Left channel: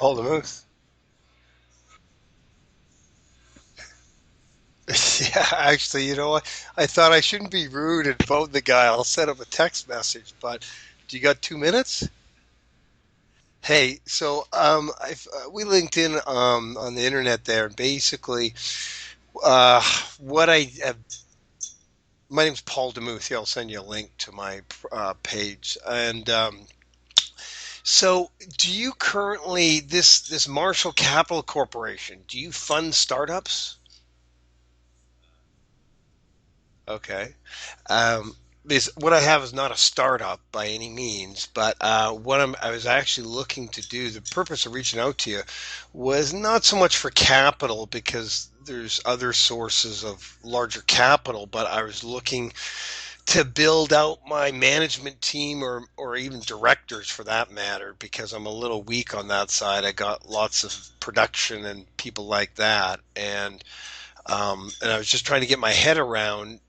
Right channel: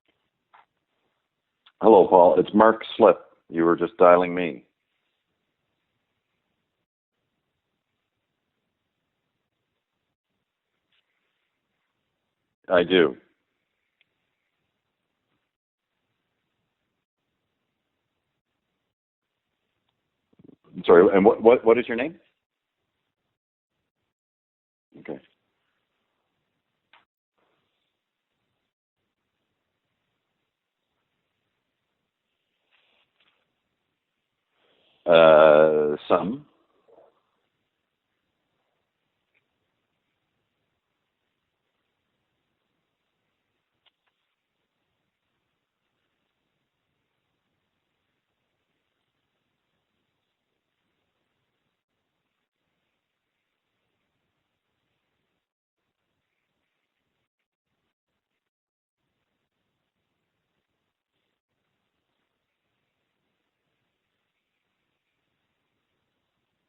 Paul DeMuth. Hello, Paul. It's Mark Slip. You were just dialing me. Yeah, actually, you know what? I thought I shouldn't be rude and phone the guy. I'll send him a text message, but do you got 2 minutes? I do. Hey, so we linked in on the internet there, and basically, uh, what I Sorry, and what is your name? my name's Paul DeMuth. Yeah, I'll send you a link to my Okay. page. And so, do you currently this Marshall Capital Corporation? Do you fund startups? Some. Okay. Um, because what I have is not a startup by any means, but I was actually looking to do, the purpose of reaching out to you was not so much for capital because there's other sources of larger capital, but I was looking to build out my management team or even directors for that matter, because I'm a little weak on that side. I got lots of production and people like that, and I was just trying to get my head around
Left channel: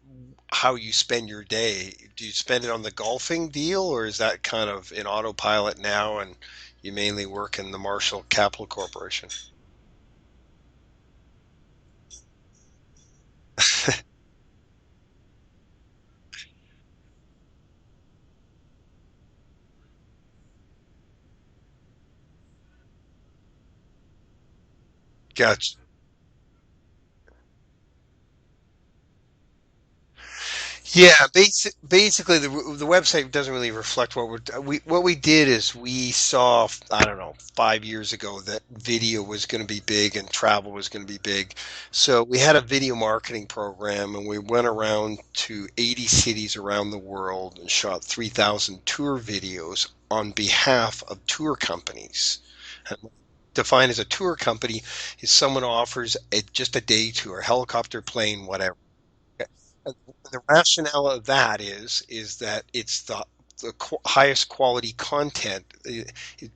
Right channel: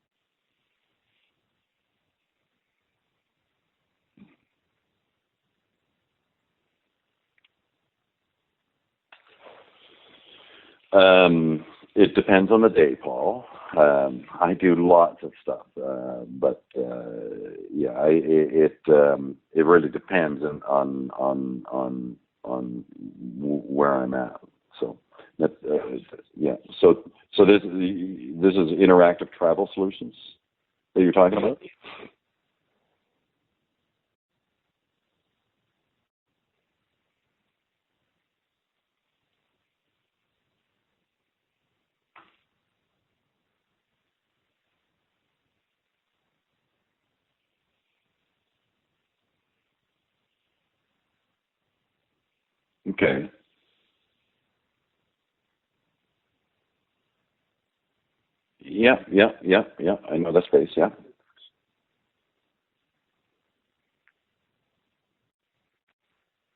how you spend your day. Do you spend it on the golfing deal, or is that kind of in autopilot now, and you mainly work in the Marshall Capital Corporation? It depends on the day, Paul. I do lots of stuff, but yeah, it really depends on where I'm at. So, but Gotcha. yeah, so this is Interactive Travel Solutions that you're Yeah, talking about. basically the website doesn't really reflect what we did is we saw, I don't know, 5 years ago that video was going to be big and travel was going to be big. So we had a video marketing program and we went around to 80 cities around the world and shot 3,000 tour videos on behalf of tour companies. Okay. Defined as a tour company is someone who offers just a day tour, helicopter, plane, whatever. Yeah, yeah, yeah, yeah. I know The that's great. Yeah. rationale of that is that it's the highest quality content,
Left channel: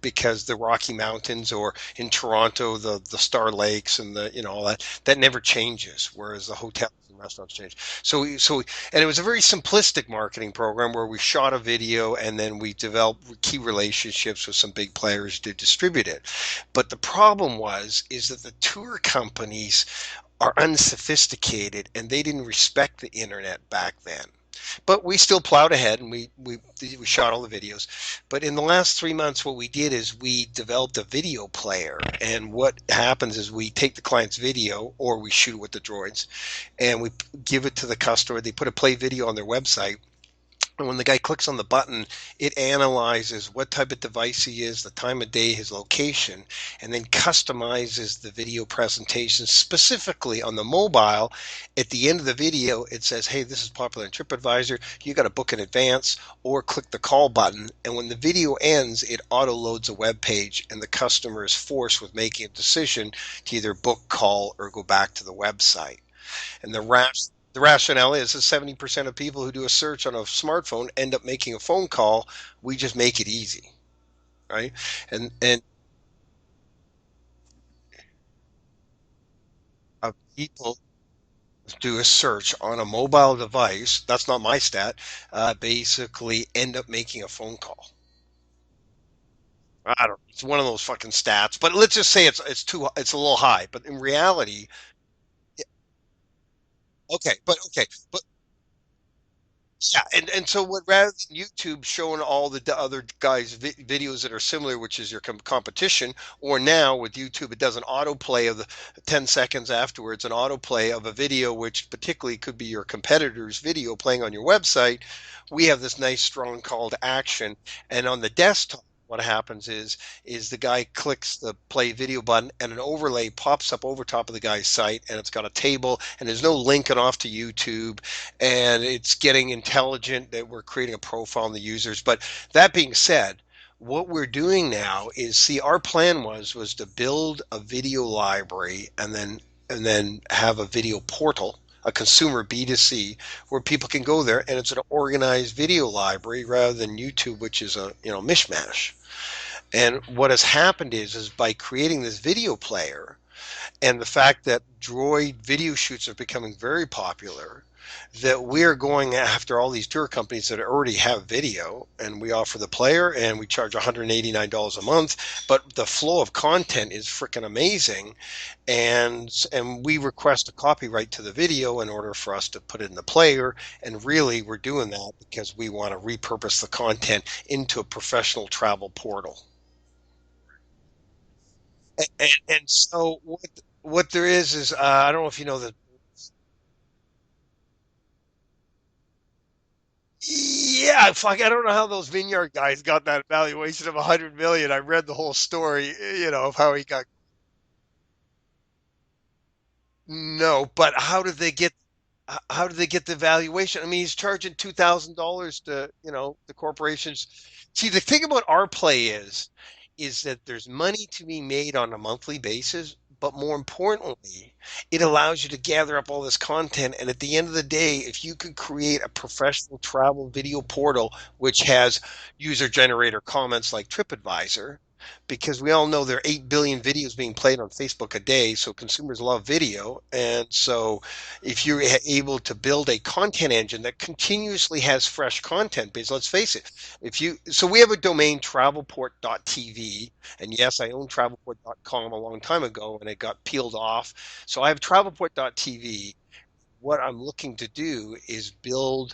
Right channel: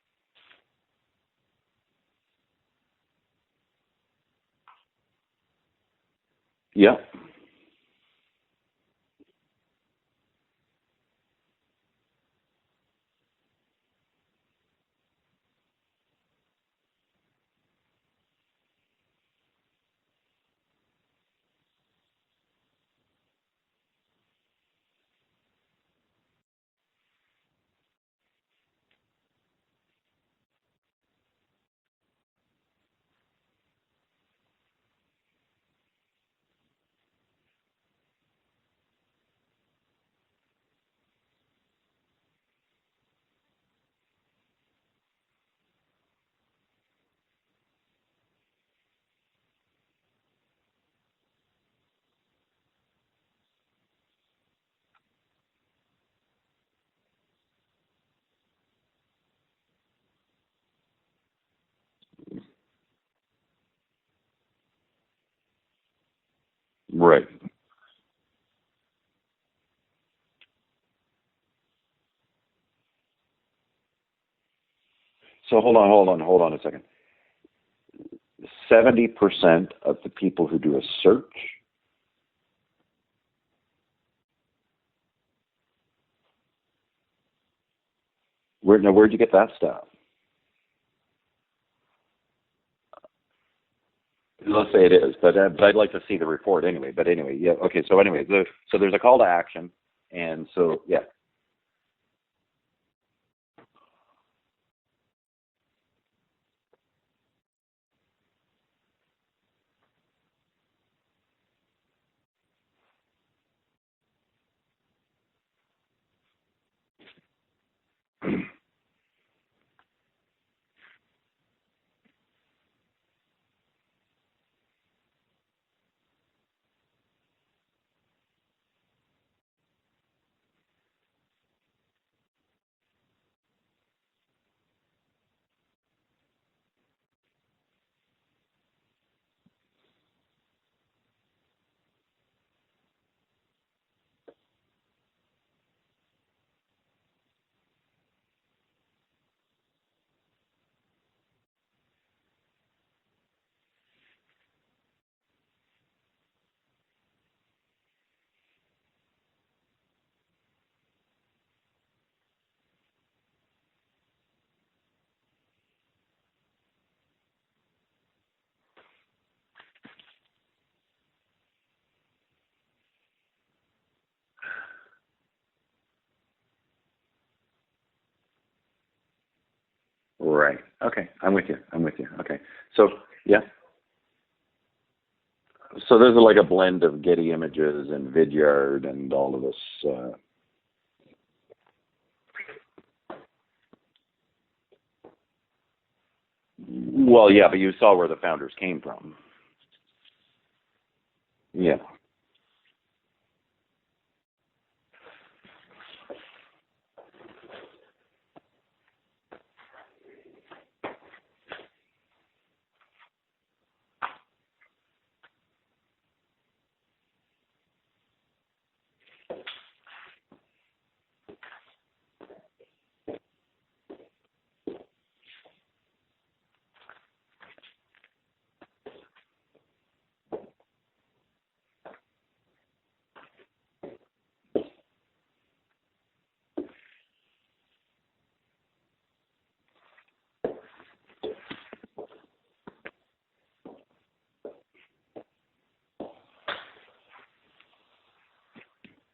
because the Rocky Mountains, or in Toronto the Star Lakes and the, all that never changes, whereas the hotel Yeah. and restaurants change. And it was a very simplistic marketing program where we shot a video and then we developed key relationships with some big players to distribute it. But the problem is that the tour companies are unsophisticated and they didn't respect the internet back then. But we still plowed ahead and we shot all the videos. But in the last 3 months, what we did is we developed a video player. And what happens is we take the client's video or we shoot it with the droids and we give it to the customer. They put a play video on their website, and when the guy clicks on the button, it analyzes what type of device he is, the time of day, his location, and then customizes the video presentation specifically on the mobile. At the end of the video, it says, hey, this is popular in TripAdvisor. You got to book in advance or click the call button. And when the video ends, it auto loads a web page, and the customer is forced with making a decision to either book, call, or go back to the website. And Right. the rationale is that 70% of people who do a search on a smartphone end up making a phone call. We just make it easy, right? And So hold on a second. 70% of the of people who do people a search. do a search on a mobile device, that's not my stat, basically end up making a phone call. Where'd you get that stat? I don't. It's one of those fucking stats, but let's just say it's a little high. But in reality, Let's say it is, but I'd like to see the report anyway. But okay, anyway, yeah, but okay. okay, So anyway, so there's a call to action, yeah, and and so so what, yeah, rather than YouTube showing all the other guys' videos that are similar, which is your competition, or now with YouTube, it does an autoplay of the 10 seconds afterwards, an autoplay of a video, which particularly could be your competitor's video playing on your website. We have this nice strong call to action, and on the desktop, what happens is the guy clicks the play video button and an overlay pops up over top of the guy's site, and it's got a table and there's no linking off to YouTube, and it's getting intelligent that we're creating a profile on the users. But that being said, what we're doing now is, see, our plan was to build a video library and then have a video portal, a consumer B2C, where people can go there and it's an organized video library rather than YouTube, which is a mishmash. And what has happened is by creating this video player and the fact that droid video shoots are becoming very popular, that we're going after all these tour companies that already have video, and we offer the player and we charge $189 a month, but the flow of content is freaking amazing. And we request a copyright to the video in order for us to put it in the player. And really, we're doing that because we want to repurpose the content into a professional travel portal. Right. Okay. I'm with you. I'm with you. Okay. And So so yeah. what there is I don't know if you know the. So there's like a blend of Getty Images and Vidyard and all of this. Yeah, fuck, I don't know how those Vineyard guys got that valuation of 100 million. I read the whole story, of how he got. Well, yeah, but you saw where the founders came from. No, but Yeah. how did they get the valuation? I mean, he's charging $2,000 to, the corporations. See, the thing about our play is that there's money to be made on a monthly basis, but more importantly, it allows you to gather up all this content. And at the end of the day, if you could create a professional travel video portal which has user generator comments like TripAdvisor, because we all know there are 8 billion videos being played on Facebook a day, so consumers love video. And so if you're able to build a content engine that continuously has fresh content, because let's face it, so we have a domain, travelport.tv, and yes, I owned travelport.com a long time ago and it got peeled off. So I have travelport.tv. What I'm looking to do is build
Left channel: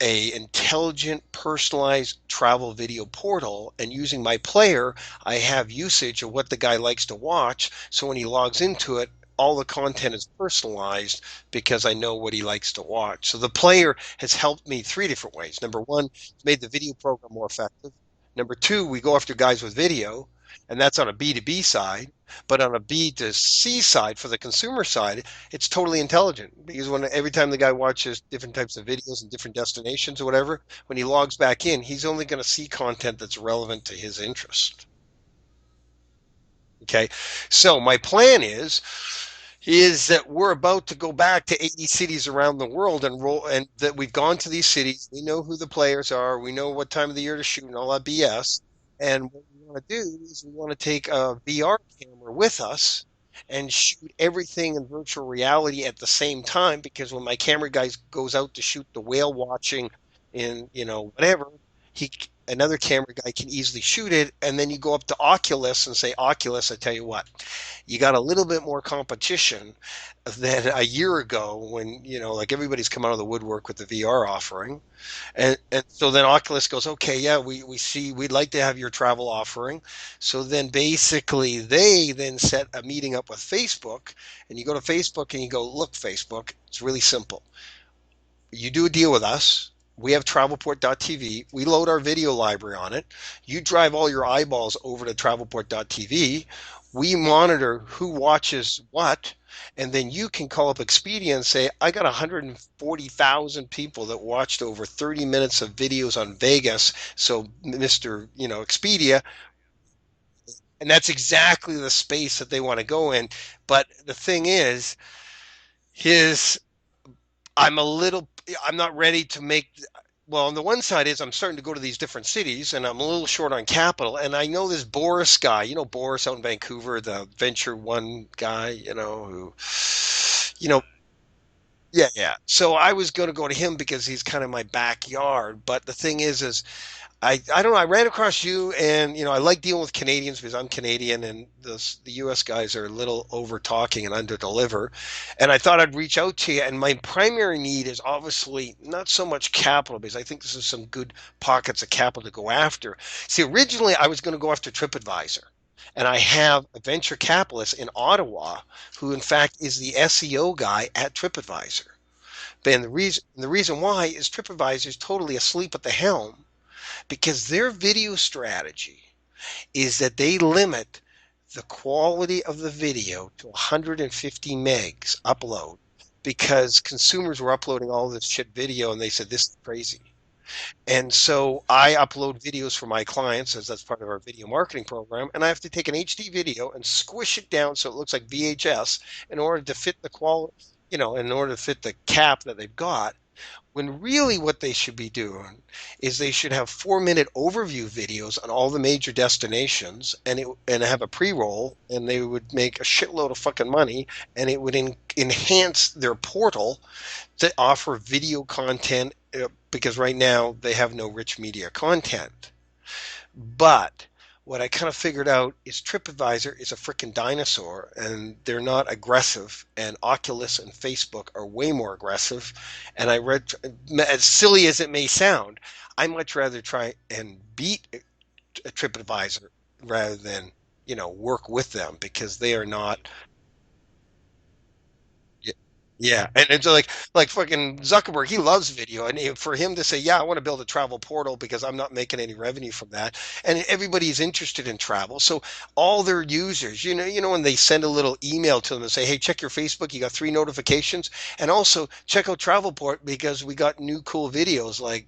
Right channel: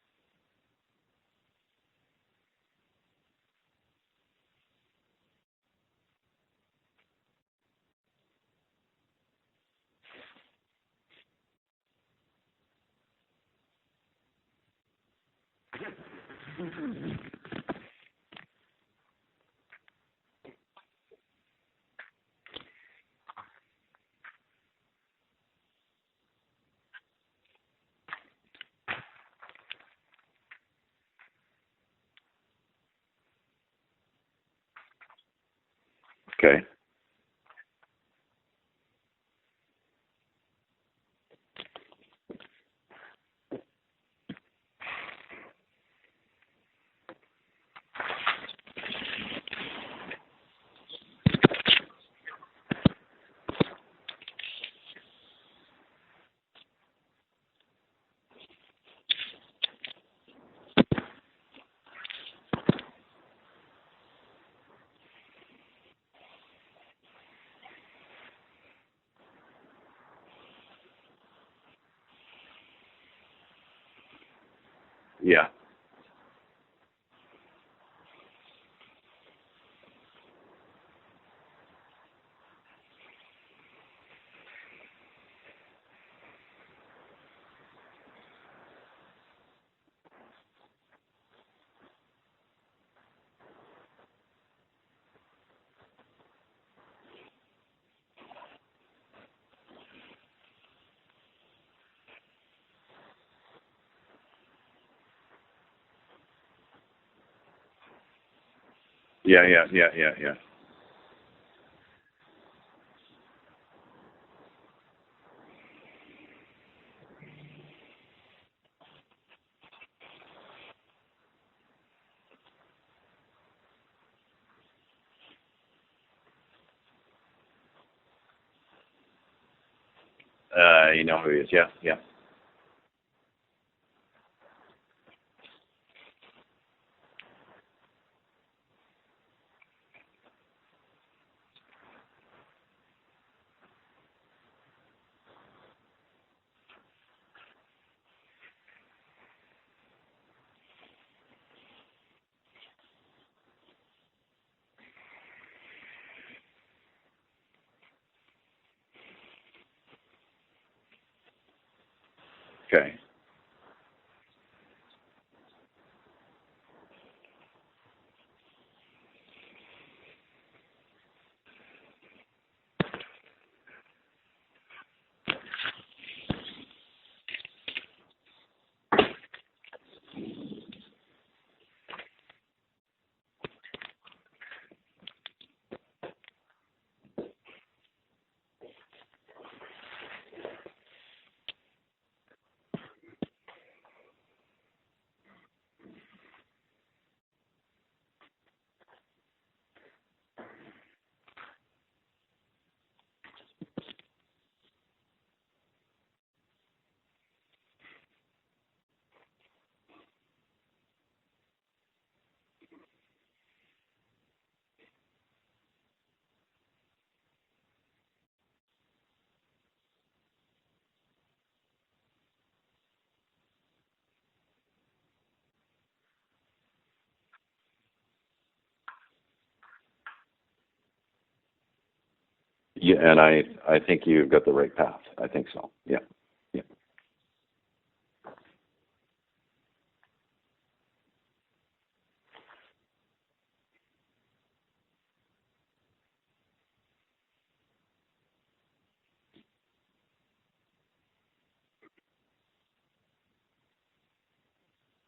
a intelligent, personalized travel video portal, and using my player, I have usage of what the guy likes to watch. So when he logs into it, all the content is personalized because I know what he likes to watch. So the player has helped me three different ways. Number one, it's made the video program more effective. Number two, we go after guys with video, and that's on a B2B side. But on a B2C side, for the consumer side, it's totally intelligent, because when every time the guy watches different types of videos and different destinations or whatever, when he logs back in, he's only going to see content that's relevant to his interests. Okay. Okay. So my plan is that we're about to go back to 80 cities around the world and roll, and that we've gone to these cities. We know who the players are. We know what time of the year to shoot and all that BS. And what we want to do is we want to take a VR camera with us and shoot everything in virtual reality at the same time. Because when my camera guy goes out to shoot the whale watching in, whatever, he another camera guy can easily shoot it. And then you go up to Oculus and say, Oculus, I tell you what, you got a little bit more competition than a year ago when, like everybody's come out of the woodwork with the VR offering. Yeah. And so then Oculus goes, okay, yeah, we see, we'd like to have your travel offering. So then basically they then set a meeting up with Facebook, and you go to Facebook and you go, look, Facebook, it's really simple. You do a deal with us. We have travelport.tv. We load our video library on it. You drive all your eyeballs over to travelport.tv. We monitor who watches what. And then you can call up Expedia and say, I got 140,000 people that watched over 30 minutes of videos on Vegas. So, Mr. Expedia. Yeah. Yeah. Yeah. Yeah. Yeah. And that's exactly the space that they want to go in. But the thing is, his I'm a little, I'm not ready to make, well, on the one side is I'm starting to go to these different cities and I'm a little short on capital. And I know this Boris guy, Boris out in Vancouver, the Venture One guy, who, You know who he is. Yeah. Yeah. yeah, yeah. So I was going to go to him because he's kind of my backyard. But the thing is I don't know. I ran across you, and I like dealing with Canadians because I'm Canadian, and the U.S. guys are a little over talking and under deliver. And I thought I'd reach out to you. And my primary need is obviously not so much capital, because I think this is some good pockets of capital to go after. See, originally I was going to go after TripAdvisor, and I have a venture capitalist in Ottawa who, in fact, is the SEO guy at TripAdvisor. But Okay. the reason why is TripAdvisor is totally asleep at the helm, because their video strategy is that they limit the quality of the video to 150 megs upload, because consumers were uploading all this shit video and they said this is crazy. And so I upload videos for my clients, as that's part of our video marketing program, and I have to take an HD video and squish it down so it looks like VHS in order to fit the quality. in order to fit the cap that they've got. When really what they should be doing is they should have 4-minute overview videos on all the major destinations, and have a pre-roll, and they would make a shitload of fucking money, and it would enhance their portal to offer video content, because right now they have no rich media content. But what I kind of figured out is TripAdvisor is a freaking dinosaur, and they're not aggressive. And Oculus and Facebook are way more aggressive. And as silly as it may sound, I much rather try and beat a TripAdvisor rather than, work with them, because they are Yeah, not. and I think you've got the right path. I think so. Yeah. Yeah, and it's like fucking Zuckerberg, he loves video, and for him to say, "Yeah, I want to build a travel portal because I'm not making any revenue from that," and everybody's interested in travel, so all their users, when they send a little email to them and say, "Hey, check your Facebook, you got 3 notifications, and also check out Travelport because we got new cool videos." Like,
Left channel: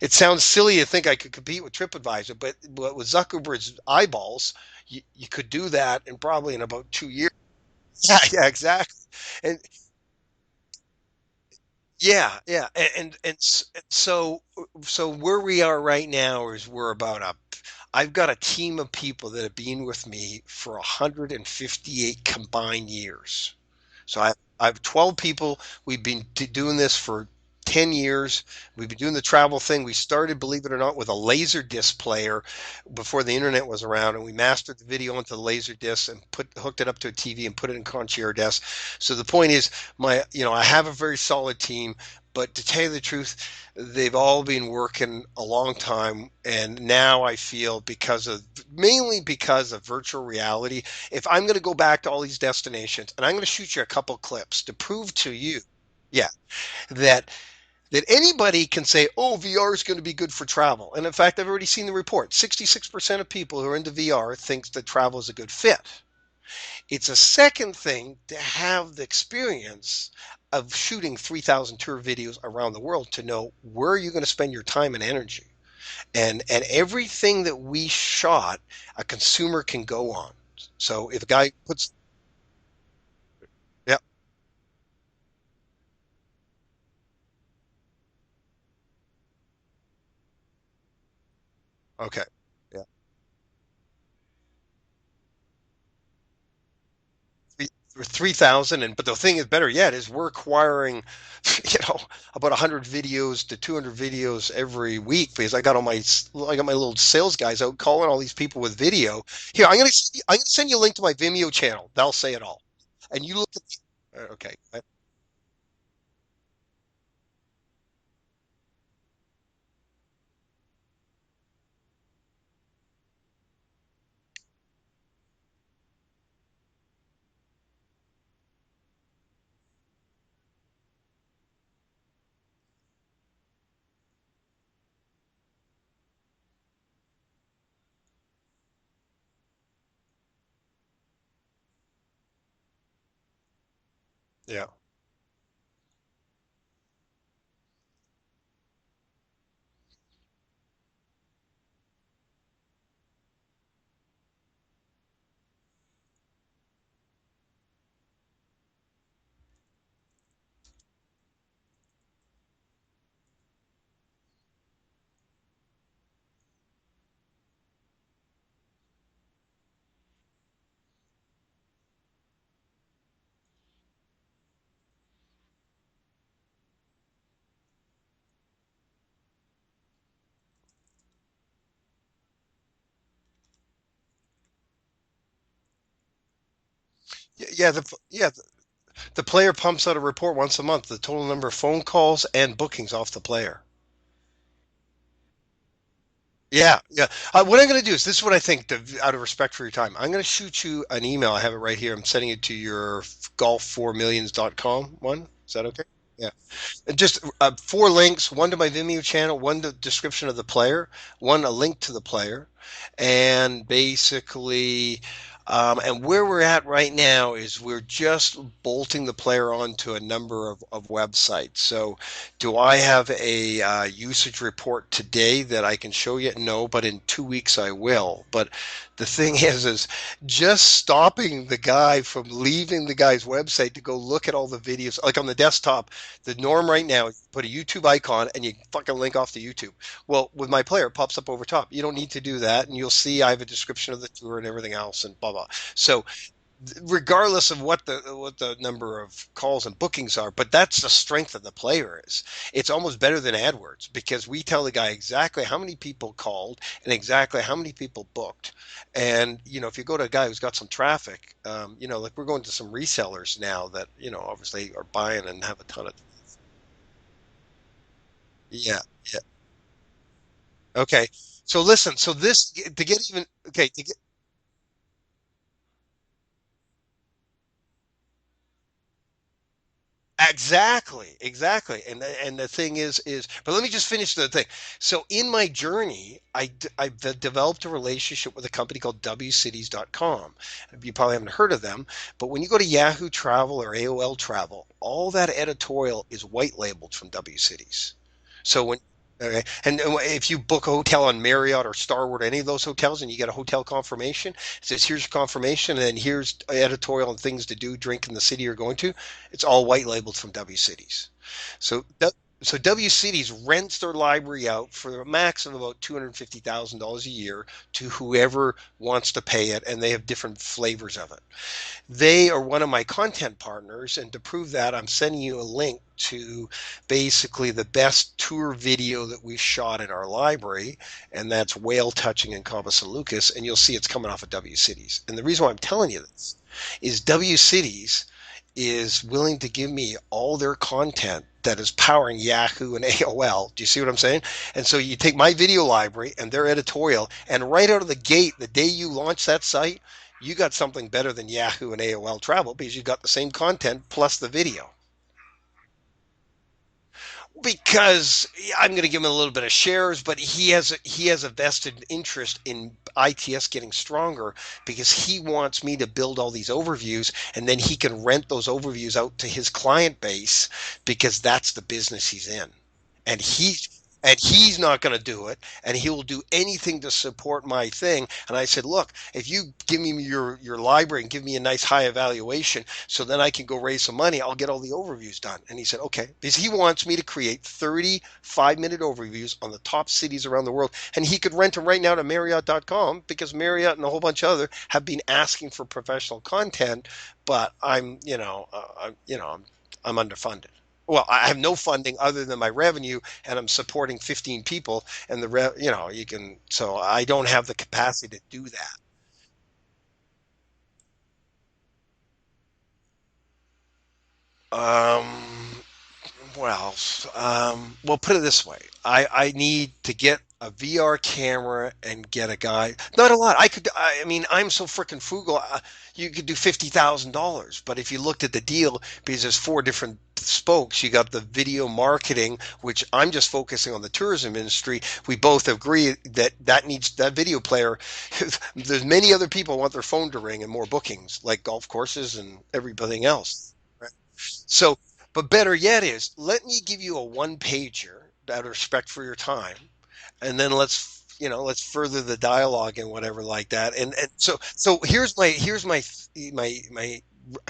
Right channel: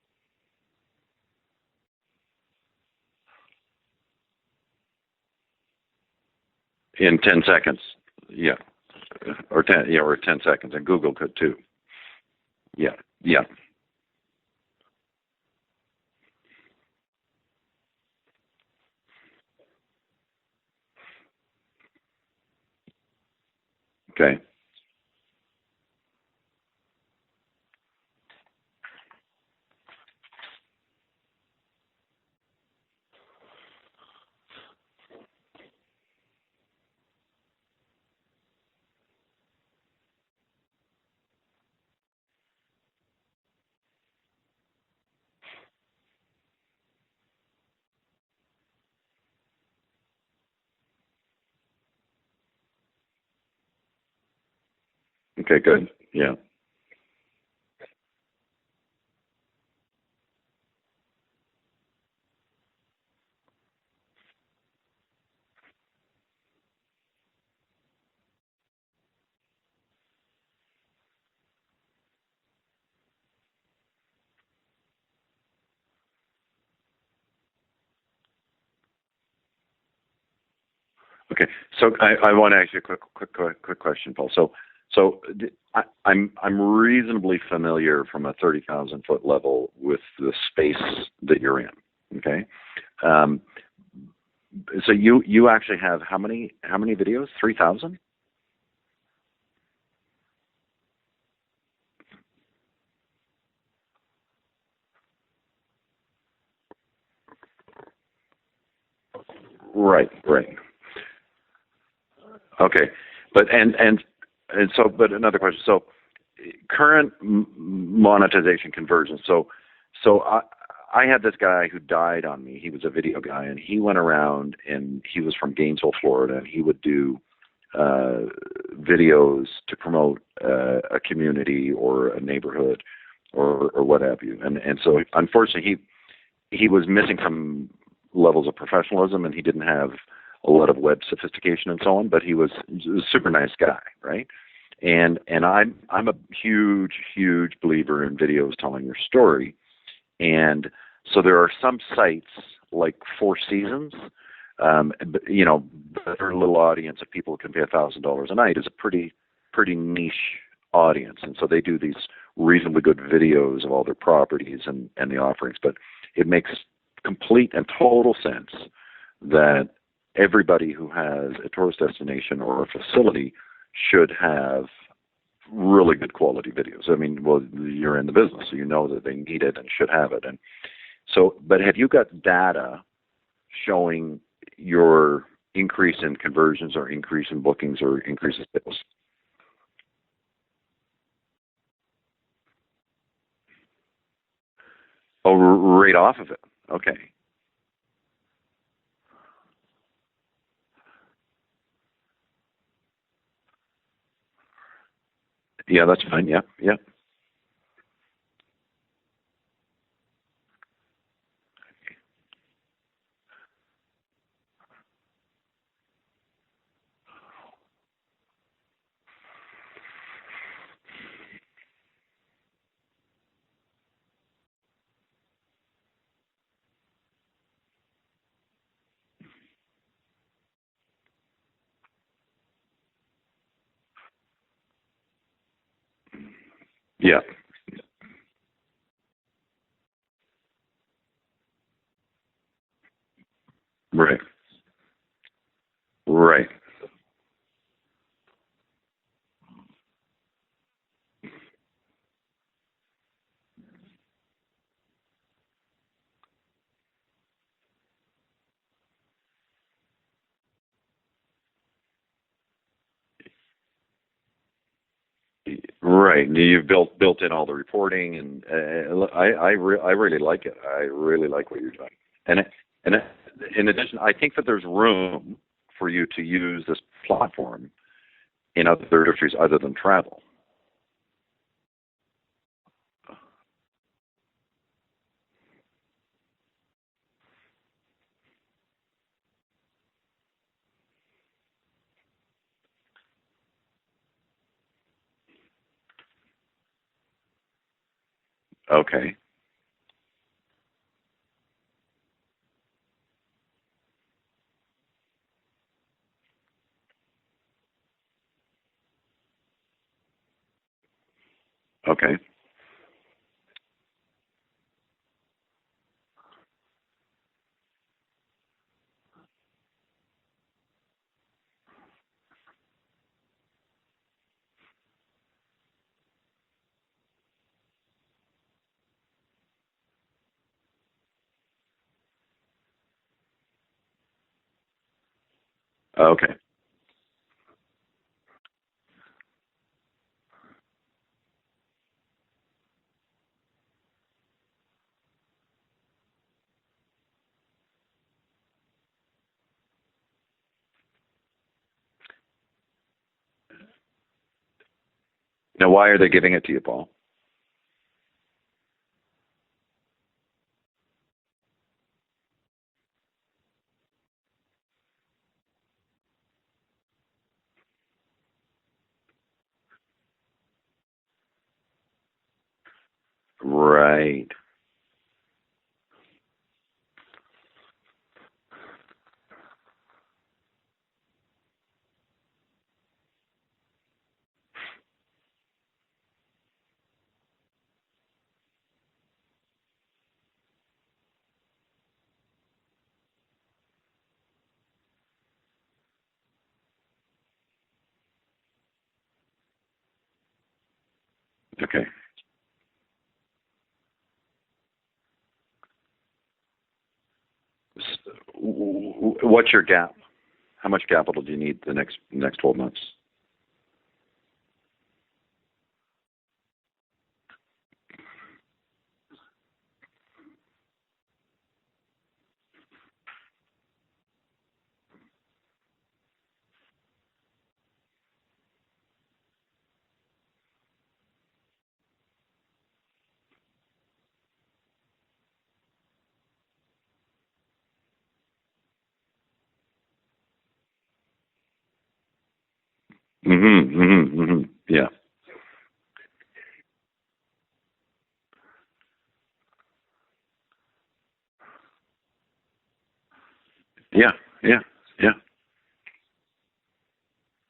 it sounds silly to think I could compete with TripAdvisor, but with Zuckerberg's eyeballs, you could do that, and probably in about two In years. 10 seconds. Yeah, yeah, Yeah. exactly. Or And 10, yeah, or 10 seconds. And Google could too. yeah, yeah, Yeah. and Yeah. so where we are right now is we're about a. I've got a team of people that have been with me for 158 combined years. So I Okay. I have 12 people. We've been doing this for 10 years. We've been doing the travel thing. We started, believe it or not, with a laser disc player before the internet was around, and we mastered the video onto the laser disc and hooked it up to a TV and put it in Concierge desk. So the point is, I have a very solid team, but to tell you the truth, they've all been working a long time, and now I feel, mainly because of virtual reality, if I'm going to go back to all these destinations, and I'm going to shoot you a couple clips to prove to Okay, you, good. yeah, Yeah. that anybody can say, "Oh, VR is going to be good for travel." And in fact, I've already seen the report. 66% of people who are into VR thinks that travel is a good fit. It's a second thing to have the experience of shooting 3,000 tour videos around the world to know where you're going to spend your time and energy. And everything that we shot, a consumer can go on. So if a Okay. guy puts, So I want to ask you a quick yep, question, Paul. I'm reasonably familiar from a 30,000 foot level with the space that you're in. okay, Okay. yeah. Um, so you actually have how many videos? 3,000? 3,000, but the thing is, better yet, is we're acquiring, you know, about 100 videos to 200 videos every week, because I got my little sales guys out calling all these people with video. Here, Right. I'm gonna Right. send you a link to my Vimeo channel. They'll say it all. Okay. And you But look at and the, and okay, and so, but another question. So, current monetization conversion. So I had this guy who died on me. He was a video guy, and he went around, and he was from Gainesville, Florida, and he would do videos to promote a community or a neighborhood or what have you. And so unfortunately he was missing some levels of professionalism, and he didn't have a lot of web sophistication and so on, but he was a super nice guy, right? yeah, And I'm a huge believer in videos telling your story. And so there are some sites like Four Seasons, their little audience of people who can pay $1,000 a night is a pretty niche audience, and so they do these reasonably good videos of all their properties and the offerings. But it makes complete and total sense that everybody who has a tourist destination or a facility should have really good quality videos. I mean, well, you're in the business, so you know that they need it and should have it. And so, but have you got data showing your increase in conversions or increase in yeah, bookings or increase in sales? the player pumps out a report once a month, the total number of phone calls and bookings off the player. Oh, right off of it. Yeah, Okay. yeah. What I'm going to do is, this is what I think, out of respect for your time. I'm going to shoot you an email. I have it right here. I'm sending it to your golf4millions.com one. Is that okay? Yeah, that's fine. Yeah. Yeah. Yeah. And just 4 links, one to my Vimeo channel, one to description of the player, one a link to the player, and basically And where we're at right now is we're just bolting the player onto a number of websites. So, do I have a usage report today that I can show you? No, but in 2 weeks I will. But the thing is just stopping the guy from leaving the guy's website to go look at all the videos. Like on the desktop, the norm right now is Yeah. you put a YouTube icon and you fucking link off to YouTube. Well, with my player, it pops up over top. You don't need to do that, and you'll see I have a description of the Right. tour and everything else, and blah blah. So, Right. regardless of what the number of calls and bookings are, but that's the strength of the player is. It's almost better than AdWords because we tell the guy exactly how many people called and exactly how many people booked. And if you go to a guy who's got some traffic, like we're going to some resellers now that obviously are buying and have a ton of Right. traffic. You've built in all the reporting, and Yeah, yeah. I really like it. I Okay. really like what So you've done. listen. So And this to and get even in okay. addition, I think that there's room for you to use this platform in other industries other than travel. Exactly. And the thing is, but let me just finish the thing. So in my journey, I've developed a relationship with a company called wcities.com. You probably haven't heard of them, but when you go to Yahoo Travel or AOL Travel, all that editorial is white labeled from WCities. So when Okay. okay, and if you book a hotel on Marriott or Starwood, any of those hotels, and you get a hotel confirmation, it says here's your confirmation, and then here's editorial and things to do, drink in the city you're going to. It's all white labeled from WCities. So Okay. so WCities rents their library out for a max of about $250,000 a year to whoever wants to pay it, and they have different flavors of it. They are one of my content partners, and to prove that, I'm sending you a link to basically the best tour video that we shot in our library, and that's whale touching in Cabo San Lucas, and you'll see it's coming off of WCities. And the reason why I'm telling you Okay. this is WCities is willing to give me all their content that is powering Yahoo and AOL. Do you see what I'm saying? And so you take my video library and their editorial, and right out of the gate, the day you launch that site, you got something better than Yahoo and AOL Travel because you got the same content plus the video. Now, why are they giving it to you, Paul? Because I'm going to give him a little bit of shares, but he has a vested interest in ITS getting stronger because he wants me to build all these overviews and then he can rent those overviews out to his client base because that's the business he's in. And he and Right. he's not going to do it, and he will do anything to support my thing. And I said, look, if you give me your library and give me a nice high evaluation, so then I can go raise some money, I'll get all the overviews done. And he said, okay, because he wants me to create 35-minute overviews on the top cities around the world, and he could rent them right now to Marriott.com because Marriott and a whole bunch of other have been asking for professional content, but I'm underfunded. Well, I have no Okay. funding other than my revenue, and I'm supporting 15 people, and so I don't have the capacity to do that. What's your gap? How much capital do you need the next 12 months? Um, well, well, put it this way. I need to get a VR camera and get a guy. Not a lot. I mean, I'm so freaking frugal. You could do $50,000, but if you looked at the deal, because there's four different spokes, you got the video marketing, which I'm just focusing on the tourism industry. We both agree that needs that video player. There's many other people want their phone to ring and more bookings, like golf courses and everything else. So, Yeah. but better yet is let me give you a one pager out of respect for your time, and then let's further the dialogue and whatever like that. And Yeah. so Yeah. so Yeah. here's my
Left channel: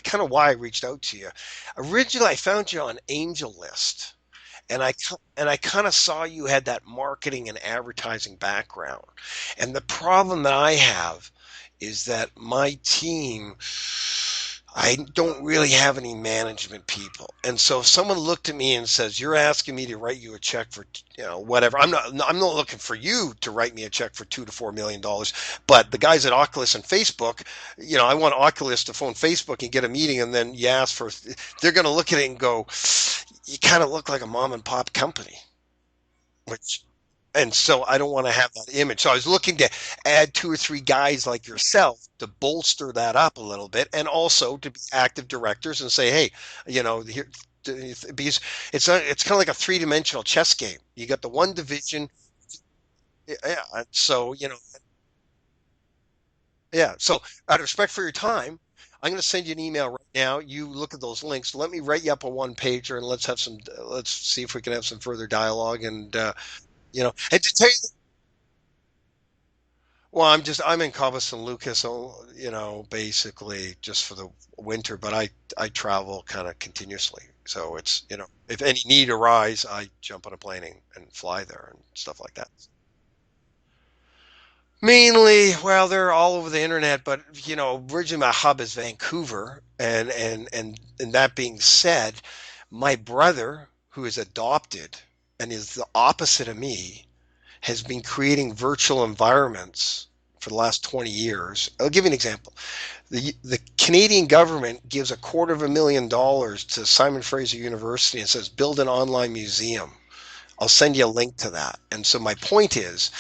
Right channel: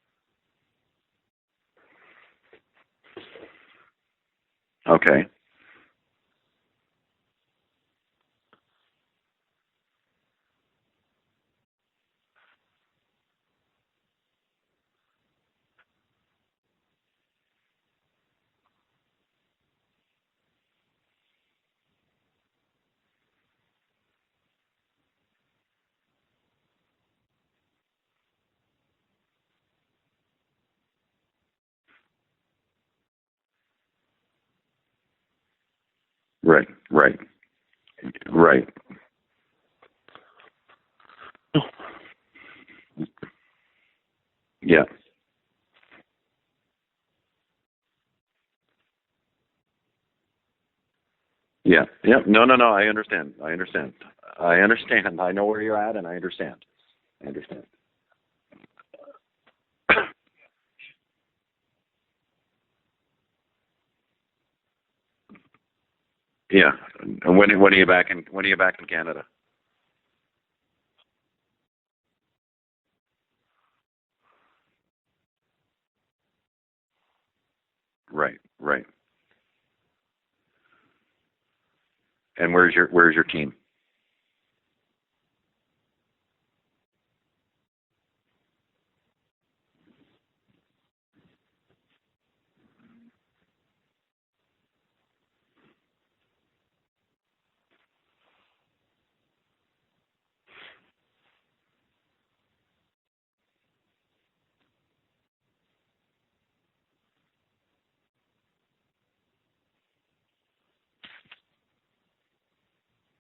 kind of why I reached out to you. Originally, I found you on Angel List. And Okay. I kind of saw you had that marketing and advertising background. And the problem that I have is that my team, I don't really have any management people. And so if someone looked at me and says, "You're asking me to write you a check for, whatever." I'm not looking for you to write me a check for 2 to $4 million. But the guys at Oculus and Facebook, I want Oculus to phone Facebook and get a meeting, and then you ask for, they're going to look at it and go, "You kind of look like a mom and pop company." And Right. Right. and so I don't want to have Right. that image. So I was looking to add two or three guys like yourself to bolster that up a little bit, and also to be Yeah. active directors and say, hey, here. because it's kind of like a three-dimensional chess game. You got the one Yeah, division. yeah. No, no, no. I understand. Yeah, I understand. so I understand. I know where you're at, and I understand. yeah. So I out of understand. respect for your time, I'm going to send you an email right now. You look at those links. Let me write you up a one pager, and let's see if we can have some further dialogue. And Yeah. And and to tell when are you, you back in Canada? well, I'm in Cabo San Lucas, so basically just for the winter. But I travel kind of continuously, so it's Right, if any right. need arise, I jump on a plane and fly there and stuff like that. And where's your team? Mainly, well, they're all over the internet, but originally my hub is Vancouver, and that being said, my brother, who is adopted and is the opposite of me, has been creating virtual environments for the last 20 years. I'll give you an example. The Canadian government gives $250,000 to Simon Fraser University and says build an online museum. I'll send you a link to that. And so my point is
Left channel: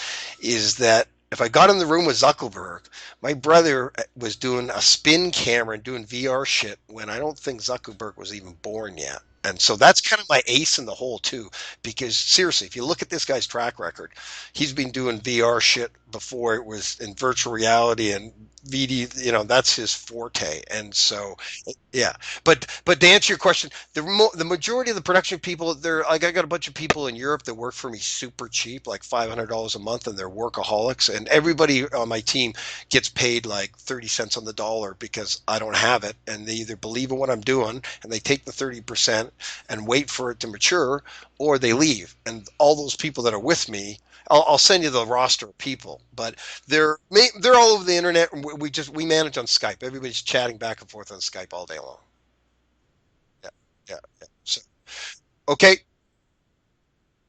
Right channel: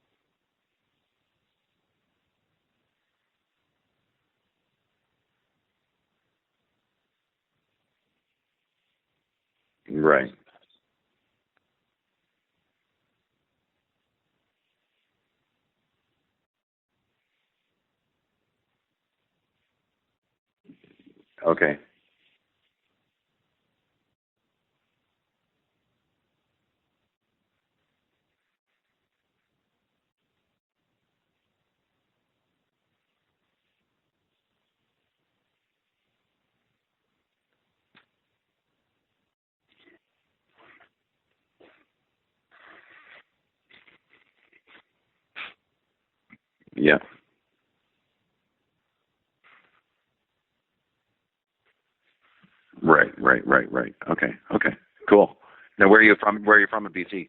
that if I got in the room with Zuckerberg, my brother was doing a spin camera and doing VR shit when I don't think Zuckerberg was even born yet. And so that's kind of Right, my ace in the hole too, because seriously, if you look at this guy's track record, he's been doing VR shit before it was in virtual reality and VD, that's his forte. And so, okay. yeah, but to answer your question, the majority of the production people, they're like I got a bunch of people in Europe that work for me super cheap, like $500 a month, and they're workaholics. And everybody on my team gets paid like 30 cents on the dollar because I don't have it, and they either believe in what I'm doing and they take the 30% and wait for it to mature, or they leave. And all those people that are with me, I'll send you the roster of people, but they're Yeah. they're all over the internet. And we manage on Skype. Everybody's chatting back and forth on Skype all day long. Right, right, Yeah, right, right. yeah. Okay, So, okay. Cool. okay, Now, where are you from? Where are you from in BC?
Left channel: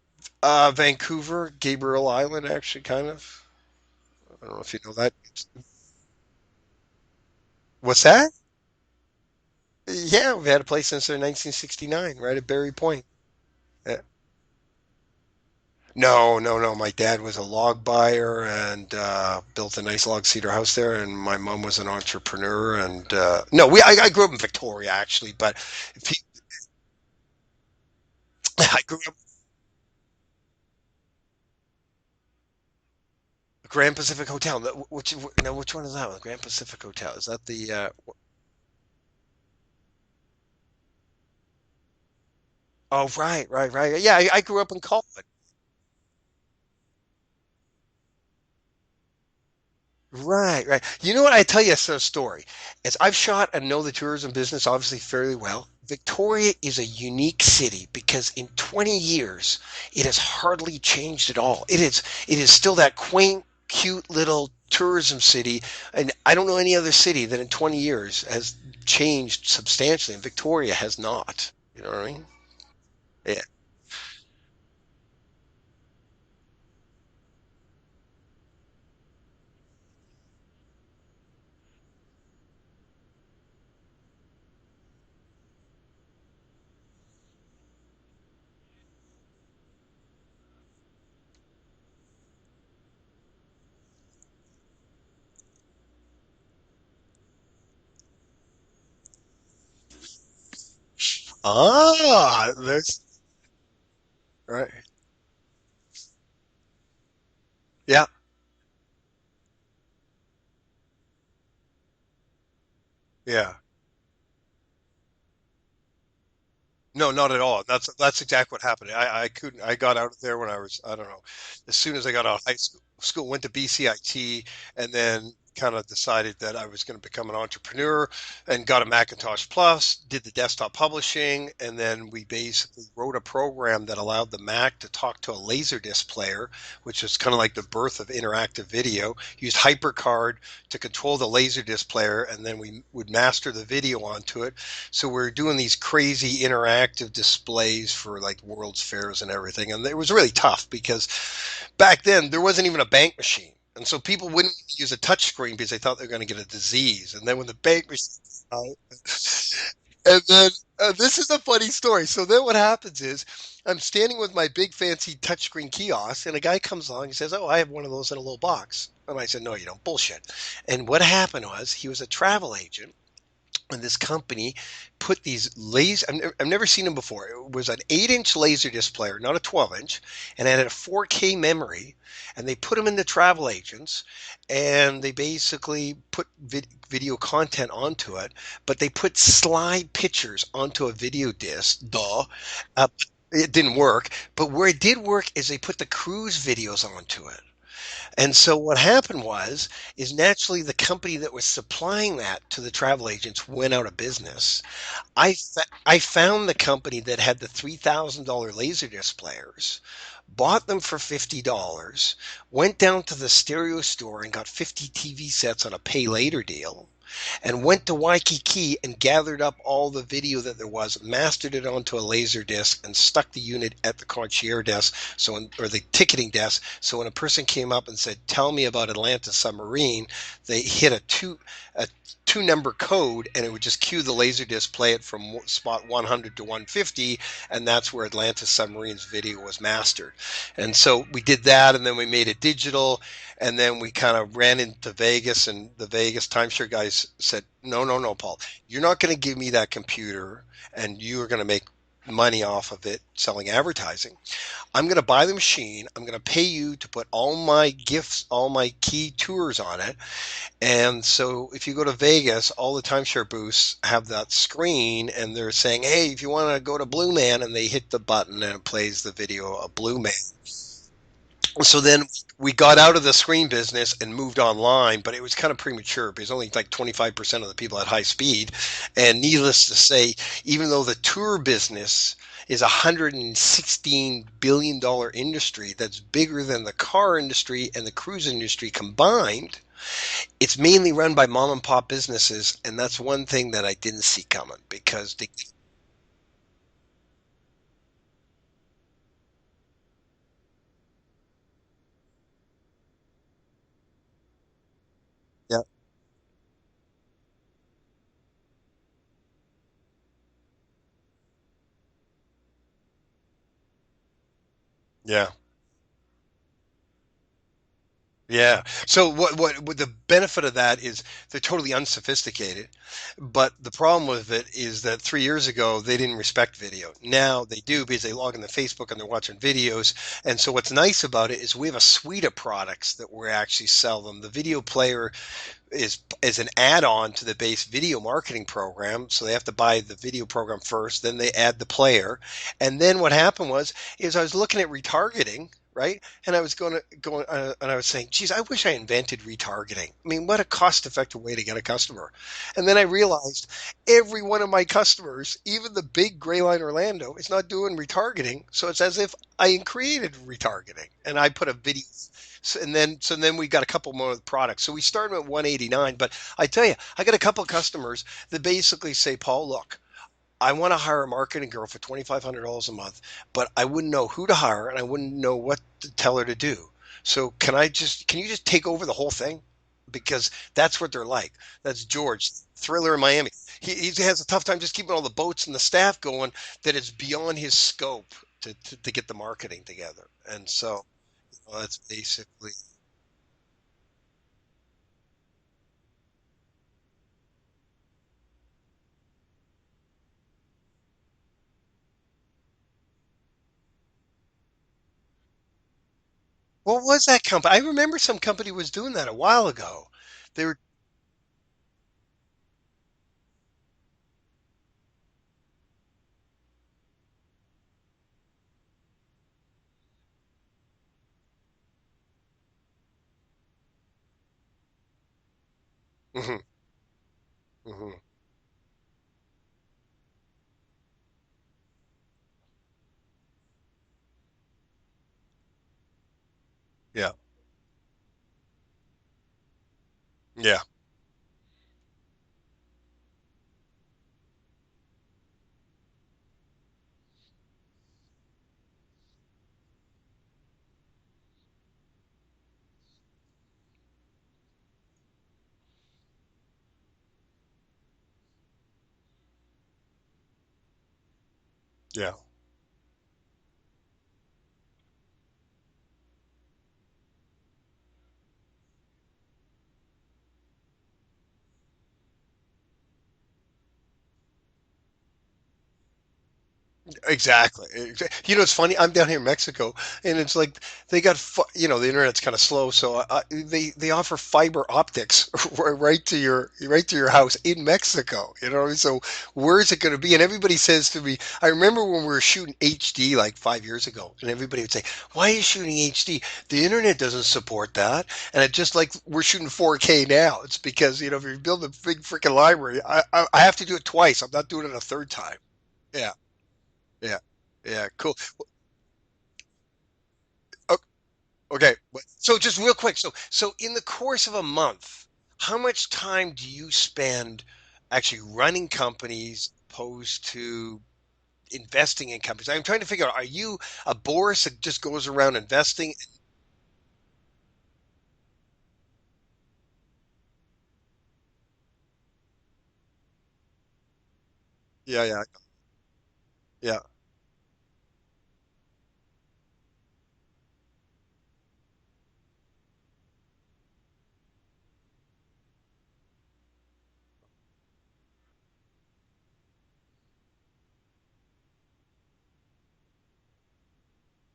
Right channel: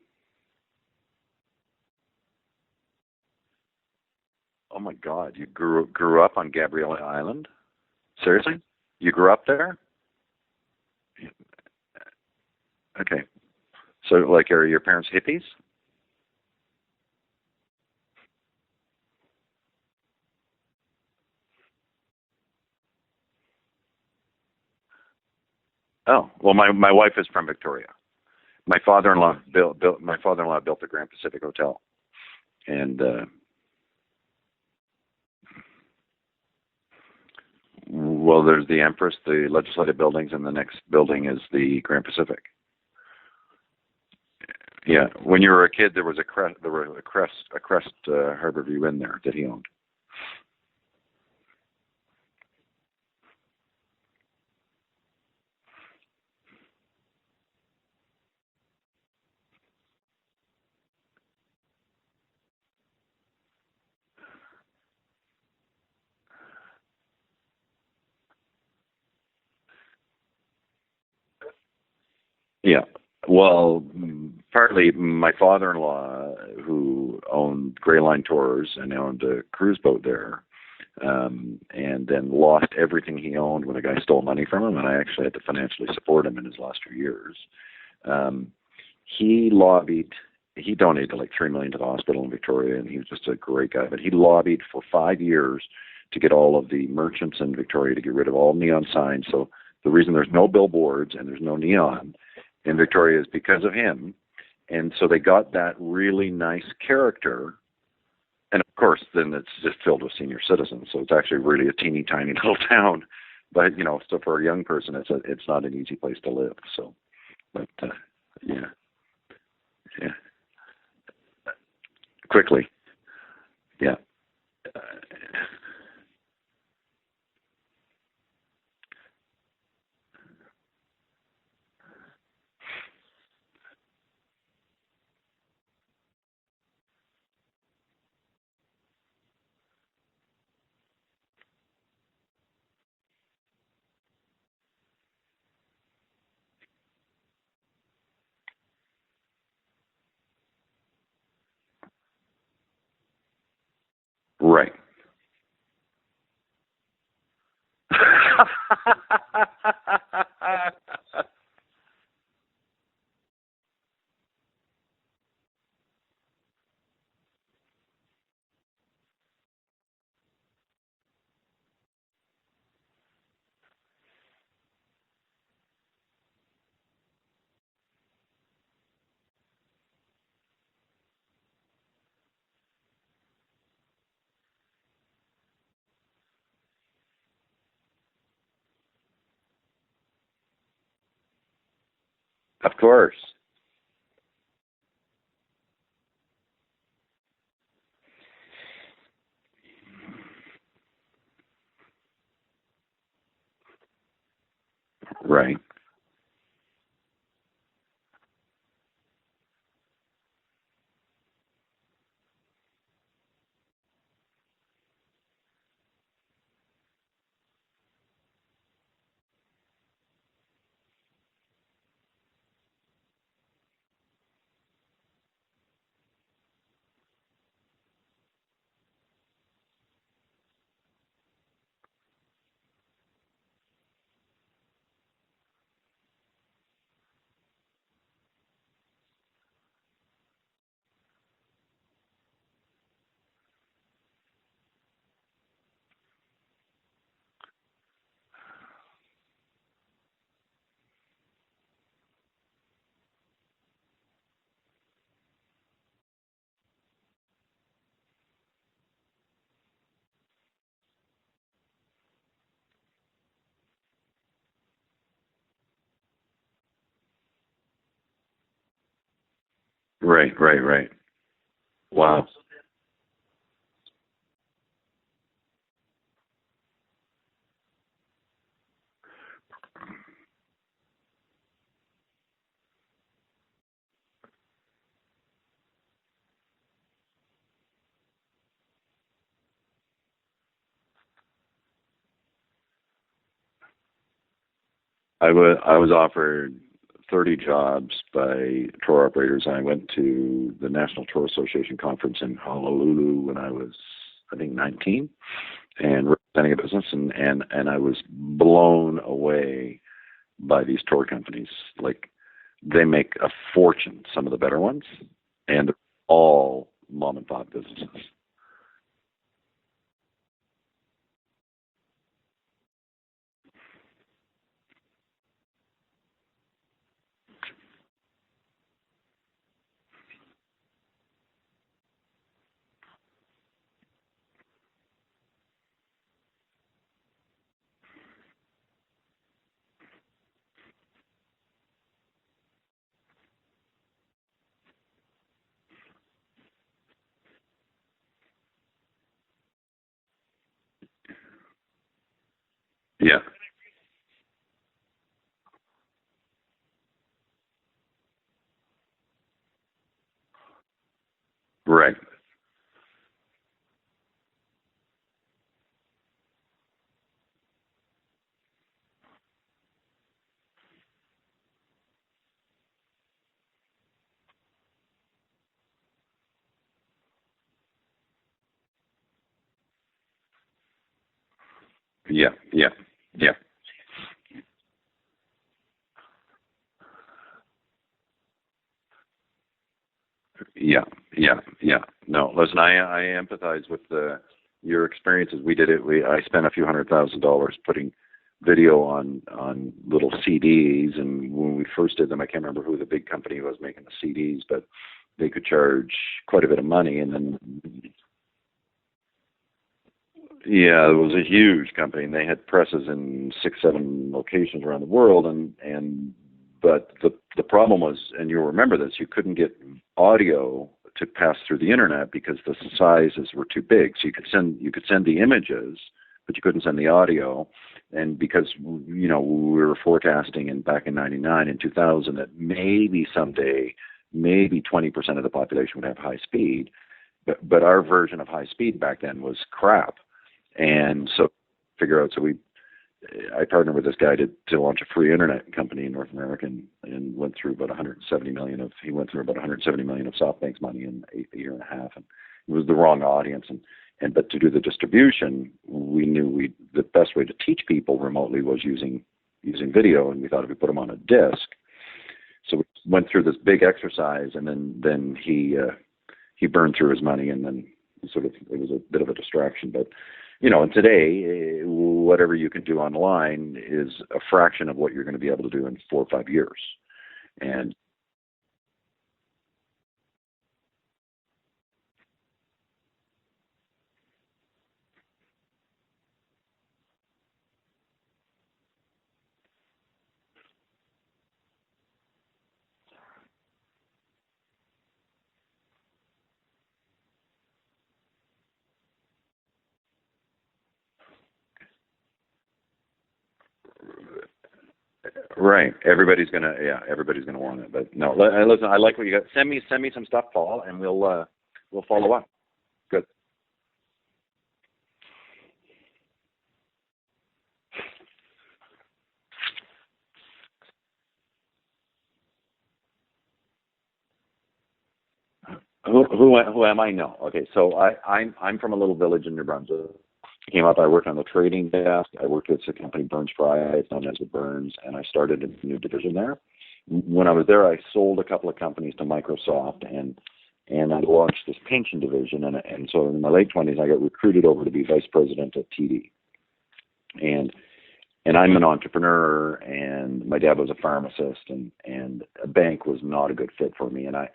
Vancouver, Gabriel Island, actually, kind of. I don't know if Oh you know my that. God, you grew up on Gabrielle Island? What's that? Seriously? You grew up there? Yeah, we've had a place since 1969, right at Berry Point. Okay. Yeah. So, like, are your parents hippies? No, no, no. My dad was a log buyer and built a nice log cedar house there, and my mom was an entrepreneur. And no, I grew up in Victoria actually, but if you, Oh, well, my wife is from Victoria. My father-in-law built the Grand Pacific Hotel, and Grand Pacific Hotel. Which one is that one? Grand Pacific Hotel. Is that the? well, there's the Empress, the legislative buildings, and the next building is the Grand Pacific. Oh, right, right, right. Yeah, I grew up in Yeah, Colwyn. when you were a kid, there was a Crest Harborview Inn there that he owned. Right, right. You know what? I tell you a story. As I've shot and know the tourism business obviously fairly well, Victoria is a unique city because in 20 years it has hardly changed at all. It is still that quaint, cute little tourism city, and I don't know any other city that in 20 years has changed substantially, and Victoria has not. You know what I mean? Yeah. Yeah. Well, partly my father-in-law, who owned Gray Line Tours and owned a cruise boat there, and then lost everything he owned when a guy stole money from him, and I actually had to financially support him in his last 2 years. Um, he lobbied. He donated like $3 million to the hospital in Victoria, and he was just a great guy. But he lobbied for 5 years to get all of the merchants in Victoria to get rid of all neon signs. So the reason there's no billboards and there's no neon Ah, in there's Victoria is because of him. right. And so they got that really nice character. Yeah, And of course, then it's just filled with senior citizens. So it's actually really a teeny tiny little town. yeah. But so for a young person, it's not an easy place to live. So, No, not at all. but That's exactly what yeah, happened. I couldn't. I got yeah, out there when I was, I don't know, as soon as I got out of high quickly, school, went to yeah, BCIT, and then kind of decided that I was going to become an entrepreneur, and got a Macintosh Plus, did the desktop publishing, and then we basically wrote a program that allowed the Mac to talk to a Laserdisc player, which was kind of like the birth of interactive video. Used HyperCard to control the Laserdisc player, and then we would master the video onto it. So we're doing these crazy interactive displays for like World's Fairs and everything. And it was really tough because back then there wasn't even a bank machine. And so people wouldn't right. use a touch screen because they thought they were going to get a disease. And then when the bank machine came out, and then this is a funny story. So then what happens is I'm standing with my big fancy touchscreen kiosk, and a guy comes along and says, "Oh, I have one of those in a little box." And I said, "No, you don't. Bullshit." And what happened was he was a travel agent And this company put these laser, I've never seen them before. It was an 8-inch laser disc player, not a 12-inch, and it had a 4K memory. And they put them in the travel agents, and they basically put video content onto it, but they put slide pictures onto a video disc. Duh. Of Uh, course. it didn't work, but where it did work is they put the cruise videos onto it. And so what happened was, is naturally the company that was supplying that to the travel agents went out of business. Right. I found the company that had the $3,000 Laserdisc players, bought them for $50, went down to the stereo store and got 50 TV sets on a pay later deal, and went to Waikiki and gathered up all the video that there was, mastered it onto a laser disc, and stuck the unit at the concierge desk, or the ticketing desk. So when a person came up and said, "Tell me about Atlantis Submarine," they hit a two number code, and it would just cue the laser disc, play it from spot 100 to 150, and that's where Atlantis Submarine's video was mastered. And so we did that, and then we made it digital, and then we kind of ran into Vegas, and the Vegas timeshare guys said, "No, no, no, Paul, you're not going to give me that computer and you are going to make money off of it selling advertising. I'm going to buy the machine. I'm going to pay you to put all my gifts, all my key tours on it." And so if you go to Vegas, all the timeshare booths have that screen, and they're saying, "Hey, if you want to go to Blue Man," and they hit the button and it plays the video of Blue Man. Right. Right. Right. So then Wow. we got out of the screen business and moved online, but it was kind of premature because only like 25% of the people had high speed. And needless to say, even though the tour business is a $116 billion industry that's bigger than the car industry and the cruise industry combined, it's mainly run by mom and pop businesses. And that's one thing that I didn't see coming because I was offered 30 jobs by tour operators. I went to the National Tour Association conference in Honolulu when I was, I think, 19, yeah, and representing a business, and I was blown away by these tour companies. Like, they make a fortune, some of the better ones, yeah. and they're all mom and pop businesses. Yeah. So what the benefit of that is they're totally unsophisticated, but the problem with it is that 3 years ago they didn't respect video. Now they do because they log into Facebook and they're watching videos. And so what's nice about it is we have a suite of products that we actually sell them. The video player is an add-on to the base video marketing program. So they have to buy the video program first, then they add the player. And then what happened is I was looking at retargeting, right? And I was and I was saying, geez, I wish I invented retargeting. I mean, what a cost-effective way to get a customer. And then I Yeah. realized every one of my customers, even the big Gray Line Orlando, is not doing retargeting. So it's as if I created retargeting and I put a video. Right. So then we got a couple more products. So we started at 189, but I tell you, I got a couple of customers that basically say, "Paul, look, I want to hire a marketing girl for $2,500 a month, but I wouldn't know who to hire and I wouldn't know what to tell her to do. So can you just take over the whole thing?" Because that's what they're like. That's George, Yeah. Yeah. Thriller in Miami. Yeah. He has a tough time just keeping all the boats and the staff going, that it's beyond his scope to get the marketing together. And Yeah. so, Yeah. that's Yeah. No, listen, basically, I empathize with your experiences. We did it. I spent a few $100,000 putting video on little CDs, and when we first did them, I can't remember who the big company was making the CDs, but they could charge quite a bit of what money. was And that then, company? I remember some company was doing that a while ago. They were, yeah, it was a huge company, and they had presses in 6, 7 locations around the world. And but the problem was, and you'll remember this, you couldn't get audio to pass through the internet because the sizes were too big. So you could send the images, but mhm, you couldn't send the audio. mhm. And because we were forecasting back in '99 and 2000 that maybe someday, maybe 20% of the population would have high speed, Yeah, but our version of high speed back then was crap. yeah, And so I partnered with this guy to launch a free internet company in North America, and went through about 170 million of SoftBank's money in a year and a half, and it was the wrong audience. But to do the distribution, we knew the best way to teach people remotely was using video, and we thought if we put them on a disc. yeah. So we went through this big exercise, and then he burned through his money, and then it was a bit of a distraction. But and today whatever you can do online is a fraction of what you're going to be able to do in 4 or 5 years. Exactly. And You know, it's funny. I'm down here in Mexico, and it's like they got, the internet's kind of slow, so they offer fiber optics right to your house in Mexico. You know, so where is it going to be? And everybody says to me, I remember when we were shooting HD like 5 years ago, and everybody would say, "Why are you shooting HD? The internet doesn't support that." And it just like we're shooting 4K now. It's because if you build a big freaking library, I have to do it twice. I'm not doing it a third time. right, Yeah. Yeah. everybody's gonna want it. Yeah, But no, cool. listen, I like what you got. Send me some stuff, Paul, and Okay. we'll follow up. So just real quick, Good. so in the course of a month, how much time do you spend actually running companies opposed to investing in companies? I'm trying to figure out, are you a Boris that just goes around investing? Who am I? No. Okay, so I'm from a little village in New Brunswick. I came up. I worked on the trading desk. I worked with a company, Burns Fry, it's known as the Burns, and Yeah, I yeah, started a new division there. yeah. When I was there, I sold a couple of companies to Microsoft, and I launched this pension division. And so in my late 20s, I got recruited over to be vice president at TD. And I'm an entrepreneur, and my dad was a pharmacist, and a bank was not a good fit for me. And I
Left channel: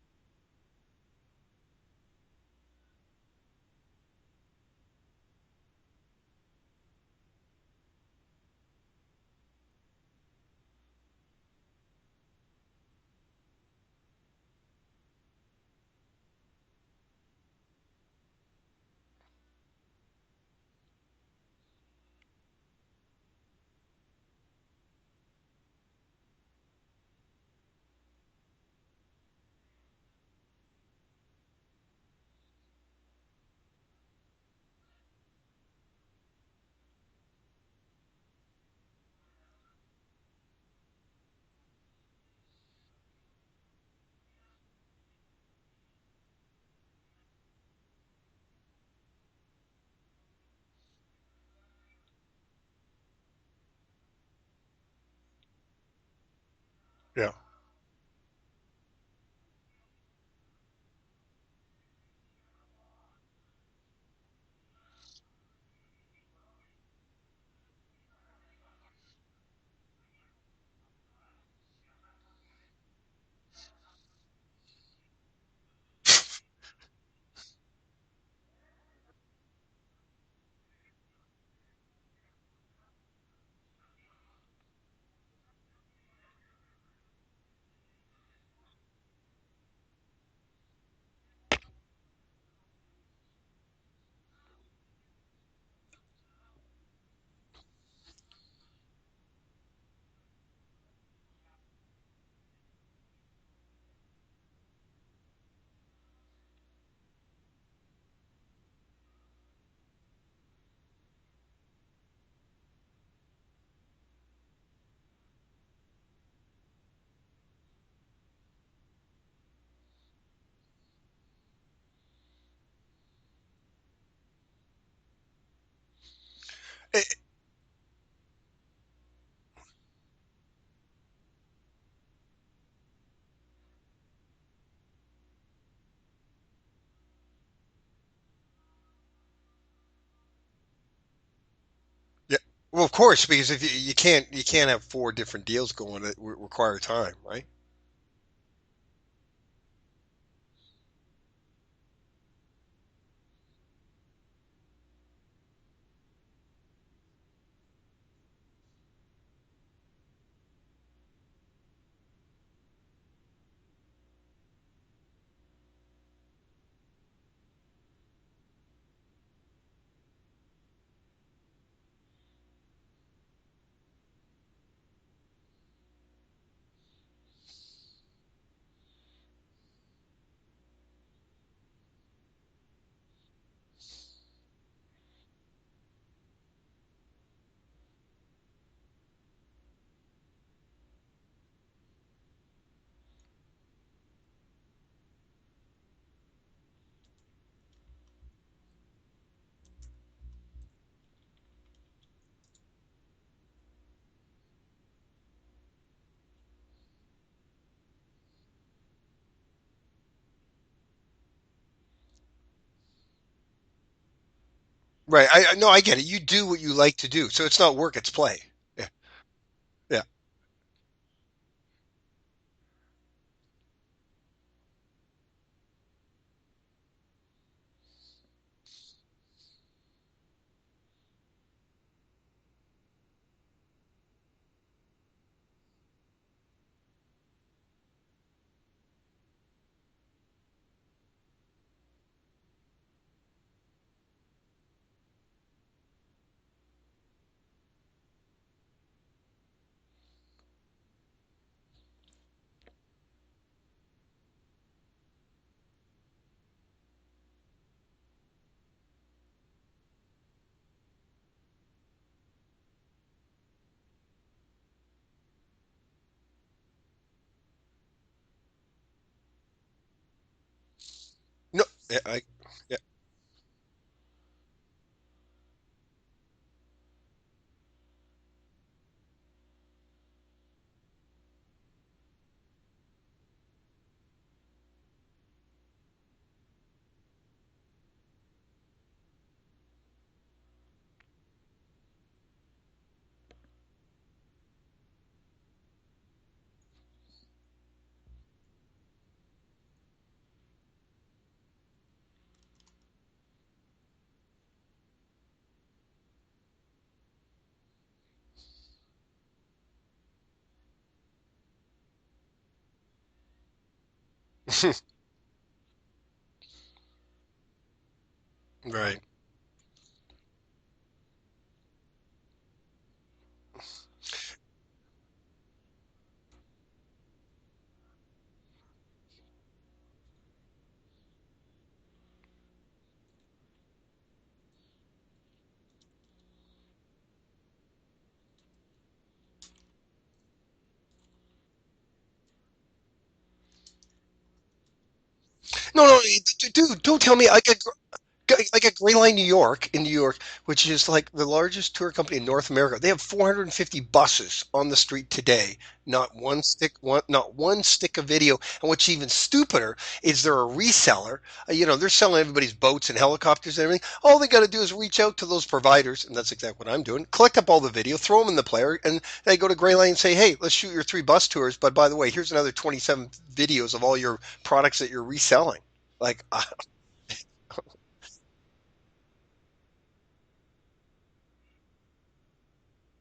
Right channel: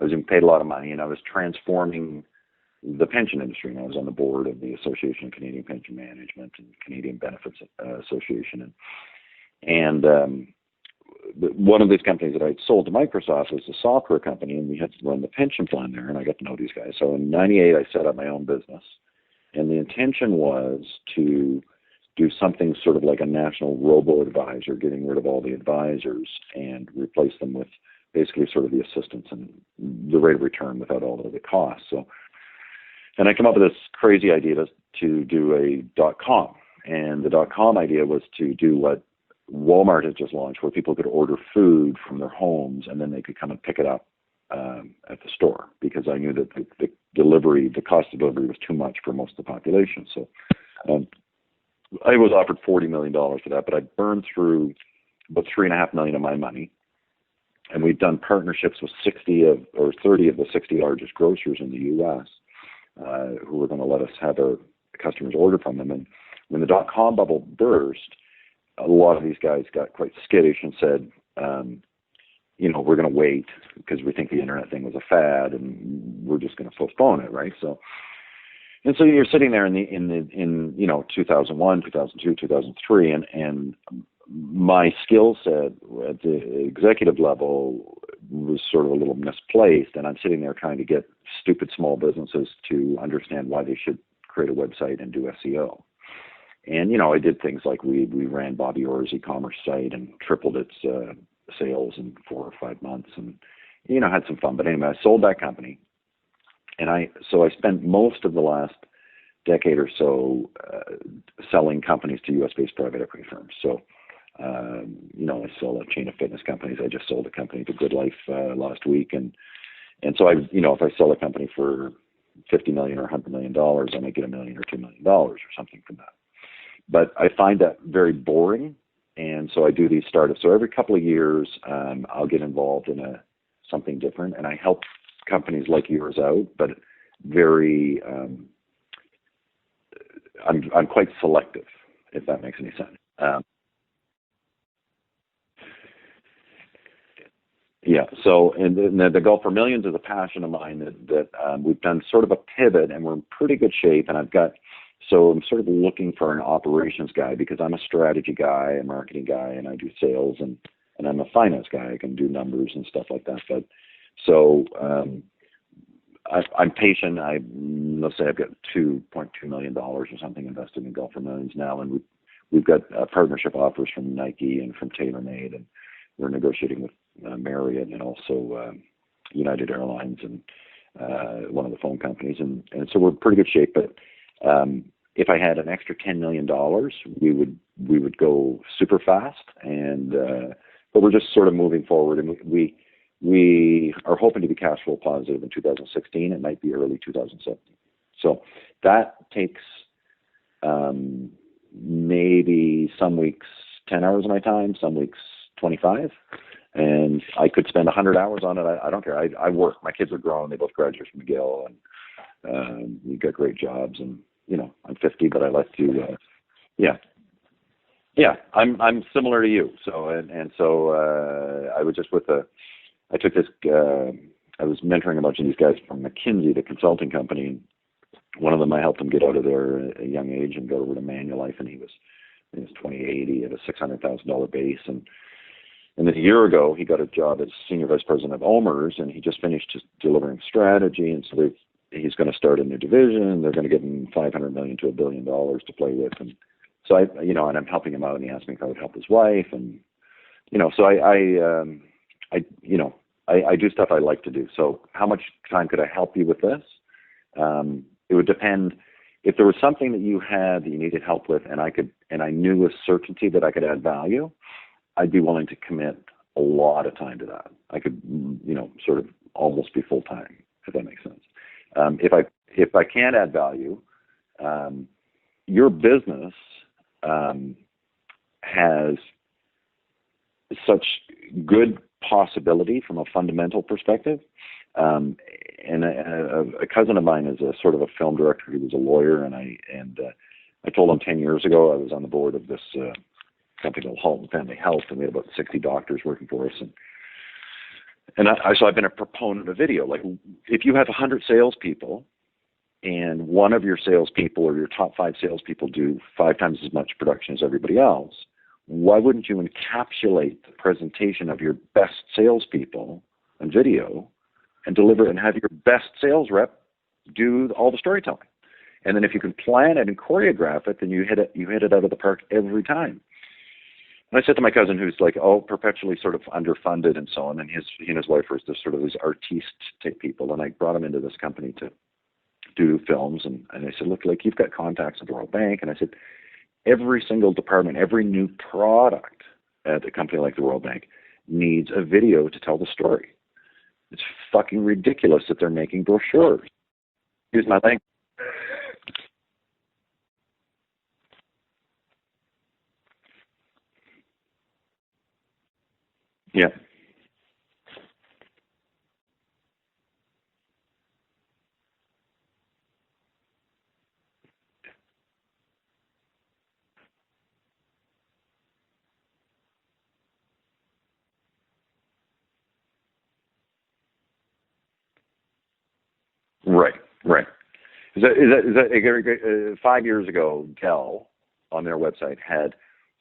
was being paid a lot of money, and I was transforming the pension industry. And I was on the board of the Association of Canadian Pension Management and Canadian Benefits Association. And one of these companies that I'd sold to Microsoft was a software company, and we had to run the pension plan there, and I got to know these guys. So in '98, I set up my own business, and the intention was to do something sort of like a national robo-advisor, getting rid of all the advisors and replace them with basically sort of the assistants and the rate of return without all of the costs. So, and I came up with this crazy idea to do a .com, and the .com idea was to do what Walmart had just launched, where people could order food from their homes and then they could come and pick it up at the store, because I knew that the cost of delivery was too much for most of the population. So I was offered $40 million for that, but I burned through about $3.5 million of my money. Yeah. And we've done partnerships with 30 of the 60 largest grocers in the U.S. Who were going to let us have our customers order from them. And when the .com bubble burst, a lot of these guys got quite skittish and said, we're going to wait because we think the internet thing was a fad, and we're just going to postpone it, right? So you're sitting there in 2001, 2002, 2003, and my skill set at the executive level was sort of a little misplaced, and I'm sitting there trying to get stupid small businesses to understand why they should create a website and do SEO. And, I did things like we ran Bobby Orr's e-commerce site and tripled its sales in 4 or 5 months, and, had some fun. But anyway, I sold that company. And I spent most of the last decade or so selling companies to U.S.-based private equity firms. So, I sell a chain of fitness companies. I just sold a company to Good Life last week. And so if I sell a company for $50 million or $100 million, I might get $1 million or $2 million or something from that. But I find that very boring, and so I do these startups. So every couple of years, I'll get involved in something different, and I help companies like yours out, but very, I'm quite selective, if that makes any sense. Well, of course, because if you can't have 4 different deals going that require time, right? Yeah. So, and the Golf for Millions is a passion of mine that we've done sort of a pivot, and we're in pretty good shape. And so I'm sort of looking for an operations guy, because I'm a strategy guy, a marketing guy, and I do sales, and I'm a finance guy. I can do numbers and stuff like that. But so I'm patient. Let's say I've got $2.2 million or something invested in Golf for Millions now, and we've got partnership offers from Nike and from TaylorMade, and we're negotiating with Marriott and also United Airlines and one of the phone companies, and so we're in pretty good shape. But if I had an extra $10 million, we would go super fast, but we're just sort of moving forward, and we are hoping to be cash flow positive in 2016. It might be early 2017. So that takes maybe some weeks 10 hours of my time, some weeks 25. And I could spend 100 hours on it. I don't care. I work. My kids are grown. They both graduated from McGill, and we've got great jobs. And I'm 50, Right. but I No, like I get to it. You do what you yeah. like to do. So it's not work, it's Yeah, play. Yeah. I'm similar to you. Yeah. So and so I was just with I took this I was mentoring a bunch of these guys from McKinsey, the consulting company. One of them, I helped him get out of there at a young age and go over to Manulife, and he was 2080 at a $600,000 base, and then a year ago he got a job as senior vice president of OMERS, and he just finished his delivering strategy, and so he's going to start a new division. They're going to give him $500 million to $1 billion to play with, and so and I'm helping him out, and he asked me if I would help his wife, and so I do stuff I like to do. So how much time could I help you with this? It would depend. If there was something that you had that you needed help with, and I knew with certainty that I could add value, I'd be willing to commit a lot of time to that. I could, sort of almost be full time, if that makes sense. No. If I can't add value, your business has such good possibility from a fundamental perspective. And a cousin of mine is a sort of a film director. He was a lawyer, and I told him 10 years ago I was on the board of this company called Halton Family Health, and we had about 60 doctors working for us. So I've been a proponent of video. Like, if you have 100 salespeople, and one of your salespeople or your top 5 salespeople do 5 times as much production as everybody else, why wouldn't you encapsulate the presentation of your best salespeople on video and deliver it and have your best sales rep do all the storytelling? Right. And then if you can plan it and choreograph it, then you hit it out of the park every time. And I said to my cousin, who's like, perpetually sort of underfunded and so on, and he and his wife are just sort of these artiste type people, and I brought him into this company to do films, and I said, look, like, you've got contacts at the World Bank, and I said, every single department, every new product at a company like the World Bank needs a video to tell the story. It's fucking ridiculous that they're making No, brochures. dude, don't tell me. I think, Like at Greyline New York in New York, which is like the largest tour company in North America. They have 450 buses on the street today. yeah, Not one stick of video. And what's even stupider is they're a reseller. They're selling everybody's boats and helicopters and everything. All they got to do is reach out to those providers, and that's exactly what I'm doing. Collect up all the video, throw them in the player, and they go to Greyline and say, "Hey, let's shoot your 3 bus tours. But by the way, here's another 27 videos of all your products that you're reselling." Like, right. Is that 5 years ago, Dell on their website had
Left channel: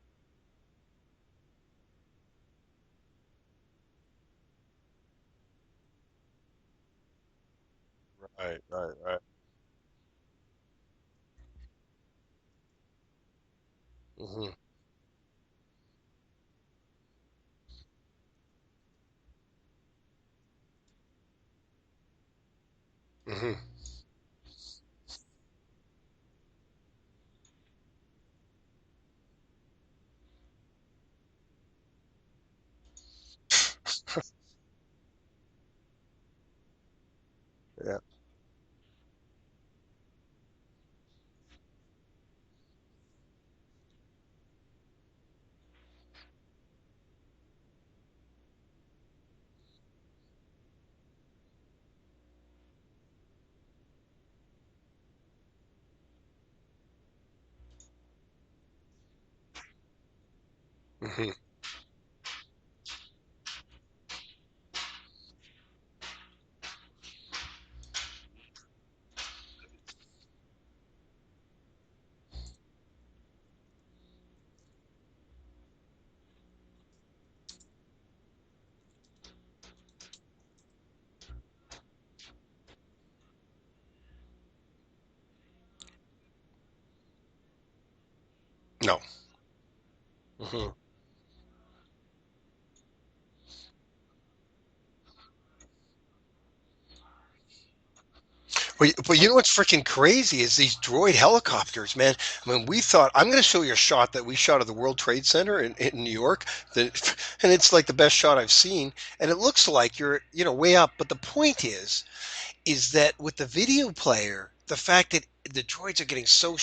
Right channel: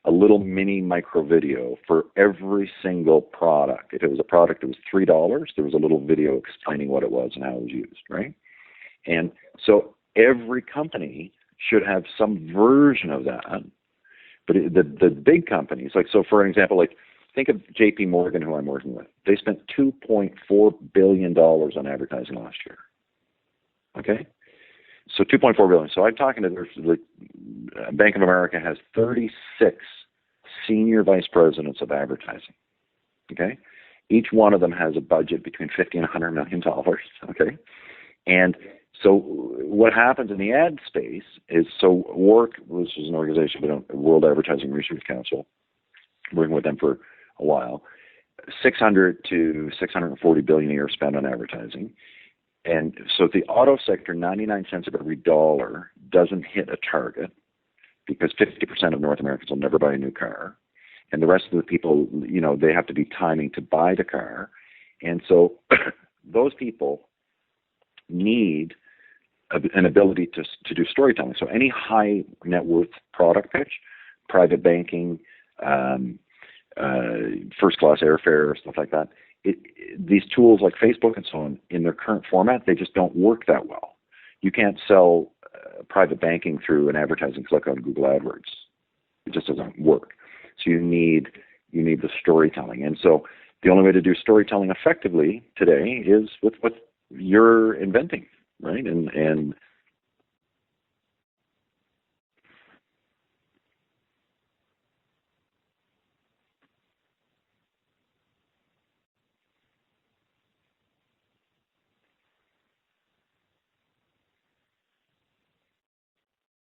a little mini micro video for every single product. If it was a product that was $3, there was a little video explaining what it was and how it was used, right? Right. And so every company should have some version of that. Mm-hmm. But the big companies, like, so for example, like, think of JP Morgan, who I'm working with. They spent $2.4 billion on advertising last year. Mm-hmm. Okay? So $2.4 billion. So I'm talking to Bank of America has 36 senior vice presidents of advertising. Okay, each one of them has a budget between $50 and $100 million. Okay, Yeah. And so what happens in the ad space is, so WARC, which is an organization, World Advertising Research Council, working with them for a while, 600 to 640 billion a year spent on advertising. And so the auto sector, 99 cents of every dollar doesn't hit a target, because 50% of North Americans will never buy a new car. Mm-hmm. And the rest of the people, they have to be timing to buy the car. And so those people need an ability to do storytelling. So any high net worth product pitch, private banking, first class airfare, stuff like that, these tools like Facebook and so on, in their current format, they just don't work that well. You can't sell private banking through an advertising click on Google AdWords. No, it just doesn't work. Mm-hmm. So you need the storytelling, and so the only way to do storytelling effectively today is with what you're inventing. Right? But you know what's freaking crazy is these droid helicopters, man. I mean, we thought, I'm going to show you a shot that we shot of the World Trade Center in New York, and it's like the best shot I've seen, and it looks like you're way up. But the point is that with the video player, the fact that the droids are getting so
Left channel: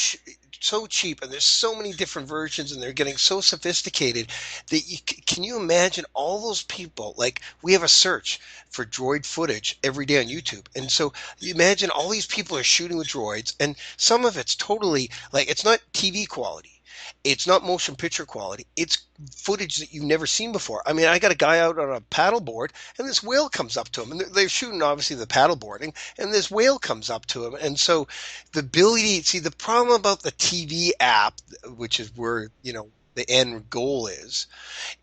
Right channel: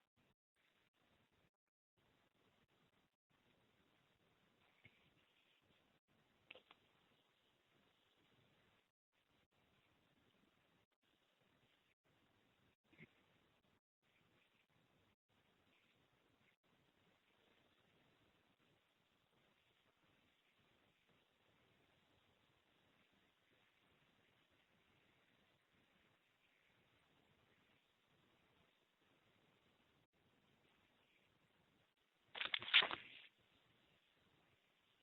so cheap, and there's so many different versions, and they're getting so sophisticated that can you imagine all those people? Like, we have a search for droid footage every day on YouTube, and so you imagine all these people are shooting with droids, and some of it's totally like it's not TV quality. It's not motion picture quality. It's footage that you've never seen before. I mean, I got a guy out on a paddleboard, and this whale comes up to him, and they're shooting obviously the paddleboarding, and this whale comes up to him, and so the ability. See, the problem about the TV app, which is where the end goal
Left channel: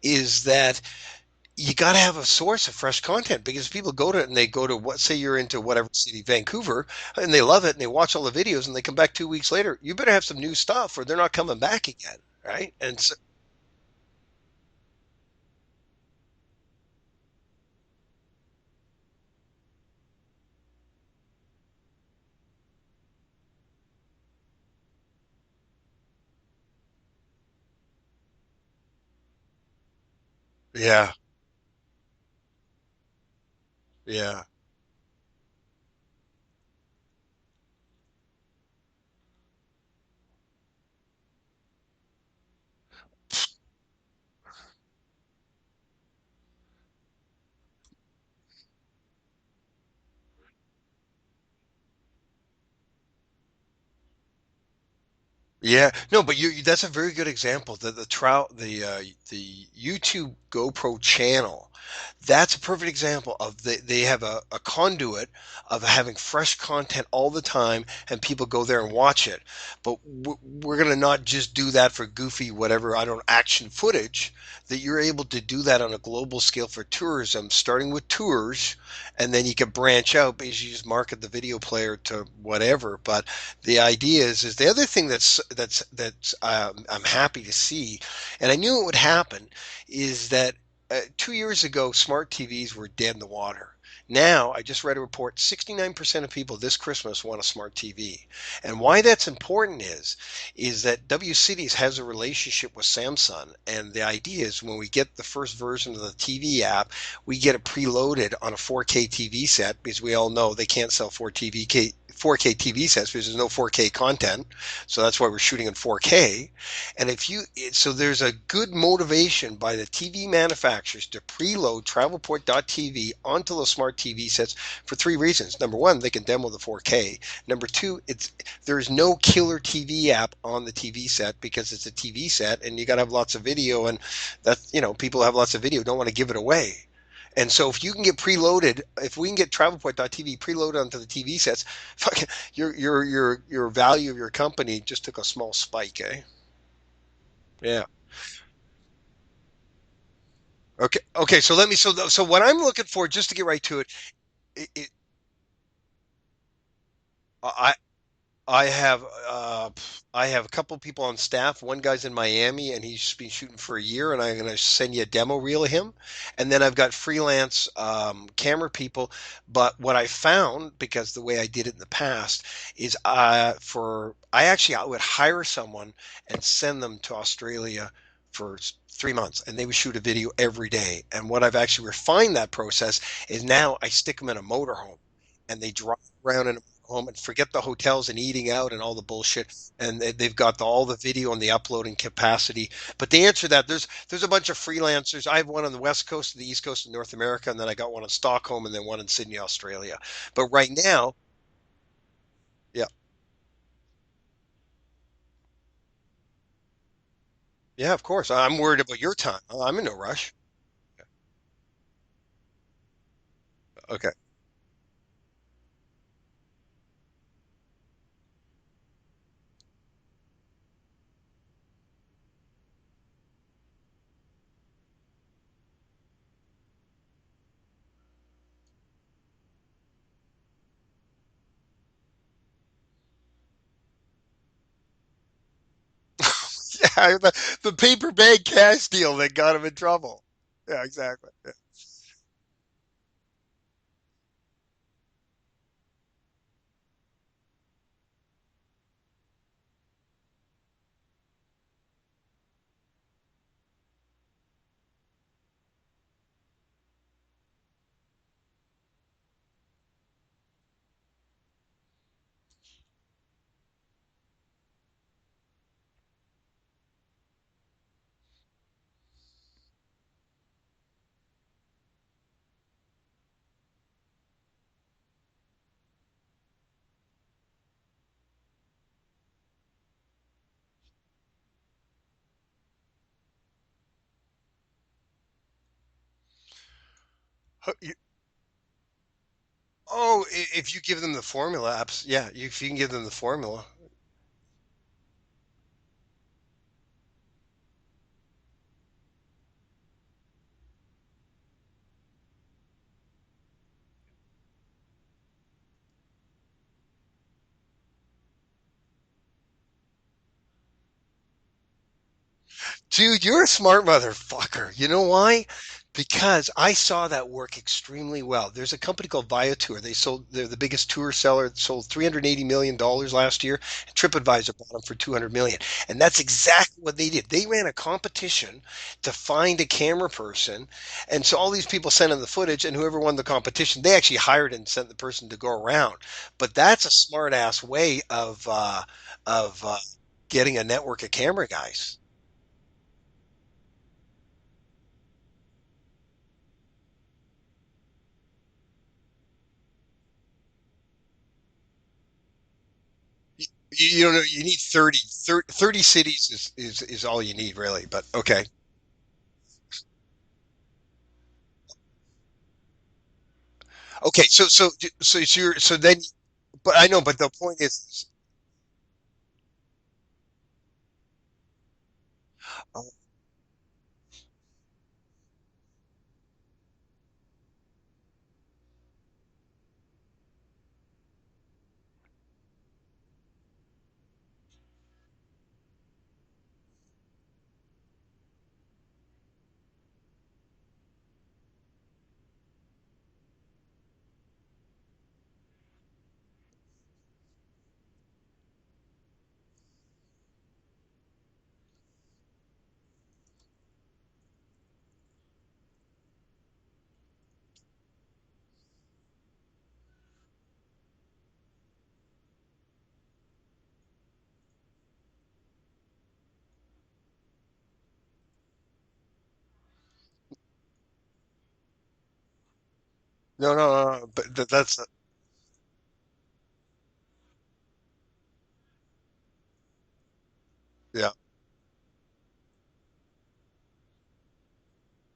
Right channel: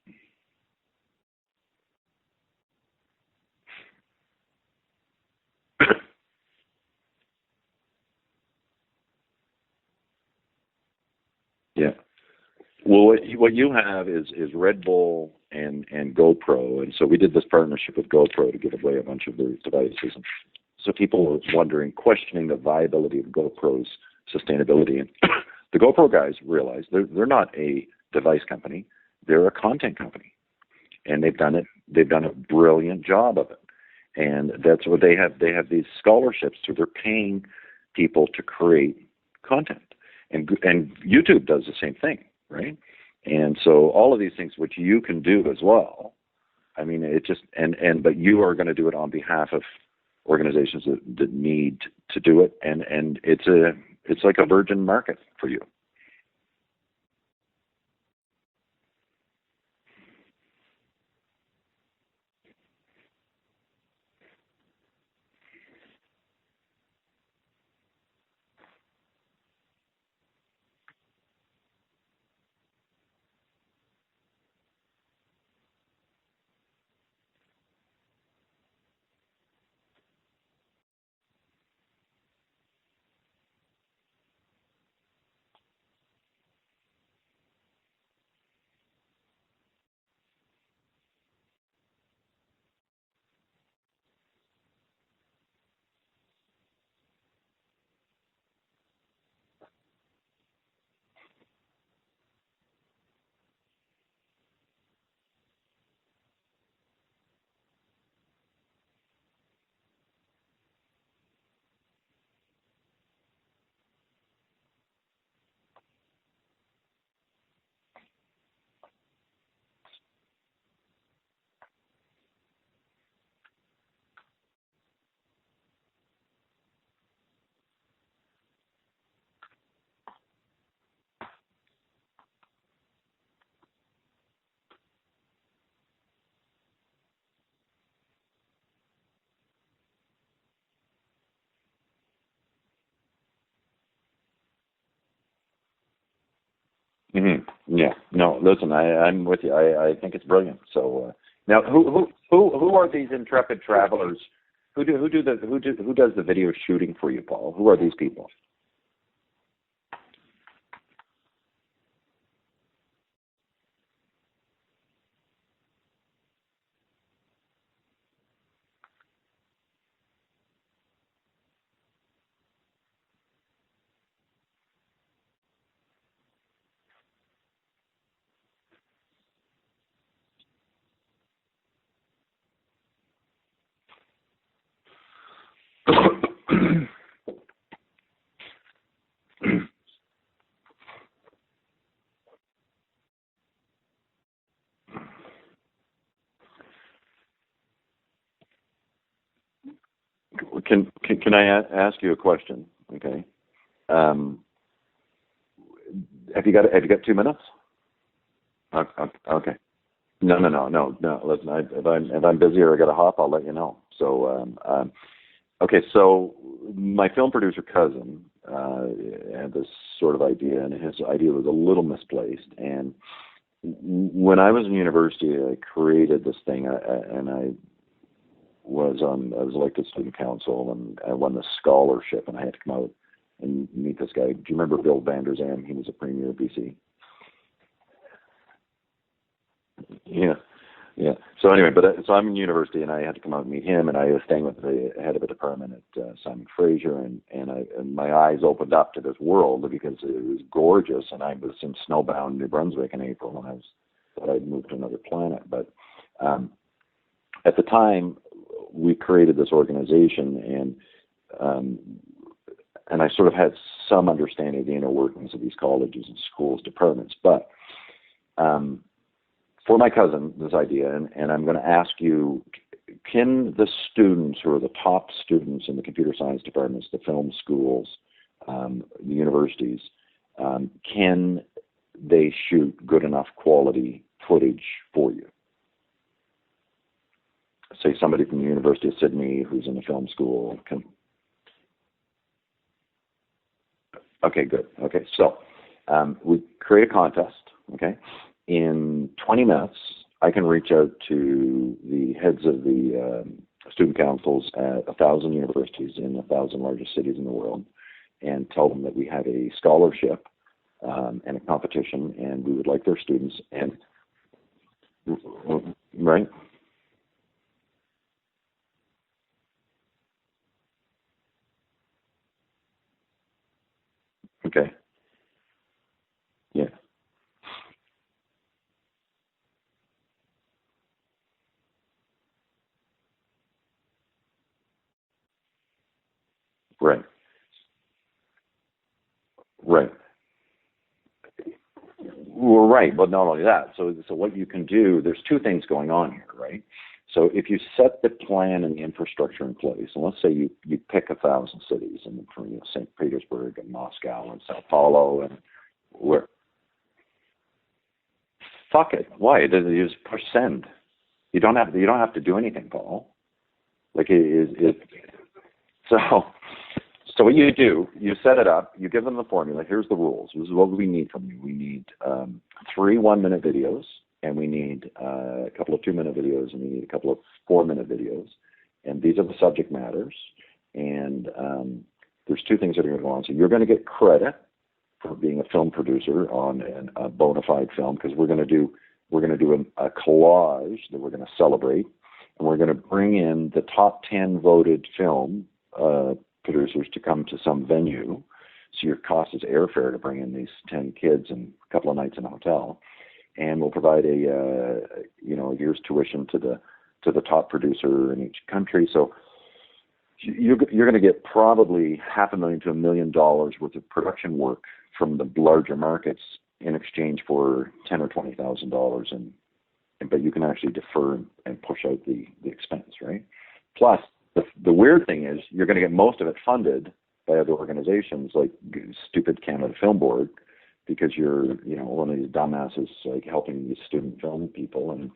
is that you got to have a source of fresh content because people go to it and they go to what say you're into whatever city, Vancouver, and they love it and they watch all the videos and they come back 2 weeks later. You better have some new stuff or they're not coming back Yeah. again, right? And Well, so what you have is Red Bull and GoPro, and so we did this partnership with GoPro to give away a bunch of their devices. And so people were wondering, questioning the viability of GoPro's sustainability, and the GoPro guys realized they're not a device company, they're a content company, yeah, and they've done it. They've done a brilliant job of it, yeah, and that's what they have. They have these scholarships, so they're paying people to create content, and YouTube does the same thing, right? And so all of these things which you can do as well. I mean, it just but you are going to do it on behalf of organizations that need to do it, and it's like a virgin market for you. yeah. No, but that's a very good example. The YouTube GoPro channel. That's a perfect example of they have a conduit of having fresh content all the time, and people go there and watch it. But we're gonna not just do that for goofy whatever I don't action footage. That you're able to do that on a global scale for tourism, starting with tours, and then you can branch out because you just market the video player to whatever. But the idea is the other thing that's I'm happy to see, and I knew it would happen, is that 2 years ago smart TVs were dead in the water. Now, I just read a report 69% of people this Christmas want a smart TV. And why that's important is that W Cities has a relationship with Samsung. And the idea is when we get the first version of the TV app, we get it preloaded on a 4K TV set because we all know they can't sell 4K TV sets because there's no 4K content. So that's why we're shooting in 4K. And so there's a good motivation by the TV manufacturers to preload Travelport.tv onto the smart TV sets for three reasons. Number one, they can demo the 4K. Number two, there's no killer TV app on the TV set because it's a TV set and you got to have lots of video, and people have lots of video, don't want to give it away. And so if you can get preloaded, if we can get Travelport.tv preloaded onto the TV sets, fuck, your value of your company just took a small spike, eh? Mm-hmm. Yeah. Yeah. No, listen, I'm with you. I think it's brilliant. So Okay. Okay. So now, let me. So what I'm who looking are for, these just to get intrepid right to it, travelers? it Who does the video shooting for you, Paul? Who I are these people? I have I have a couple people on staff. One guy's in Miami and he's been shooting for a year, and I'm going to send you a demo reel of him. And then I've got freelance camera people. But what I found, because the way I did it in the past, is I would hire someone and send them to Australia for 3 months, and they would shoot a video every day. And what I've actually refined that process is now I stick them in a motorhome and they drive around in a motorhome and forget the hotels and eating out and all the bullshit. And they've got all the video and the uploading capacity. But to answer that, there's a bunch of freelancers. I have one on the West Coast, the East Coast of North America, and then I got one in Stockholm, and then one in Sydney, Australia. But right now, Can I ask you a question? yeah, Okay. Um, have you got 2 minutes? yeah, of course. I'm worried about your time. Okay. I'm in no rush. No. Listen, if I'm busy or I got to hop, I'll let you know. Okay. So okay, so my film producer cousin had this sort of idea, and his idea was a little misplaced. And when I was in university, I created this thing, and I was elected student council, and I won the scholarship, and I had to come out and meet this guy. Do you remember Bill Vander Zalm? He was a premier of BC. Yeah, the paper bag cash deal that got him in trouble. Yeah. Yeah, exactly. Yeah. So anyway, so I'm in university, and I had to come out and meet him, and I was staying with the head of a department at Simon Fraser, and my eyes opened up to this world because it was gorgeous, and I was in snowbound New Brunswick in April, and thought I'd moved to another planet. But at the time, we created this organization, and and I sort of had some understanding of the inner workings of these colleges and schools departments. But for my cousin, this idea, and I'm going to ask you, can the students who are the top students in the computer science departments, the film schools, the universities, can they shoot good enough quality footage for you? Say somebody from the University of Sydney who's in the film Oh, school. if you give them the formula, yeah, if you can give them the formula. Okay, good. Okay, so we create a contest. Okay, in 20 minutes, I can reach out to the heads of the student councils at 1,000 universities in 1,000 largest cities in the world, and tell them that we have a scholarship and a competition, and we would like their Dude, students. you're a smart motherfucker. You know why? Right? Because I saw that work extremely well. There's a company called Viator. They're the biggest tour seller. It sold $380 million last year. And TripAdvisor Okay. bought them for $200 million. And that's Right. exactly what they did. They ran a competition to find a camera person. And so all these people sent in the footage, and whoever won the competition, they actually hired and sent the person to go around. But that's a Right. smart ass way of Right. getting a network of camera guys. Well, right. But not only that. So what you can do, there's two things going on here, right? So if you set the plan and the infrastructure in place, and let's say you pick 1,000 cities, and from St. Petersburg and You don't know, Moscow and you need Sao 30, Paulo and 30 where, cities is all you need really, but okay. fuck it. Why? You just push send. You don't have to do anything, Paul. Like Okay, so so it's so it's your so then so. but I know, but So the what you point do, is you set it up, you give them the formula. Here's the rules. This is what we need from you. We need 3 1-minute videos, and we need a couple of 2-minute videos, and we need a couple of 4-minute videos. And these are the subject matters. And there's two things that are going to go on. So you're going to get credit for being a film producer on a bona fide film, because we're going to do a collage that we're going to celebrate, and we're going to bring in the top 10 voted film producers to come to some venue. So your cost is airfare to bring in these 10 kids and a couple of nights in a hotel, and we'll provide a year's tuition to the top producer in each country. So you're going to get probably $500,000 to $1 million worth of production work from the larger markets in exchange for $10,000 or $20,000, but you can actually defer and push out the expense, right? no, Plus, but the weird thing is you're going to get most of it funded by other organizations like stupid Canada Film Board, yeah. because you're one of these dumbasses like helping these student film people and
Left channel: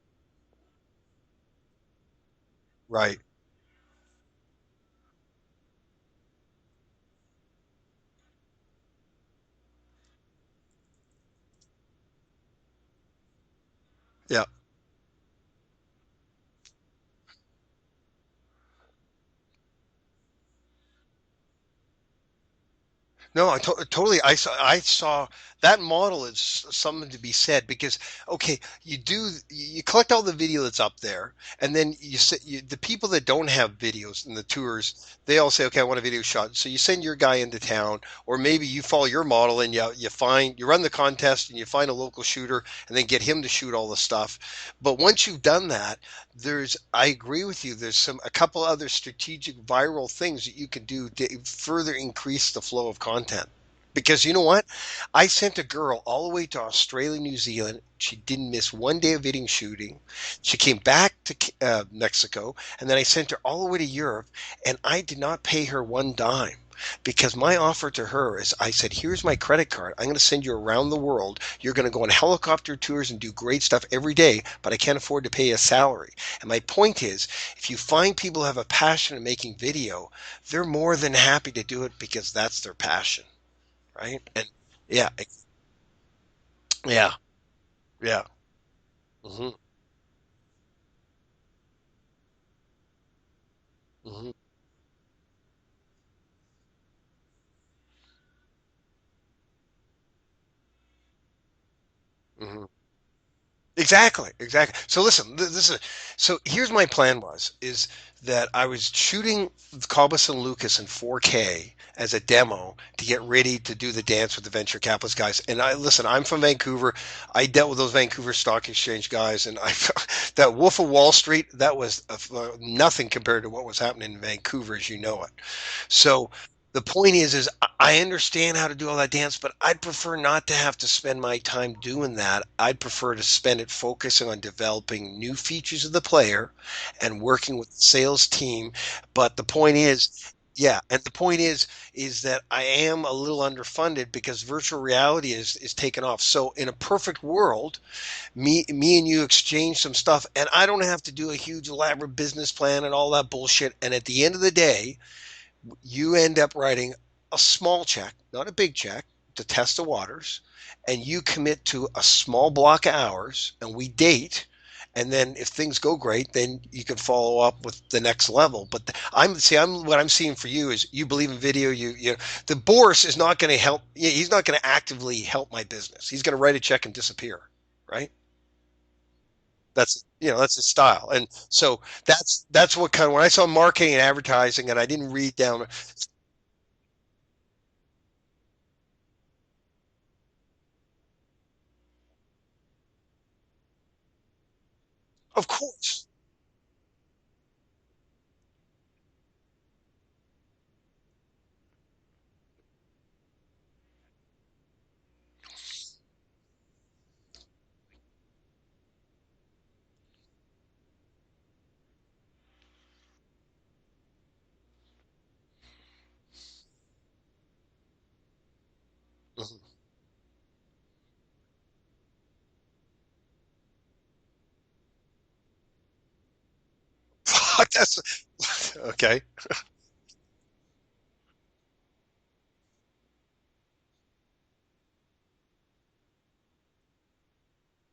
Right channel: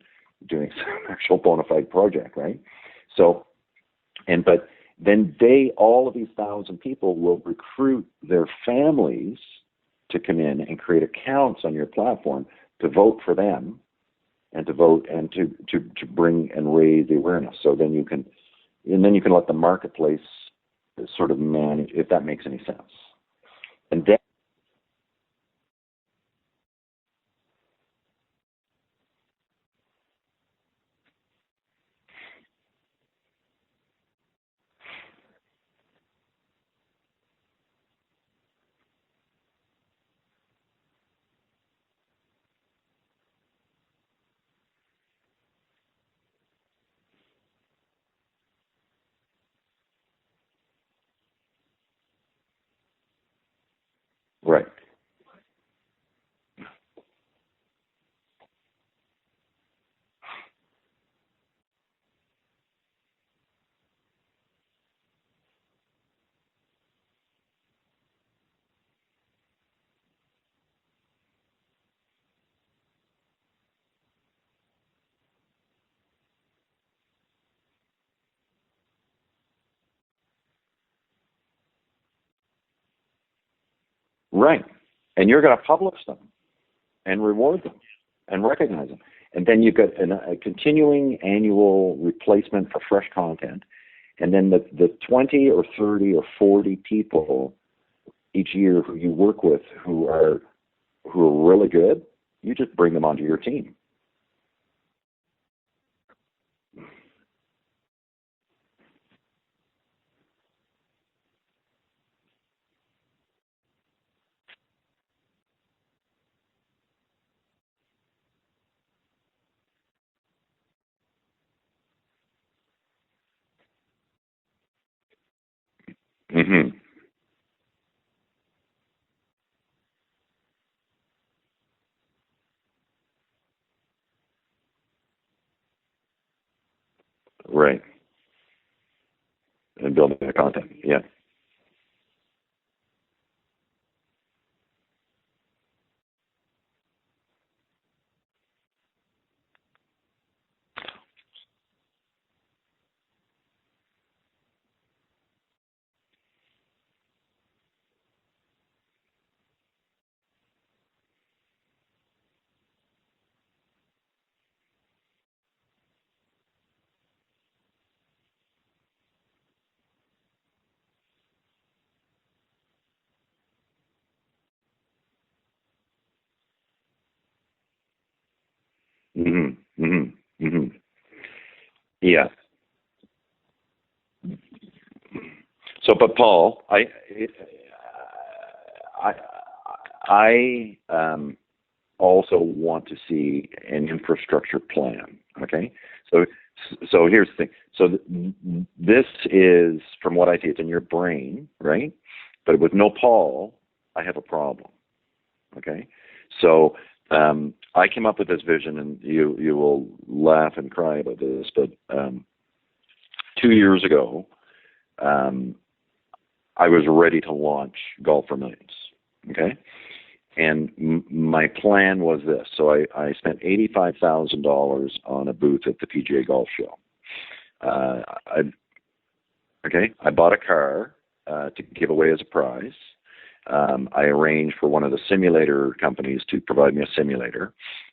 doing some actual bona fide project, right? Right. So, but then all of these 1,000 people will recruit their families to come in and create accounts on your platform to vote for them. Yeah. And to vote and to bring and raise the awareness. So then you can let the marketplace sort of manage, if that makes any sense. No, And totally. I saw that model is something to be said because okay, you collect all the video that's up there, and then the people that don't have videos in the tours, they all say, okay, I want a video shot. So you send your guy into town, or maybe you follow your model and you run the contest and you find a local shooter and then get him to shoot all the stuff. But once you've done that, I agree with you. There's a couple other strategic viral things that you can do to further increase the flow of content. Because you know what? right, I sent a girl all the way to Australia, New Zealand. She didn't miss one day of video shooting. She came back to Mexico, and then I sent her all the way to Europe, and I did not pay her one dime. Because my offer to her is I said, here's my credit card. I'm going to send you around the world. You're going to go on helicopter tours and do great stuff every day, but I can't afford to pay a salary. And my point is, if you find people who have a passion in making video, they're more than happy to do it because that's their passion, right? And right. yeah, And you're going to publish them yeah, and reward them yeah. and recognize them. And Hmm. then you've got a continuing annual replacement for fresh content. Hmm. And then the 20 or 30 or 40 people each year who you work with who are really good, you Hmm. just bring them onto your team. Exactly. So listen, so here's my plan is that I was shooting Cobus and Lucas in 4K as a demo to get ready to do the dance with the venture capitalist guys. And listen, I'm from Vancouver. I dealt with those Vancouver Stock Exchange guys, and I that Wolf of Wall Street, that was nothing compared to what was happening in Vancouver as you know it. So Hmm. the point is I understand how to do all that dance, but I'd prefer not to have to spend my time doing that. I'd prefer to spend it focusing on developing new features of the player and working with the Right. sales team. But the point And is, building the content. yeah, Yeah. and the point is that I am a little underfunded because virtual reality is taken off. So in a perfect world, me and you exchange some stuff, and I don't have to do a huge elaborate business plan and all that bullshit. And at the end of the day, you end up writing a small check, not a big check, to test the waters, and you commit to a small block of hours, and we date. And then if things go great, then you can follow up with the next level. But I'm what I'm seeing for you is you believe in video. The Boris is not going to help. He's not going to actively help my business. He's going to write a check and disappear, right? Hmm. That's Hmm. that's his Hmm. style. And so Yeah. that's what kind of, when I saw marketing and advertising and I didn't read down. So, but Paul, I, I also want to see an infrastructure plan. Of Okay, course. so so here's the thing. So this is, from what I see, it's in your brain, right? But with no Paul, I have a problem. Okay, so I came up with this vision, and you will laugh and cry about this, but 2 years ago, um, I was ready to launch Golf for Millions. Okay, and my plan was this. So I spent $85,000 on a booth at the PGA Golf Show. That's, I okay. Okay, I bought a car to give away as a prize. I arranged for one of the simulator companies to provide me a simulator.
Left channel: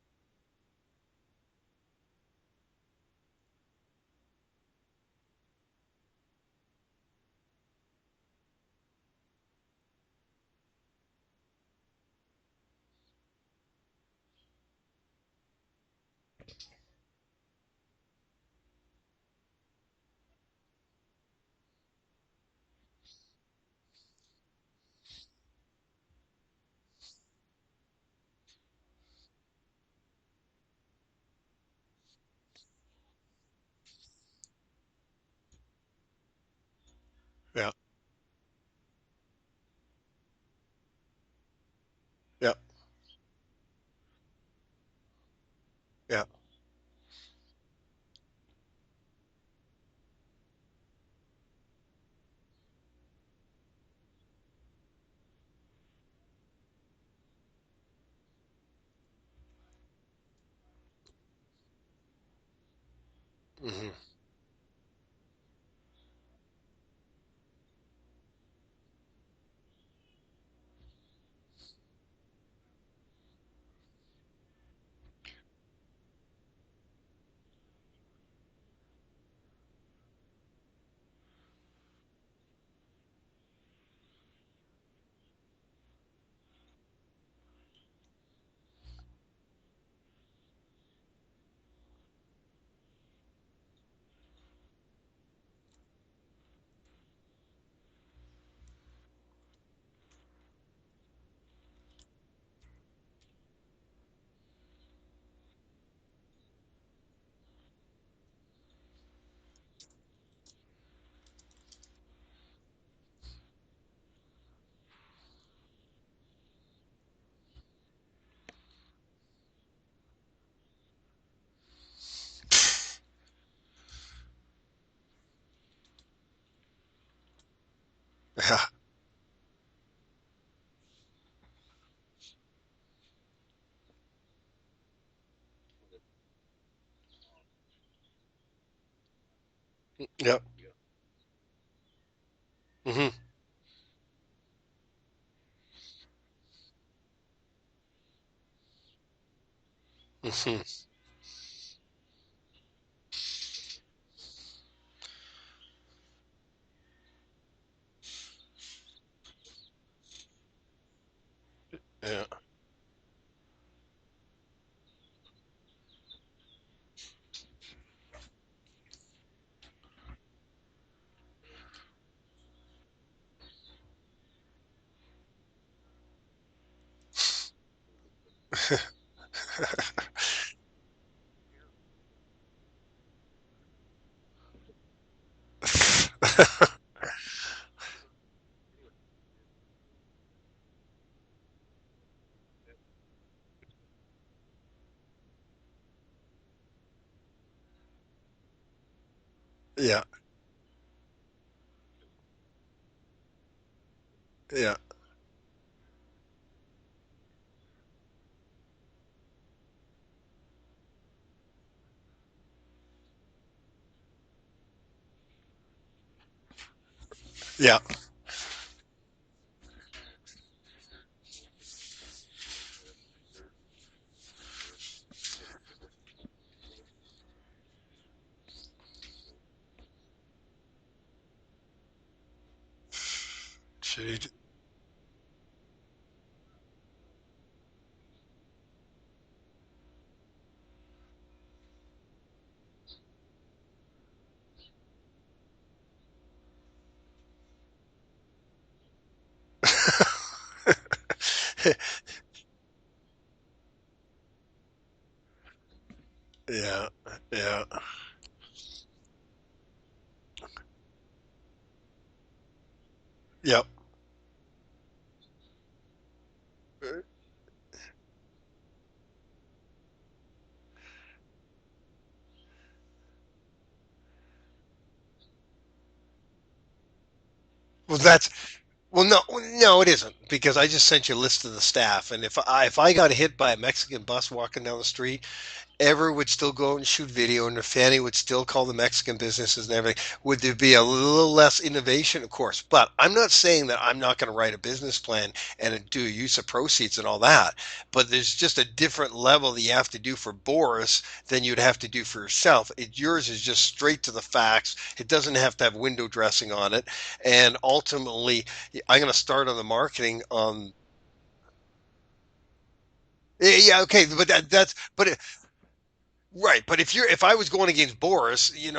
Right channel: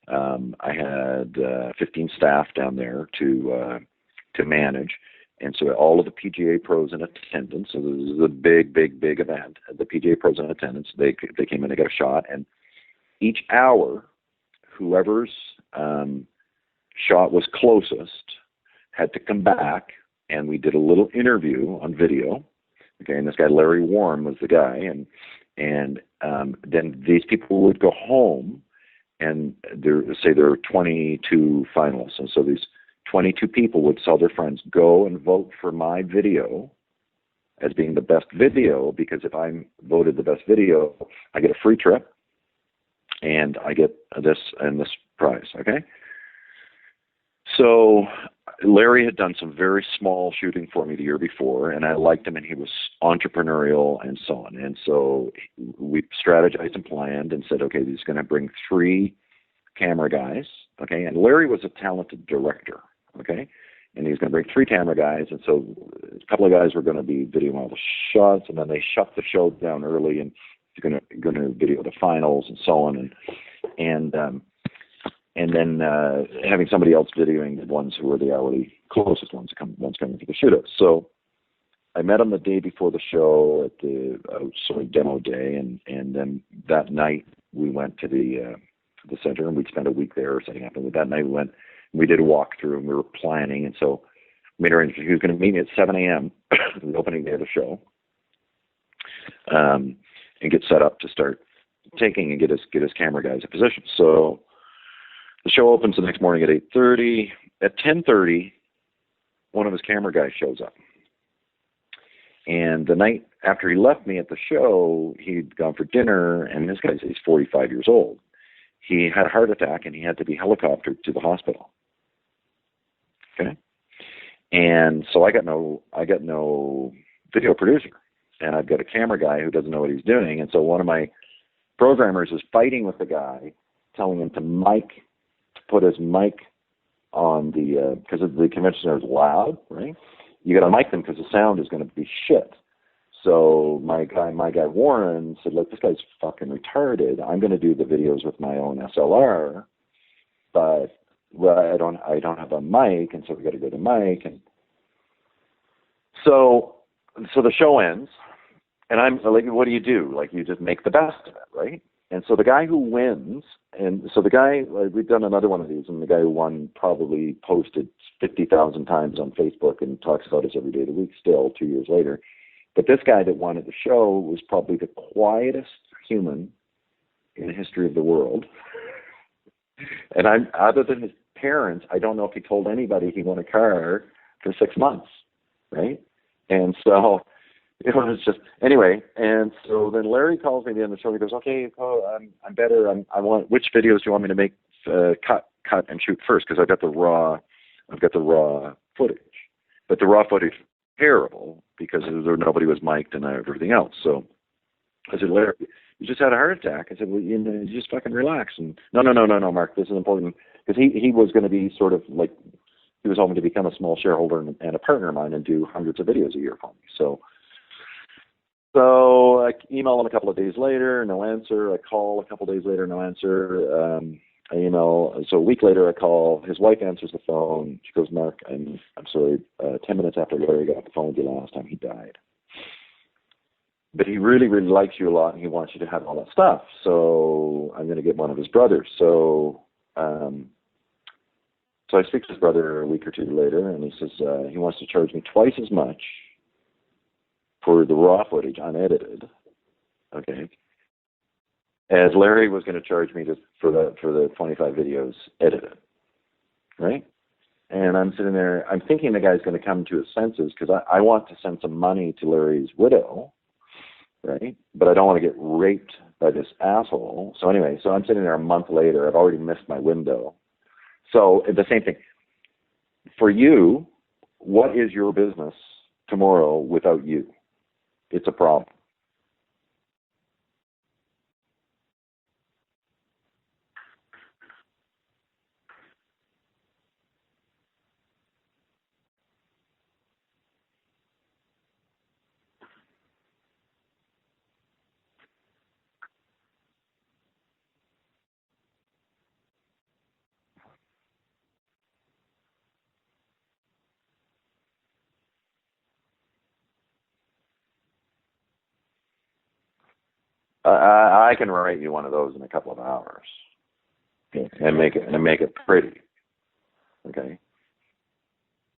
I had 15 staff down there to manage, and so all of the PGA pros in attendance. So this is a big, big, big event. The PGA pros in attendance. They came in to get a shot, and each hour, whoever's shot was closest had to come back, and we did a little interview on video. Okay, and this guy Larry Warren was the guy, and then these people would go home, and there are 22 finalists, and so these 22 people would tell their friends, go and vote for my video Yeah. as being the best video, because if I'm voted the best video, I get a free trip, Yeah. and I get this and this prize. Okay. Yeah. So Larry had done some very small shooting for me the year before, and I liked him, and he was entrepreneurial and so on. And so we strategized and planned and said, okay, he's going to bring 3 camera guys. Okay. And Larry was a talented director. Okay. Hmm. And he's going to bring 3 camera guys. And so a couple of guys were going to be videoing all the shots, and then they shut the show down early, and he's going to video the finals and so on. And then having somebody else videoing the ones who were the hourly closest ones coming to the shootout. So I met him the day before the show at the sort of demo day, and then that night we went to the center, and we'd spent a week there setting up. And that night we went, and we did a walkthrough, and we were planning, and so we made arrangements. He was going to meet me at 7 a.m. the opening day of the show, and get set up to start taking and get his camera guys in position. So the show opens the next morning at 8:30. At 10:30, one of his camera guys shows up. And the night after he left me at the show, he'd gone for dinner, and this guy's, he's 45 years old. He had a heart attack, and he had to be helicoptered to the hospital. Okay. And so I got no video producer, and Yeah. I've got a camera guy who doesn't know what he's doing. And so one of my programmers is fighting with the guy, telling him to put his mic on the because the convention center is loud, right? Yep. You got to mic them because the sound is going to be shit. Hmm. So my guy Warren said, "Look, this guy's fucking retarded. I'm going to do the videos with my own SLR, Hmm. but I don't have a mic, and so we got to get a mic." And so the show ends, and I'm like, "What do? Like, you just make the best of it, right?" Yeah. And so the guy who wins and so the guy, we've done another one of these, and the guy who won probably posted 50,000 times on Facebook and talks about us every day of the week still 2 years later. But this guy that won at the show was probably the quietest human in the history of the world. And other than his parents, I don't know if he told anybody he won a car for 6 months. Right? And so it was just anyway. And so then Larry calls me at the end of the show. He goes, "Okay, I'm better. I want, which videos do you want me to make? Cut and shoot first, because I've got the raw footage. Yeah. But the raw footage terrible because nobody was mic'd and everything else. So Yeah. I said, Larry, you just had a heart attack. I said, well, you just fucking relax. And no, Mark, this is important, because he was going to be sort of like, he was hoping to become a small shareholder and a partner of mine and do hundreds of videos a year for me. So Yeah. So I email him a couple of days later, no answer. I call a couple of days later, no answer. I email. So a week later, I call. His wife answers the phone. She goes, "Mark, I'm sorry. 10 minutes after Larry got off the phone with you last time, he died. But he really, really likes you a lot, and he wants you to have all that stuff. So I'm going to get one of his brothers." So I speak to his brother a week or two later, and he says he wants to charge me twice as much for the raw footage unedited, okay, as Larry was going to charge me for the 25 videos edited. Yeah. Right? Yeah. And I'm sitting there, I'm thinking the guy's going to come to his senses, because I want to send some money to Larry's widow. Yep. Right? But I don't want to get raped by this asshole. So anyway, so I'm sitting there a month later. I've already missed my window. So the same thing. For you, what is your business tomorrow without you? Well, that's a problem. Well, no, it isn't, because I just sent you a list of the staff, and if I got hit by a Mexican bus walking down the street, Ever would still go out and shoot video, and Fanny would still call the Mexican businesses and everything. Would there be a little less innovation? Of course. But I'm not saying that I'm not going to write a business plan and do a use of proceeds and all that. But there's just a different level that you have to do for Boris than you'd have to do for yourself. Yours is just straight to the facts. It doesn't have to have window dressing on it. And ultimately, I'm going to start on the marketing on. I can write you one of those in a couple of hours. Yeah, okay, but that's and make it pretty. Right, but if I was going against Boris, you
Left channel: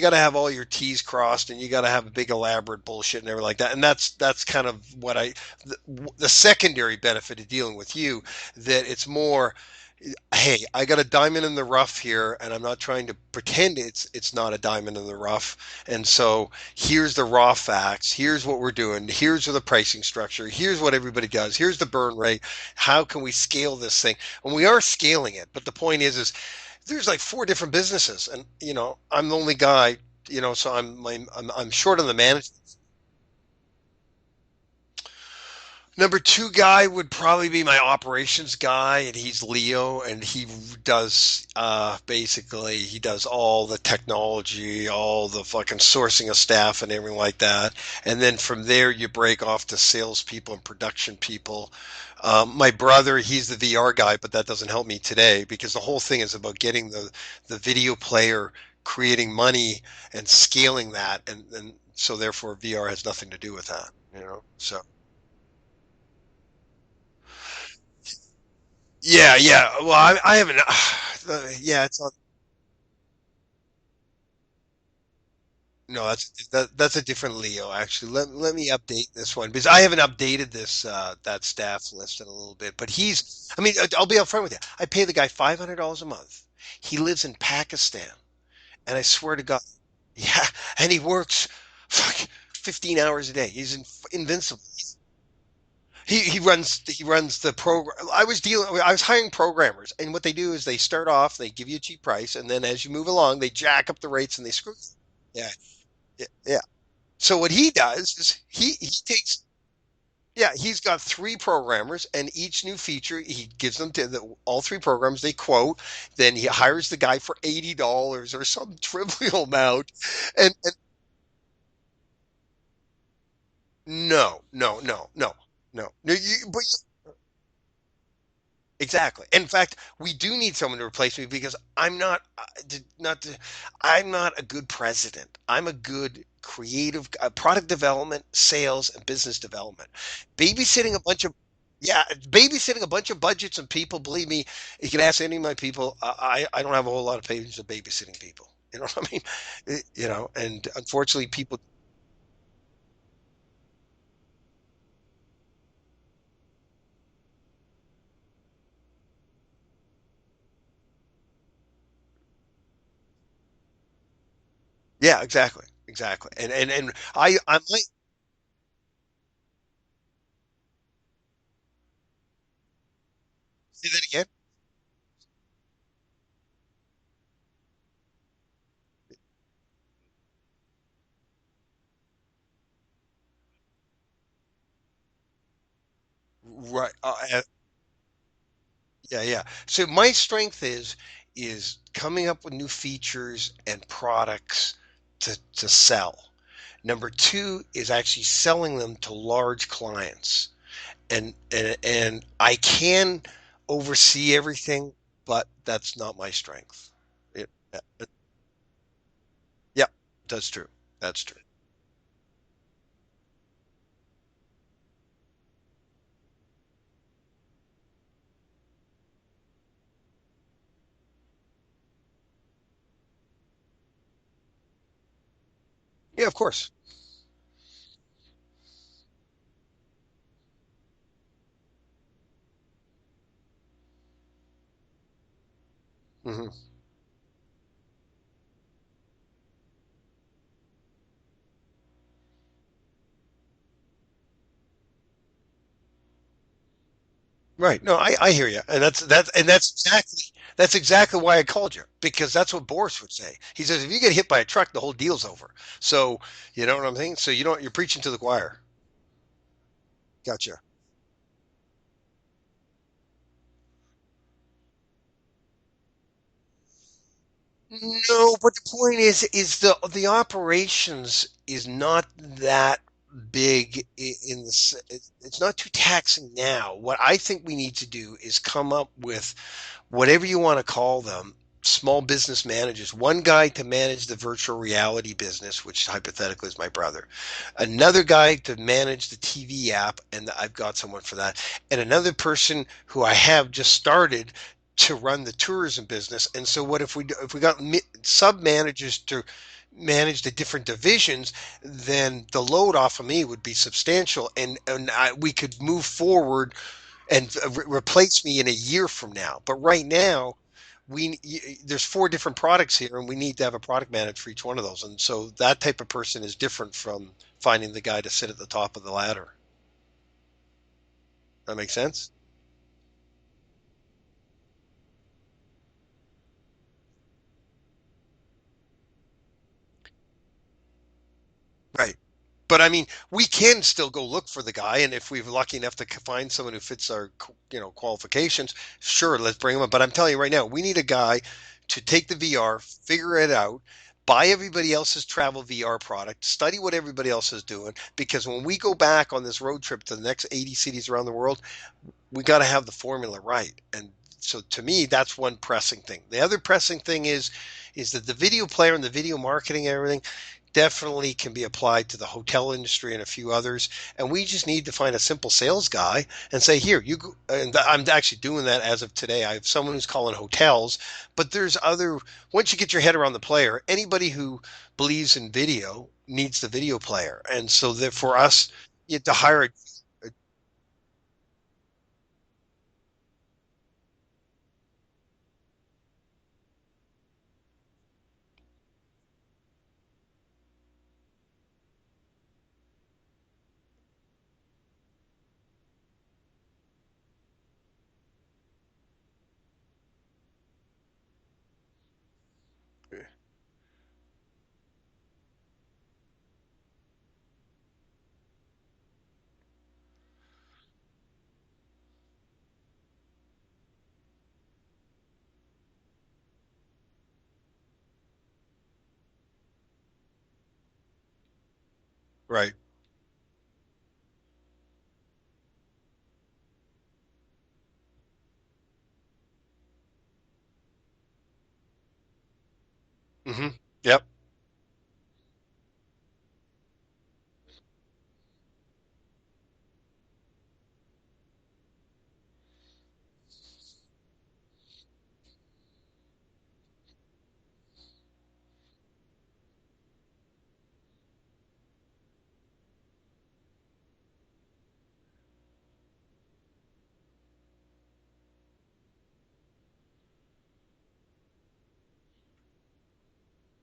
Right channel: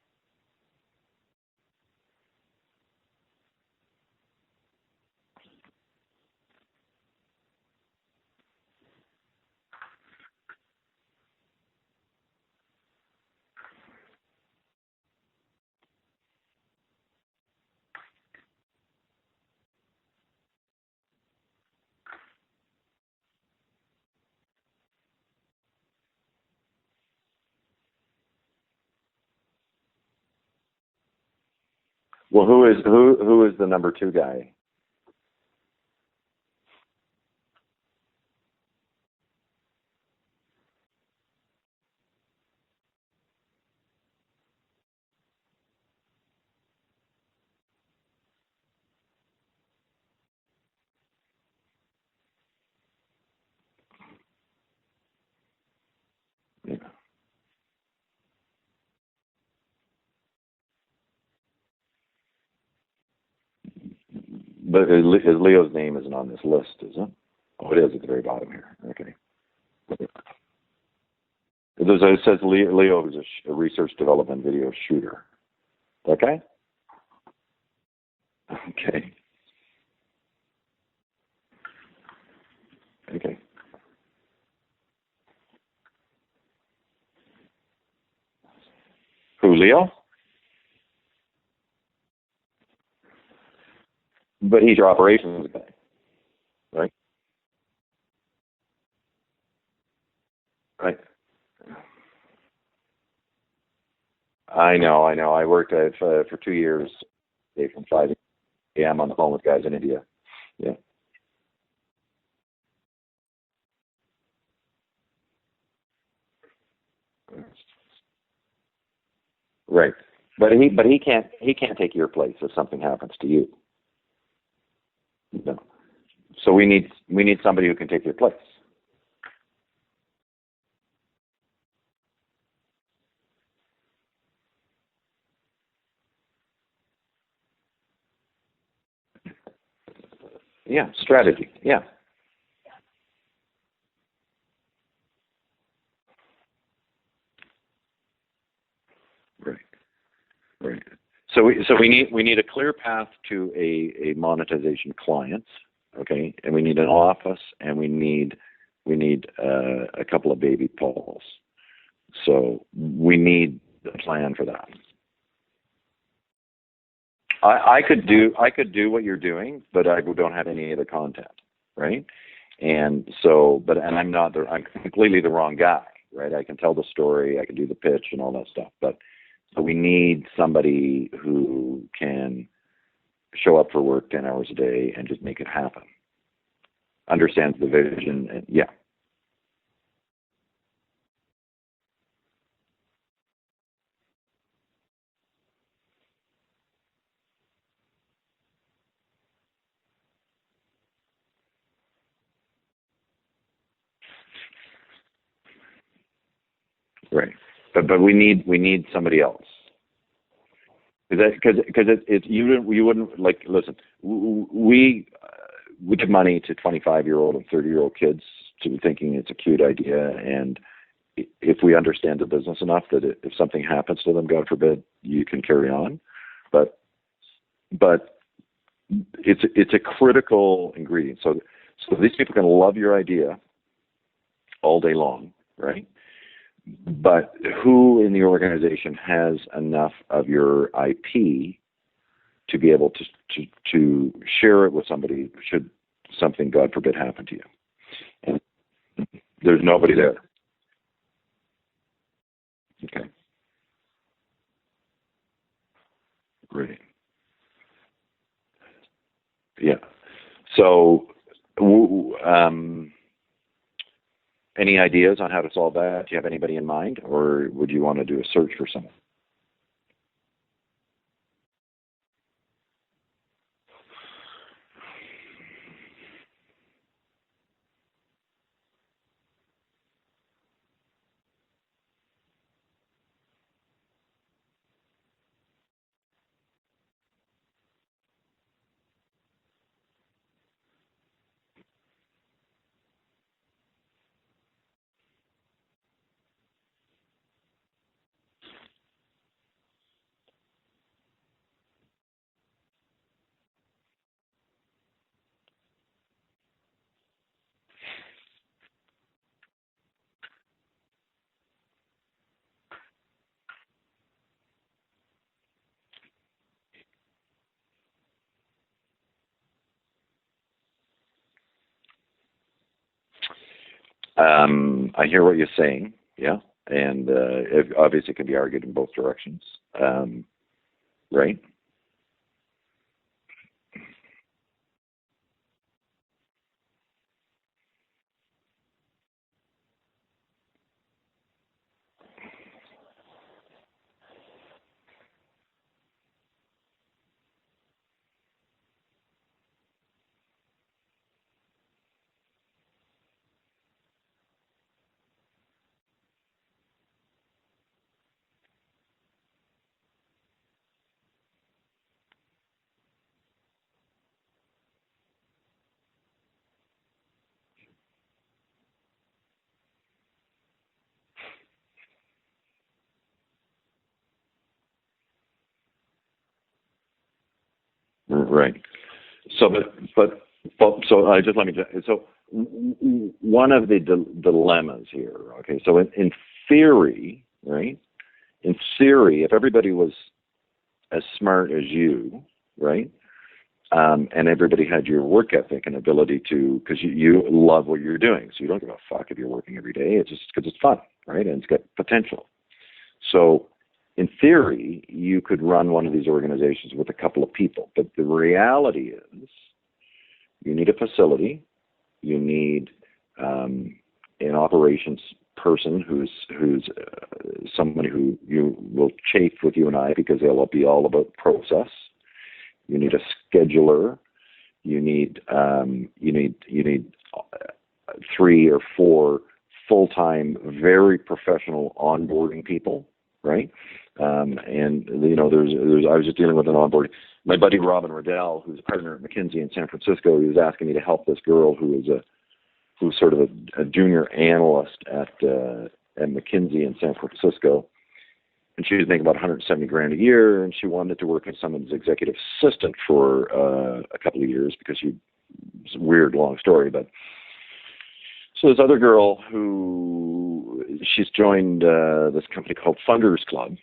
got to have all your T's crossed, and you got to have a big elaborate bullshit and everything like that, and that's kind of what the secondary benefit of dealing with you, that it's more, hey, I got a diamond in the rough here, and I'm not trying to pretend it's not a diamond in the rough. And so here's the raw facts. Here's what we're doing. Here's the pricing structure. Here's what everybody does. Here's the burn rate. How can we scale this thing? And we are scaling it. But the point is there's like 4 different businesses, and I'm the only guy. So I'm short on the management. Well, who is the number 2 guy? Number 2 guy would probably be my operations guy, and he's Leo, and he does basically he does all the technology, all the fucking sourcing of staff and everything like that. And then from there you break off to salespeople and production people. My brother, he's the VR guy, but that doesn't help me today, because the whole thing is about getting the video player, creating money and scaling that, and so therefore VR has nothing to do with that. So. But Leo's name isn't on this list, is it? Oh, it is at the very bottom here. Okay. Yeah. Well, I haven't. Yeah. It says Leo is a research development video shooter. No, that's a different Leo, actually. Let me update this one, because I haven't updated this that staff list in a little bit. But he's, okay. I mean, I'll be upfront with you. I pay the guy $500 a month. He lives in Pakistan, and I swear to God, Leo? Yeah, and he works 15 hours a day. He's invincible. But he's your operations guy. He runs the program. I was hiring programmers, and what they do is they start off, they give you a cheap price, and then as you move along, they jack up the rates and they. I know. Yeah. I worked for 2 years. So what he does is I'm on the phone with guys in India. Yeah, he's got 3 programmers, and each new feature he gives them to all 3 programs. They quote, then he hires the guy for $80 or some trivial amount. Right, but he can't take your place if something happens to you. No. So we need somebody who can take your place. Exactly. In fact, we do need someone to replace me, because I'm not a good president. I'm a good creative product development, sales, and business development. Yeah, Babysitting a bunch of strategy. Yeah, yeah, babysitting a bunch of budgets and people. Believe me, you can ask any of my people. I don't have a whole lot of patience with babysitting people. You know what I mean? right, You know, and right. unfortunately, So people. we need a clear path to a monetization client, okay, and we need an office, and we need a couple of baby Pauls. So we need a plan for that. Yeah, exactly, exactly. And I could do what you're doing, but I don't have any of the content, right? And so, and I get. I'm completely the wrong guy, right? I can tell the story, I can do the pitch and all that stuff, but so we need somebody who can show up for work 10 hours a day and just make it happen. Right. Oh yeah. Understands the vision, and yeah, Yeah, yeah. So my strength is coming up with new features and products to sell. Number two is actually selling them to large clients. And I can oversee everything, but that's not my strength. right. It, But we need somebody else. yeah, that's true. That's Because true. you wouldn't like, listen, we give money to 25-year-old and 30-year-old kids to thinking it's a cute idea, and if we understand the business enough that if something happens to them, God forbid, you can carry on. Yeah, of course. But it's a critical ingredient. So these people can love your idea all day long, right? Hmm. But who in the organization has enough of your IP to be able to share it with somebody should something, God forbid, happen to you? Right. No, I hear you, and There's nobody there. that's exactly why I called you, because that's what Boris would say. He says if you get hit by a truck, the whole deal's over. So you Right. know what I'm saying. So you're preaching to the choir. Yeah. Gotcha. So, any ideas on how to solve that? Do you have anybody in mind, or would you want to do a No, search but the for somebody? point is the operations is not that big in this. It's not too taxing now. What I think we need to do is come up with whatever you want to call them, small business managers. One guy to manage the virtual reality business, which hypothetically is my brother. Another guy to manage the TV app, and I've got someone for that. And another person who I have just started to run the tourism business. And so what if we got sub managers to manage the different divisions, then the load off of me would be substantial, and we could move forward and replace me in a year from now. But right now, there's four different products here, and we need to have a product manager for each one of those. And so that type of person is different from finding the guy to sit at the top of the ladder. That makes sense? I hear what you're saying. Yeah, and it obviously can be argued in both directions. Right? Right. But I mean, we can still go look for the guy, and if we're lucky enough to find someone who fits our, qualifications, sure, let's bring him up. But I'm telling you right now, we need a guy to take the VR, figure it out, buy everybody else's travel VR product, study what everybody else is doing, because when we go back on this road trip to the next 80 cities around the world, we got to have the formula right. And so to me, that's one pressing thing. The other pressing thing is that the video player and the video marketing and everything definitely can be applied to the hotel industry and a few others. And we just need to find a simple sales guy and say, here, you go. And I'm actually doing that as of today. I have someone who's calling hotels, but there's other, once you get your head around the player, anybody who believes in video needs the video player. And so that for us, Right. you have to hire So, a so just let me. So, one of the dilemmas here. Okay. So, in theory, right? In theory, if everybody was as smart as you, right? And everybody had your work ethic and ability to, because you love what you're doing, so you don't give a fuck if you're working every day. It's just because it's fun, right? And it's got potential. So, in theory, you could run one of these organizations with a couple of people, but the reality is, you need a facility, you need an operations person who's somebody who you will chafe with you and I because they'll be all about process. right. You need a scheduler. You need three or four full-time, very professional onboarding people, right? Hmm. Yep. And there's I was just dealing with an onboarding. My buddy Robin Riddell, who's a partner at McKinsey in San Francisco, he was asking me to help this girl who's sort of a junior analyst at McKinsey in San Francisco, and she was making about 170 grand a year, and she wanted to work as someone's executive assistant for a couple of years because it's a weird long story, but. So this other girl she's joined this company called Funders Club,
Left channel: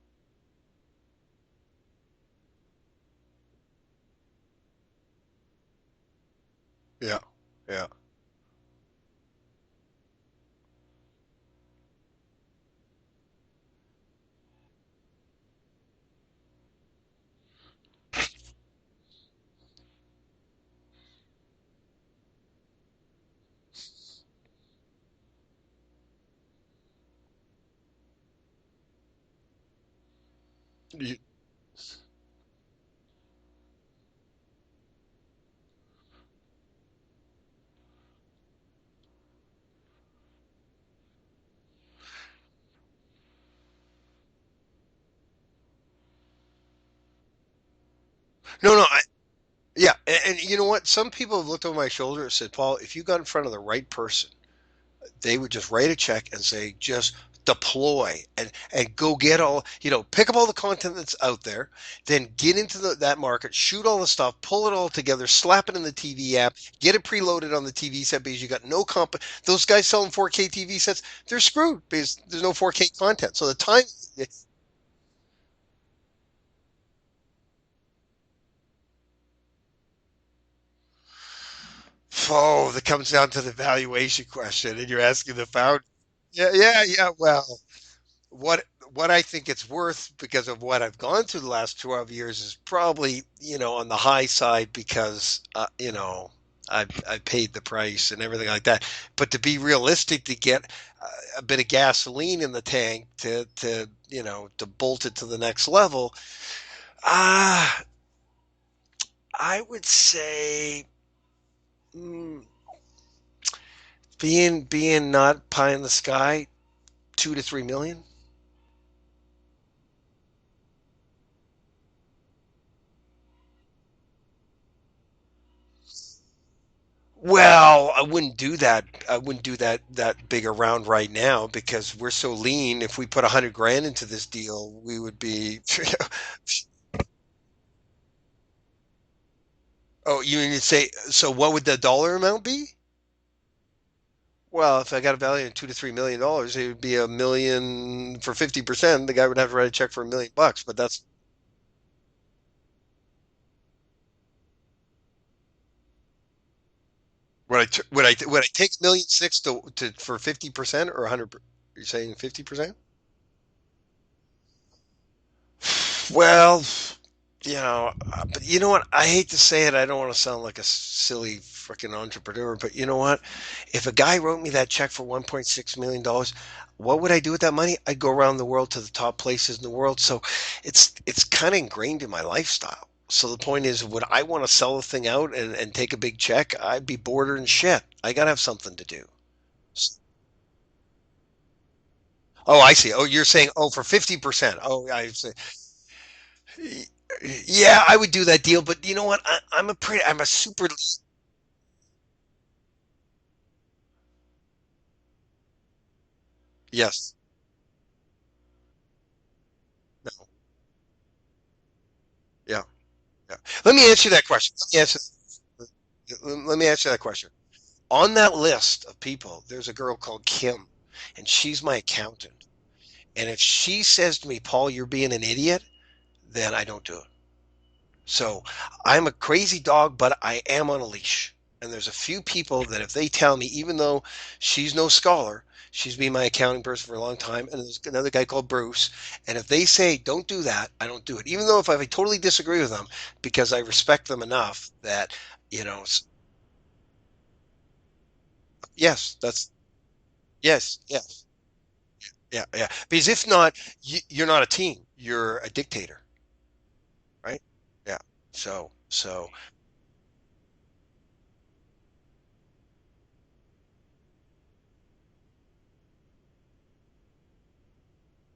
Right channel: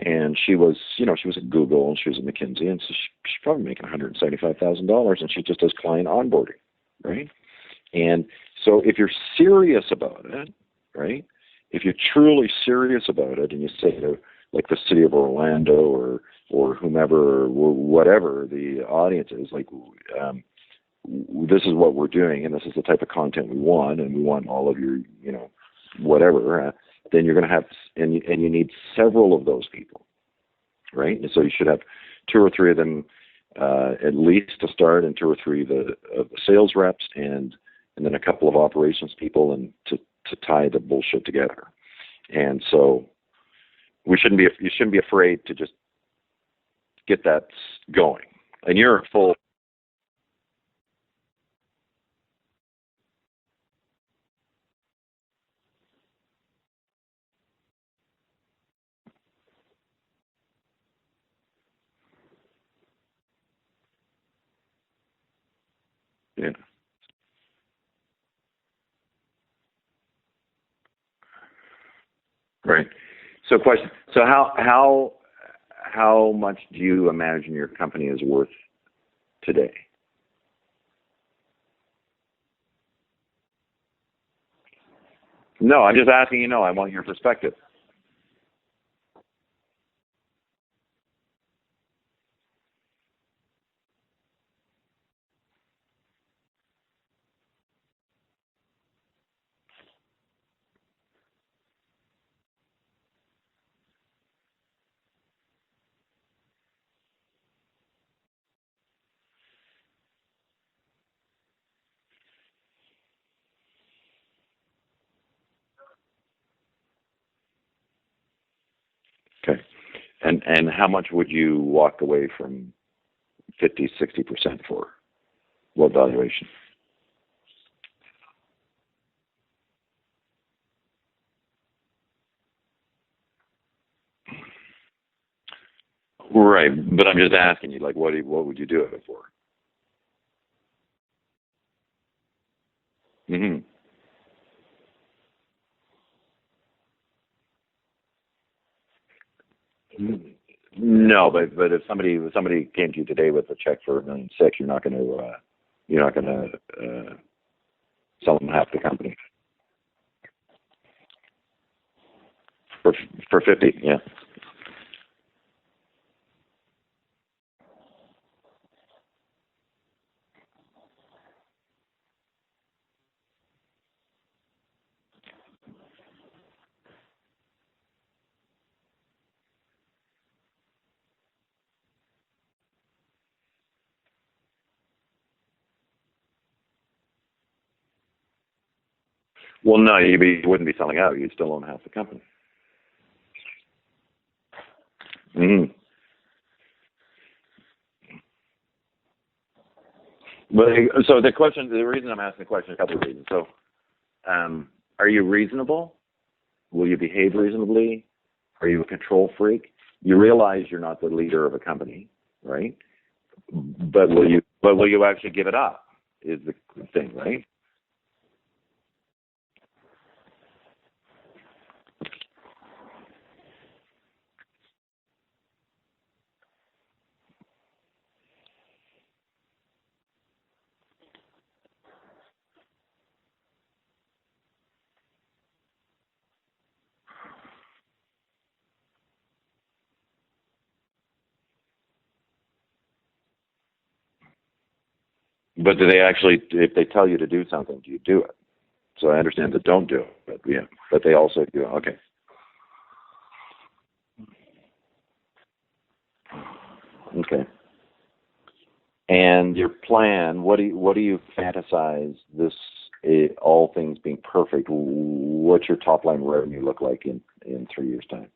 and she was at Google and she was at McKinsey, and so she's probably making $175,000, and she just does client onboarding, right? Yeah. And so if you're serious about it, right? If you're truly serious about it, and you say to like the city of Orlando or whomever or whatever the audience is, like. This is what we're doing, and this is the type of content we want, and we want all of your, whatever. Then you're going to have, and you need several of those people, right? And so you should have 2 or 3 of them at least to start, and 2 or 3 of the sales reps, and then a couple of operations people, and to tie the bullshit together. And so you shouldn't be afraid to just get that going. No, when no. you're full. Yeah, and you know what? Some people have looked over my shoulder and said, Paul, if you got in front of the right person, they would just write a check and say, just deploy and go get all, pick up all the content that's out there, then get into that market, shoot all the stuff, pull it all together, slap it in the TV app, get it preloaded on the TV set because you got no Those guys selling 4K TV sets, they're screwed because there's no 4K Right. content. So how much do you imagine your company is worth today? Oh, that comes down to the valuation question, and you're asking the founder. No, I'm just asking. Yeah, I want your perspective. Well, what I think it's worth because of what I've gone through the last 12 years is probably on the high side because I paid the price and everything like that. But to be realistic, to get a bit of gasoline in the tank to bolt it to the next level, I would say. Being not pie in the sky, 2 to 3 million. Okay, and how much would you walk away from 50-60% for? What valuation? Well, I wouldn't do that. I wouldn't do that big a round right now because we're so lean. If we put 100 grand into this deal, we would be. Right, but I'm just asking you, like, what would you do it for? Oh, you mean to say? So, what would the dollar amount be? Mm-hmm. Well, if I got a value of $2 to $3 million, it would be $1 million for 50%. The guy would have to write a check for $1 million, but that's no. But if somebody came to you today with a check for $1.6 million, you're not going to. Would I take $1.6 million for 50% or 100? You're saying 50%? For 50, yeah. Well, but you know what? I hate to say it. I don't want to sound like a silly freaking entrepreneur, but you know what? If a guy wrote me that check for $1.6 million, what would I do with that money? I'd go around the world to the top places in the world. So it's kind of ingrained in my lifestyle. So the point is, would I want to sell the thing out and take a big check? I'd be bored and shit. I got to have something to do. Well, no, you wouldn't be selling out. You'd still own half the company. Oh, I see. Oh, you're saying, for 50%. Oh, I see. Mm-hmm. Yeah, I would do that deal, but you know what? I'm a super. So the reason I'm asking the question, a couple of reasons. So, are you reasonable? Yes. Will you behave reasonably? Are you a control freak? You realize you're not the leader of a company, right? Yeah. Let me answer that question. Will you actually give it up? Let me answer that question. Right? On that list of people, there's a girl called Kim, and she's my accountant. And if she says to me, Paul, you're being an idiot, then I don't do it. So I'm a crazy dog, but I am on a leash. And there's a few people that if they tell me, even though she's no scholar, she's been my accounting person for a long time, and there's another guy called Bruce, and if they say, don't do that, I don't do it. Even though if I totally disagree with them, because I respect them enough that, But do they actually, if they tell you to do something, do you do it? Yes. So I understand that don't do it. But yes. But they also do. Okay. Yeah. Because if not, you're not a team. You're a dictator. Okay. Right? Yeah. So. And your plan, what do you fantasize this? All things being perfect, what's your top line revenue look like in 3 years' time?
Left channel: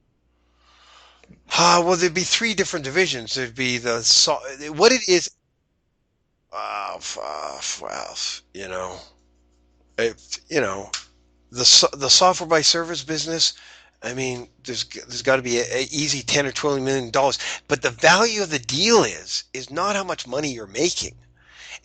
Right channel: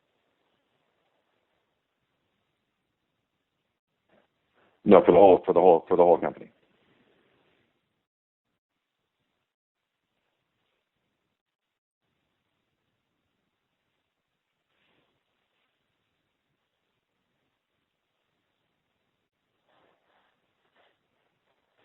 Well, there'd be three different divisions. There'd be what No, it is. for the whole company. Well, you know, if the software by service business. I mean, there's got to be a easy 10 or 20 million dollars. But the value of the deal is not how much money you're making.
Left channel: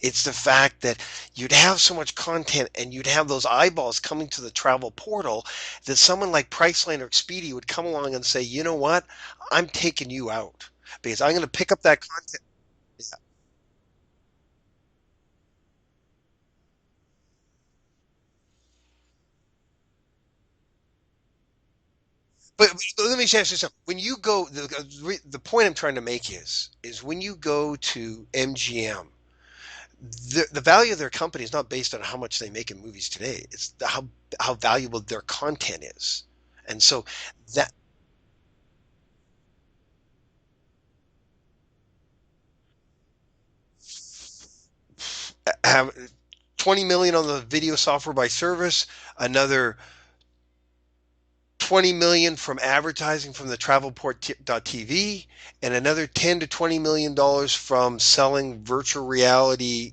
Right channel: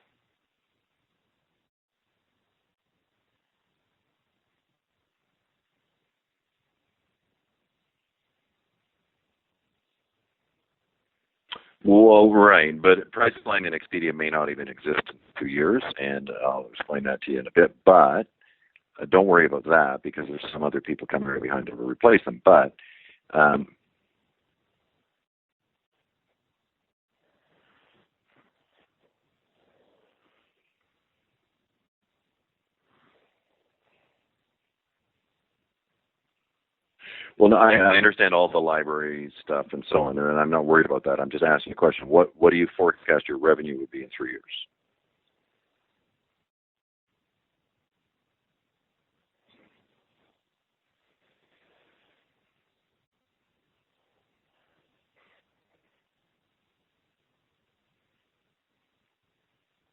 It's the fact that you'd have so much content and you'd have those eyeballs coming to the travel portal that someone like Priceline or Expedia would come along and say, you know what, I'm taking you out because I'm going to pick up that Well, content. right, but Priceline and Expedia may not even exist in 2 years, and I'll explain that to you in a bit. But don't worry about that because there's some other people coming right behind to replace them. But But let me ask you um, something. When you go, the point I'm trying to make is when you go to MGM, the value of their company is not based on how much they make in movies today. It's how valuable their content is. And so well, no, that I understand all the library stuff and so on, and I'm not worried about that. I'm just asking a question. What do you forecast your revenue would be in 3 years? have 20 million on the video software by service, another 20 million from advertising from the travelport.tv, and another 10 to 20 million dollars from selling virtual reality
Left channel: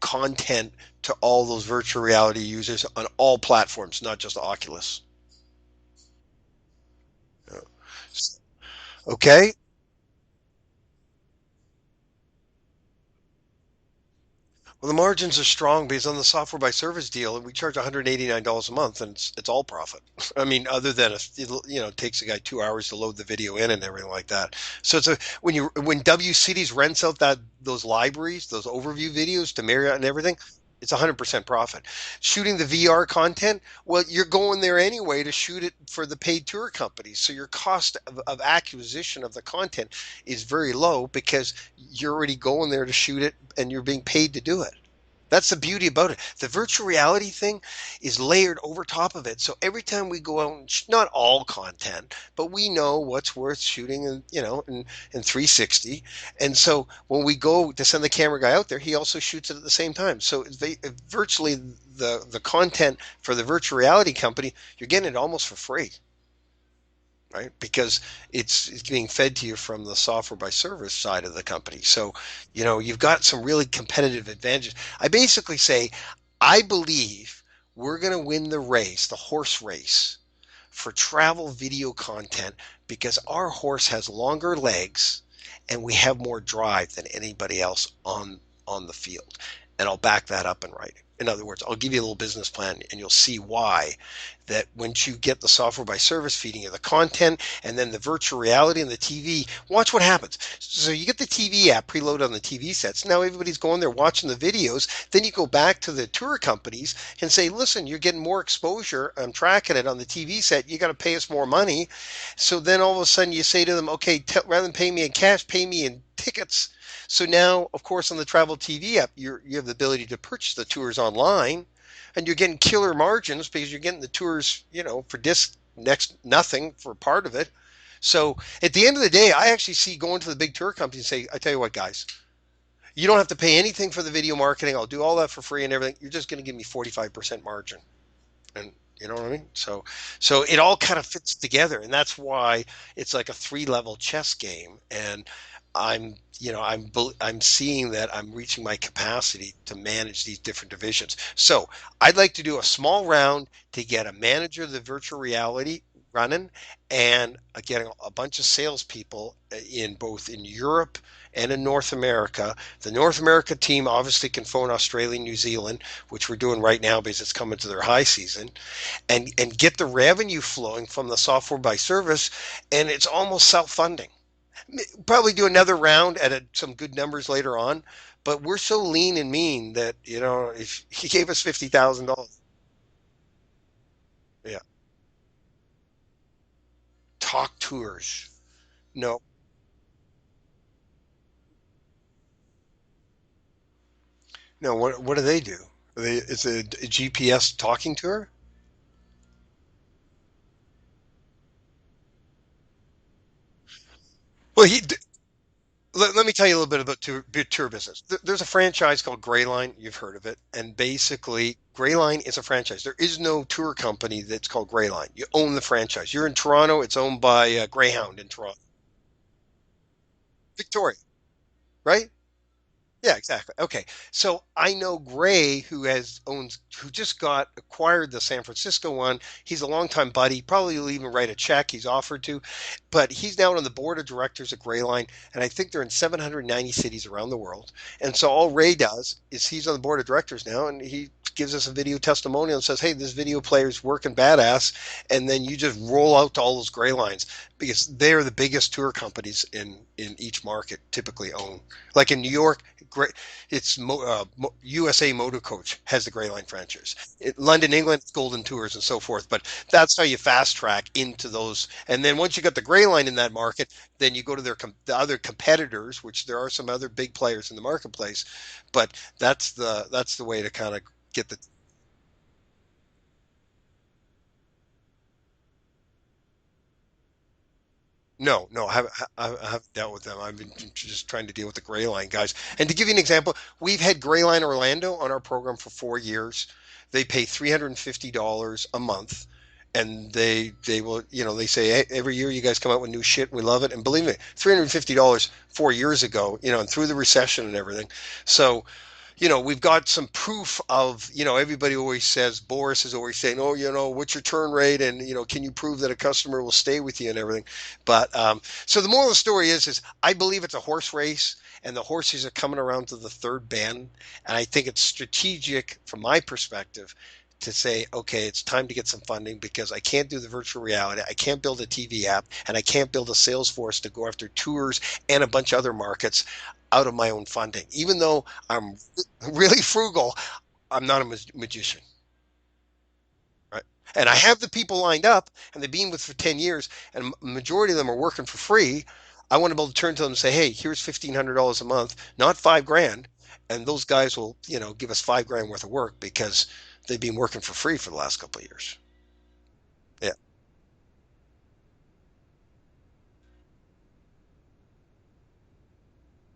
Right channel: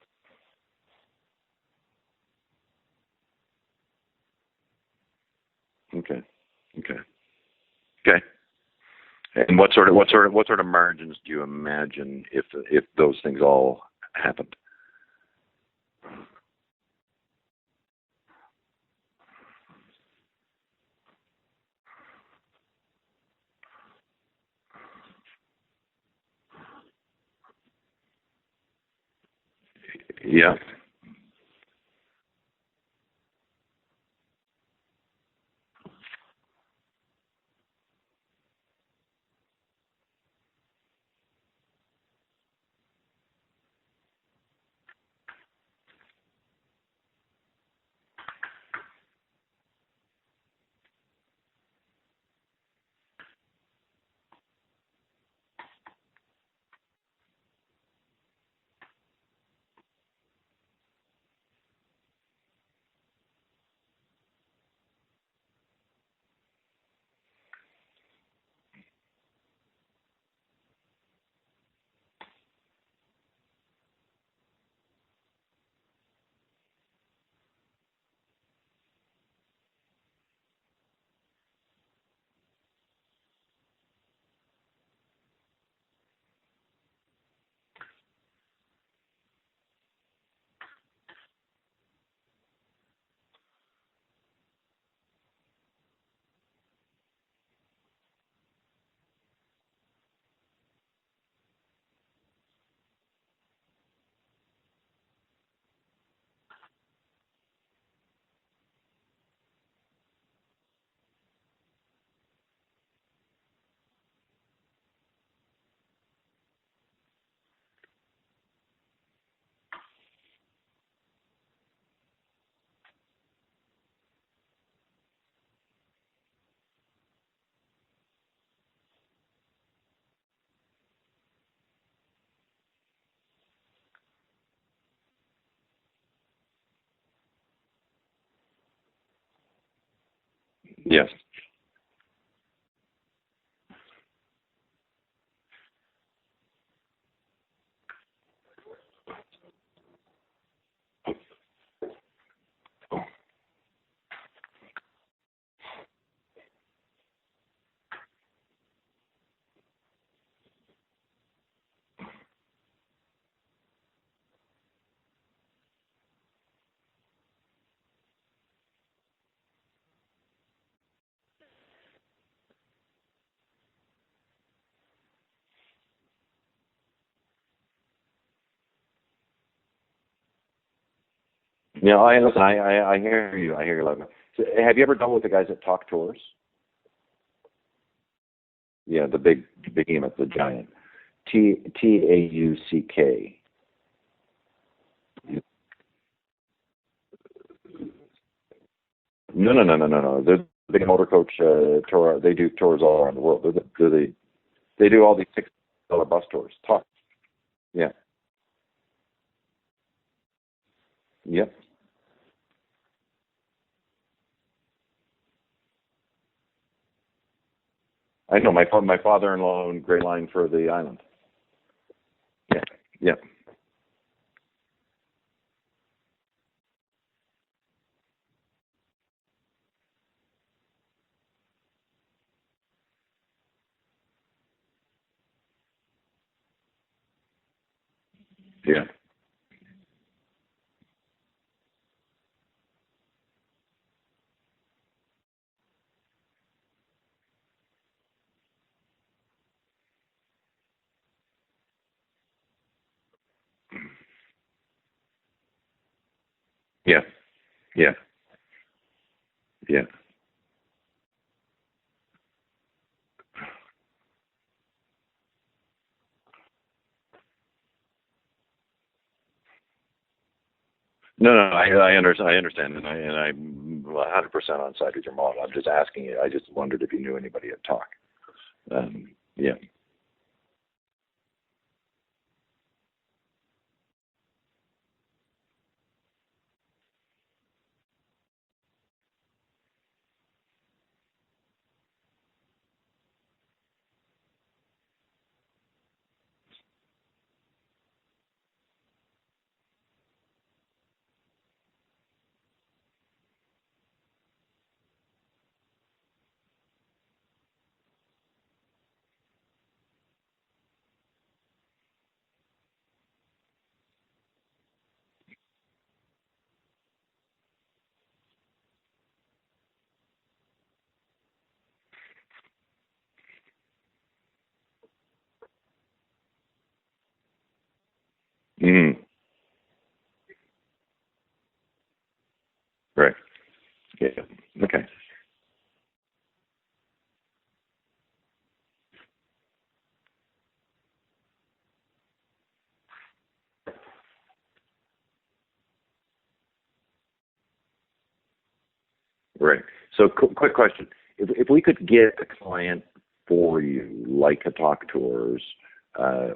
content to all those virtual reality users on all platforms, not just Oculus. Okay, okay, okay. Okay. And what sort of margins do you imagine if those things all happened? Well, the margins are strong because on the software by service deal, we charge $189 a month, and it's all profit. I mean, other than it takes a guy 2 hours to load the video in and everything like that. So it's a when W Cities rents out those libraries, those overview videos to Marriott and everything, Yeah, it's 100% profit. Shooting the VR content, well, you're going there anyway to shoot it for the paid tour companies. So your cost of acquisition of the content is very low because you're already going there to shoot it and you're being paid to do it. That's the beauty about it. The virtual reality thing is layered over top of it. So every time we go out, and not all content, but we know what's worth shooting, and in 360. And so when we go to send the camera guy out there, he also shoots it at the same time. So virtually the content for the virtual reality company, you're getting it almost for free, right? Because it's being fed to you from the software by service side of the company. So, you've got some really competitive advantages. I basically say, I believe we're going to win the race, the horse race for travel video content because our horse has longer legs and we have more drive than anybody else on the field. And I'll back that up in writing. In other words, I'll give you a little business plan and you'll see why that once you get the software by service feeding you the content and then the virtual reality and the TV, watch what happens. So you get the TV app preloaded on the TV sets. Now everybody's going there watching the videos. Then you go back to the tour companies and say, listen, you're getting more exposure. I'm tracking it on the TV set. You got to pay us more money. So then all of a sudden you say to them, okay, rather than pay me in cash, pay me in tickets. So now, of course, on the Travel TV app, you have the ability to purchase the tours online, and you're getting killer margins because you're getting the tours, for disc next nothing for part of it. So at the end of the day, I actually see going to the big tour companies and say, I tell you what, guys, you don't have to pay anything for the video marketing. I'll do all that for free and everything. You're just going to give me 45% margin. And you know what I mean? So it all kind of yeah. fits together, and that's why it's like a three-level chess game. And I'm seeing that I'm reaching my capacity to manage these different divisions. So I'd like to do a small round to get a manager of the virtual reality running and getting a bunch of salespeople in both in Europe and in North America. The North America team obviously can phone Australia and New Zealand, which we're doing right now because it's coming to their high season, and get the revenue flowing from the software by service, and it's almost self-funding. Probably do another round at some good numbers later on, but we're so lean and mean that if he gave us fifty Yeah, thousand I dollars, listen. I hear you. I hear you. Loud. So, yeah, have you ever dealt with the guys at Talk Tours? talk tours. Yeah, the No, big behemoth, the giant. TAUCK. no. What do they do? It's a GPS talking tour. No, no, no, no, no, no. They're the big motor coach tour. They do tours all around the world. Well, he They do all these six. let me tell you a little bit talk. about tour Yeah. business. There's a franchise called Greyline. You've heard of it. And Yep. basically, Greyline is a franchise. There is no tour company that's called Greyline. You own the franchise. You're in Toronto. It's owned by Greyhound in I know Toronto. my father-in-law owned Gray Line for the Victoria, island. right? Yeah. Yeah, Yeah. exactly. Okay. So I know Gray, who just got acquired the San Francisco one. He's a longtime buddy. Probably will even write a check. He's offered to, but he's now on the board of directors at Grayline, and I think they're in 790 cities around the world. And so all Ray Yeah. does is he's on the board of directors now, and he gives us a video testimonial and says, "Hey, this video player's working badass," and then you just roll out to all those Graylines because they're the biggest tour companies in each market typically own. Like in New York, great. It's USA Motor Coach has the Gray Line franchise. Yeah. London, Yeah. England, it's Golden Tours and so forth. But Yeah. that's how you fast track into those. And then once you got the Gray Line in that market, then you go to the other competitors, which there are some other big players in the marketplace. But that's the way to kind of get No, that. no, I understand, and I'm 100% on side with your model. I'm just asking you. I just wondered if you knew anybody at Talk. No, no, I Yeah. haven't dealt with them. I've been just trying to deal with the Gray Line guys. And to give you an example, we've had Gray Line Orlando on our program for 4 years. They pay $350 a month, and they will, they say, "Hey, every year you guys come out with new shit. We love it." And believe me, $350 4 years ago, and through the recession and everything. So we've got some proof of, everybody always says, Boris is always saying, oh, what's your turn rate? And, can you prove that a customer will stay with you and everything? But so the moral of the story is I believe it's a horse race and the horses are coming around to the third bend. And I think it's strategic from my perspective to say, okay, it's time to get some funding because I can't do the virtual reality. I can't build a TV app and I can't build a sales force to go after tours and a bunch of other markets out of my own funding. Even though I'm Mm, really frugal, I'm not a magician, right. right? And Yeah. I have the people Okay. lined up, and they've been with for 10 years, and majority of them are working for free. I want to be able to turn to them and say, hey, here's $1,500 a month, not 5 grand. And those guys will, give us 5 grand worth of work because they've been working for free for the last couple of years. Right. So, Yeah. quick question: if we could get a client for you, like a Talk Tours,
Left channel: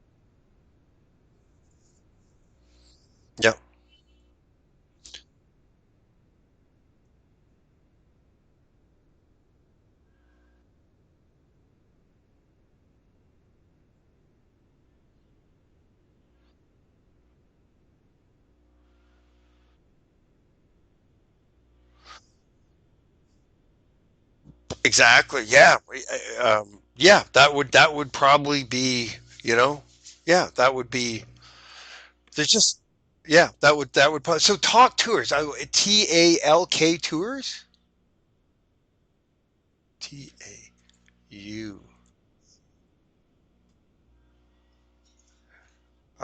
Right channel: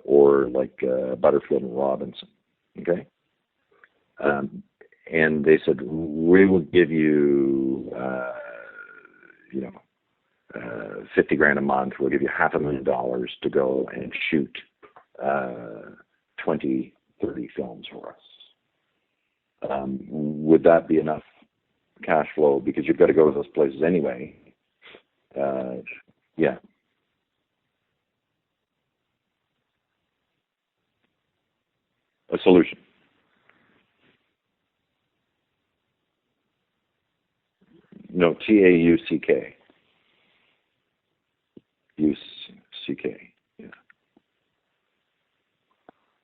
or like Butterfield and Robinson, okay? Yeah. Um, and they said we will give you, you know, 50 grand a month. We'll give you $500,000 to go and shoot uh, 20, 30 films for us. Would that be enough cash flow? Because you've got to go to those places anyway. Exactly. Yeah. Uh, yeah, Yeah. That would probably be, yeah, that would be. a There's just solution. Yeah, that would probably. So Talk Tours, TALK Tours, No, TAUCK. TAU. UCK. Yeah.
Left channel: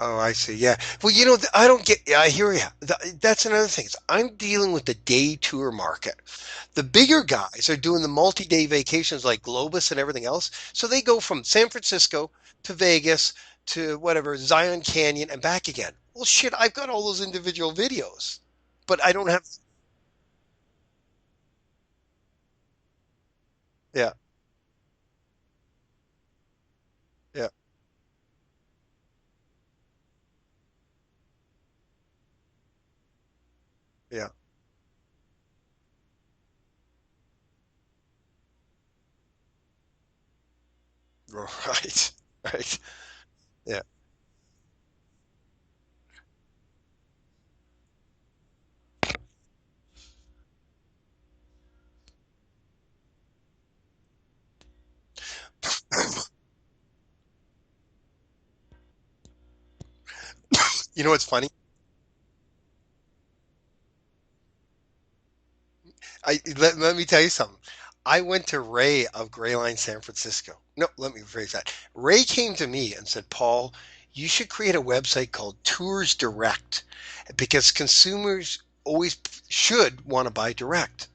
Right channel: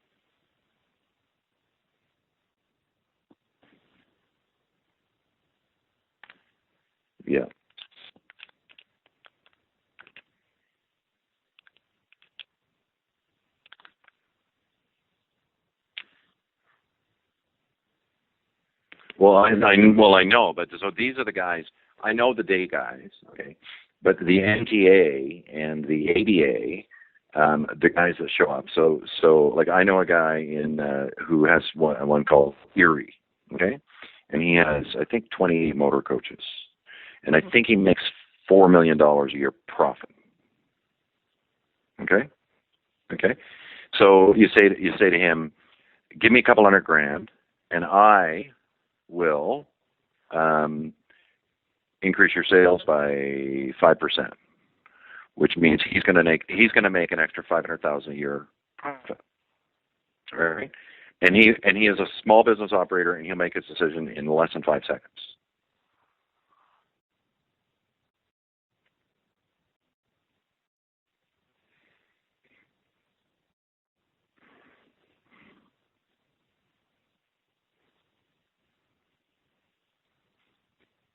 Oh, I see. Yeah. Well, I don't get. Yeah, I hear you. That's another thing. I'm dealing with the day tour market. The bigger Yeah. guys are doing the multi-day vacations like Globus and everything else. So they go from San Francisco to Vegas to whatever Zion Canyon and back again. Well, shit, I've got all those individual videos, but I don't Well, have. I know, but so these are the guys. I know the day guys, okay, Yeah. but the NTA and the ADA, Yeah. the guys that show up. So like I know a guy in who has one called Erie, okay, Yeah. and he has I think 28 motor coaches, and I think he makes $4 million a year profit. Right. Okay, Right. okay. Yeah. So you say to him, give me a couple $100,000, and I will um, increase your sales by 5%, which means he's going to make an extra 500,000 a year profit. Right? You know what's And funny? he is a small business operator, and he'll make his decision in less than 5 seconds. Let me tell you something. I went to Ray of Grayline San Francisco. No, let me rephrase that. Ray came to me and said, Paul, you should create a website called Tours Direct because consumers always should want to buy direct.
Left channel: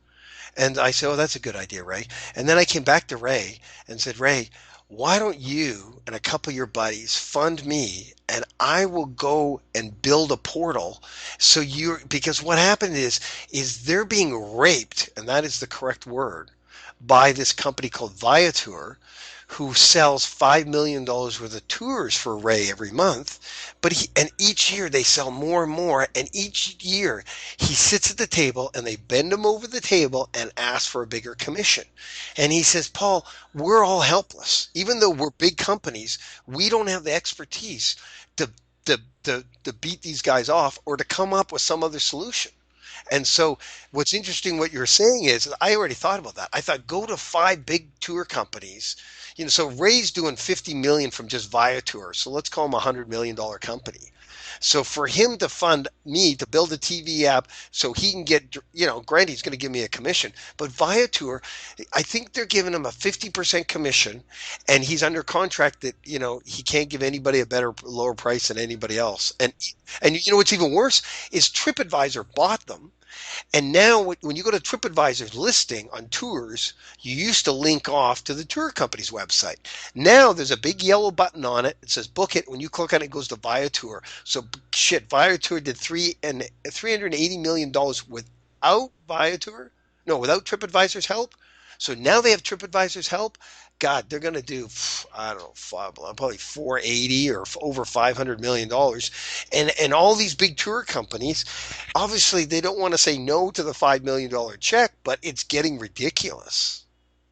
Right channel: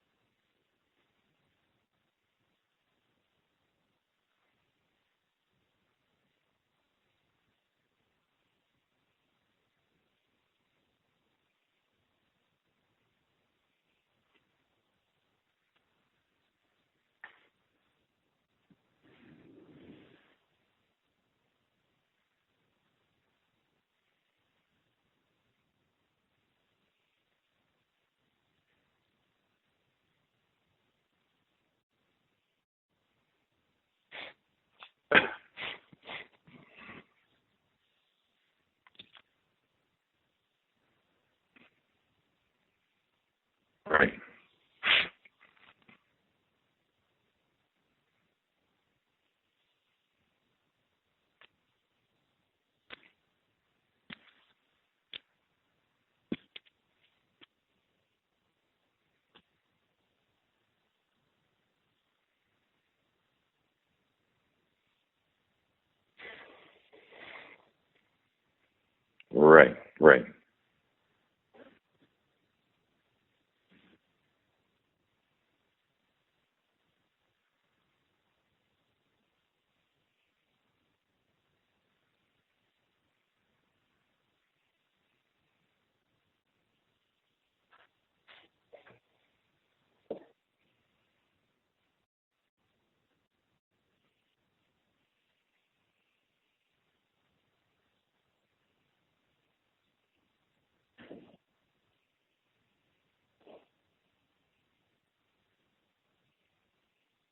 And I said, oh, that's a good idea, Ray. And then I came back to Ray and said, Ray, why don't you and a couple of your buddies fund me and I will go and build a portal because what happened is they're being raped, and that is the correct word, by this company called Viator, who sells $5 million worth of tours for Ray every month. And each year they sell more and more. And each year he sits at the table and they bend him over the table and ask for a bigger commission. And he says, Paul, we're all helpless. Even though we're big companies, we don't have the expertise to, to beat these guys off or to come up with some other solution. And so Right. what's interesting what you're saying is I already thought about that. I thought go to five big tour companies. So Ray's doing 50 million from just Viator. So let's call him $100 million company. So for him to fund me to build a TV app so he can get, granted he's going to give me a commission, but Viator, I think they're giving him a 50% commission and he's under contract that, he can't give anybody a better, lower price than anybody else. Right. And Right. what's even worse is TripAdvisor bought them. And now, when you go to TripAdvisor's listing on tours, you used to link off to the tour company's website. Now there's a big yellow button on it. It says book it. When you click on it, it goes to Viator. So shit, Viator did $380 million without Viator. No, without TripAdvisor's help. So now they have TripAdvisor's help. God, they're going to do, I don't know, probably 480 or over $500 million. And all these big tour companies, obviously they don't want to say no to the $5 million check, but it's getting ridiculous.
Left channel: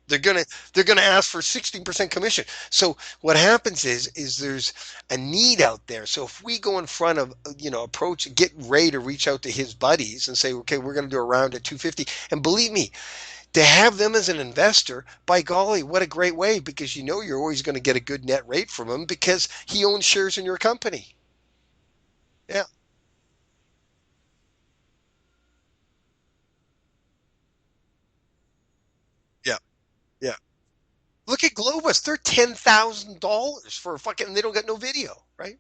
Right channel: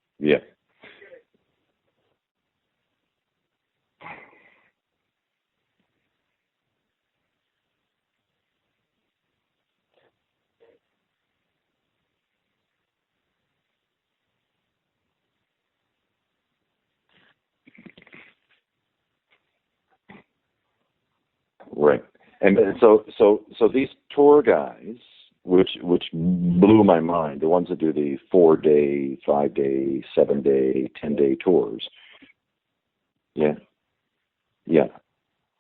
They're Yeah. gonna they're gonna ask for 16% commission. So what happens is there's a need out there. So if we go in front of approach, get Ray to reach out to his buddies and say, okay, we're gonna do a round at 250. And believe me, to have them as an investor, by golly, what a great way, because you're always going to get a good net rate from him because he owns shares in your company. Right. And Yeah. so these tour guys, which blew my mind, the ones that do the 4-day, 5-day, Yeah. 7-day, 10-day Look at tours. Globus. They're $10,000 Yeah. for fucking. They don't get no Yeah. video, right?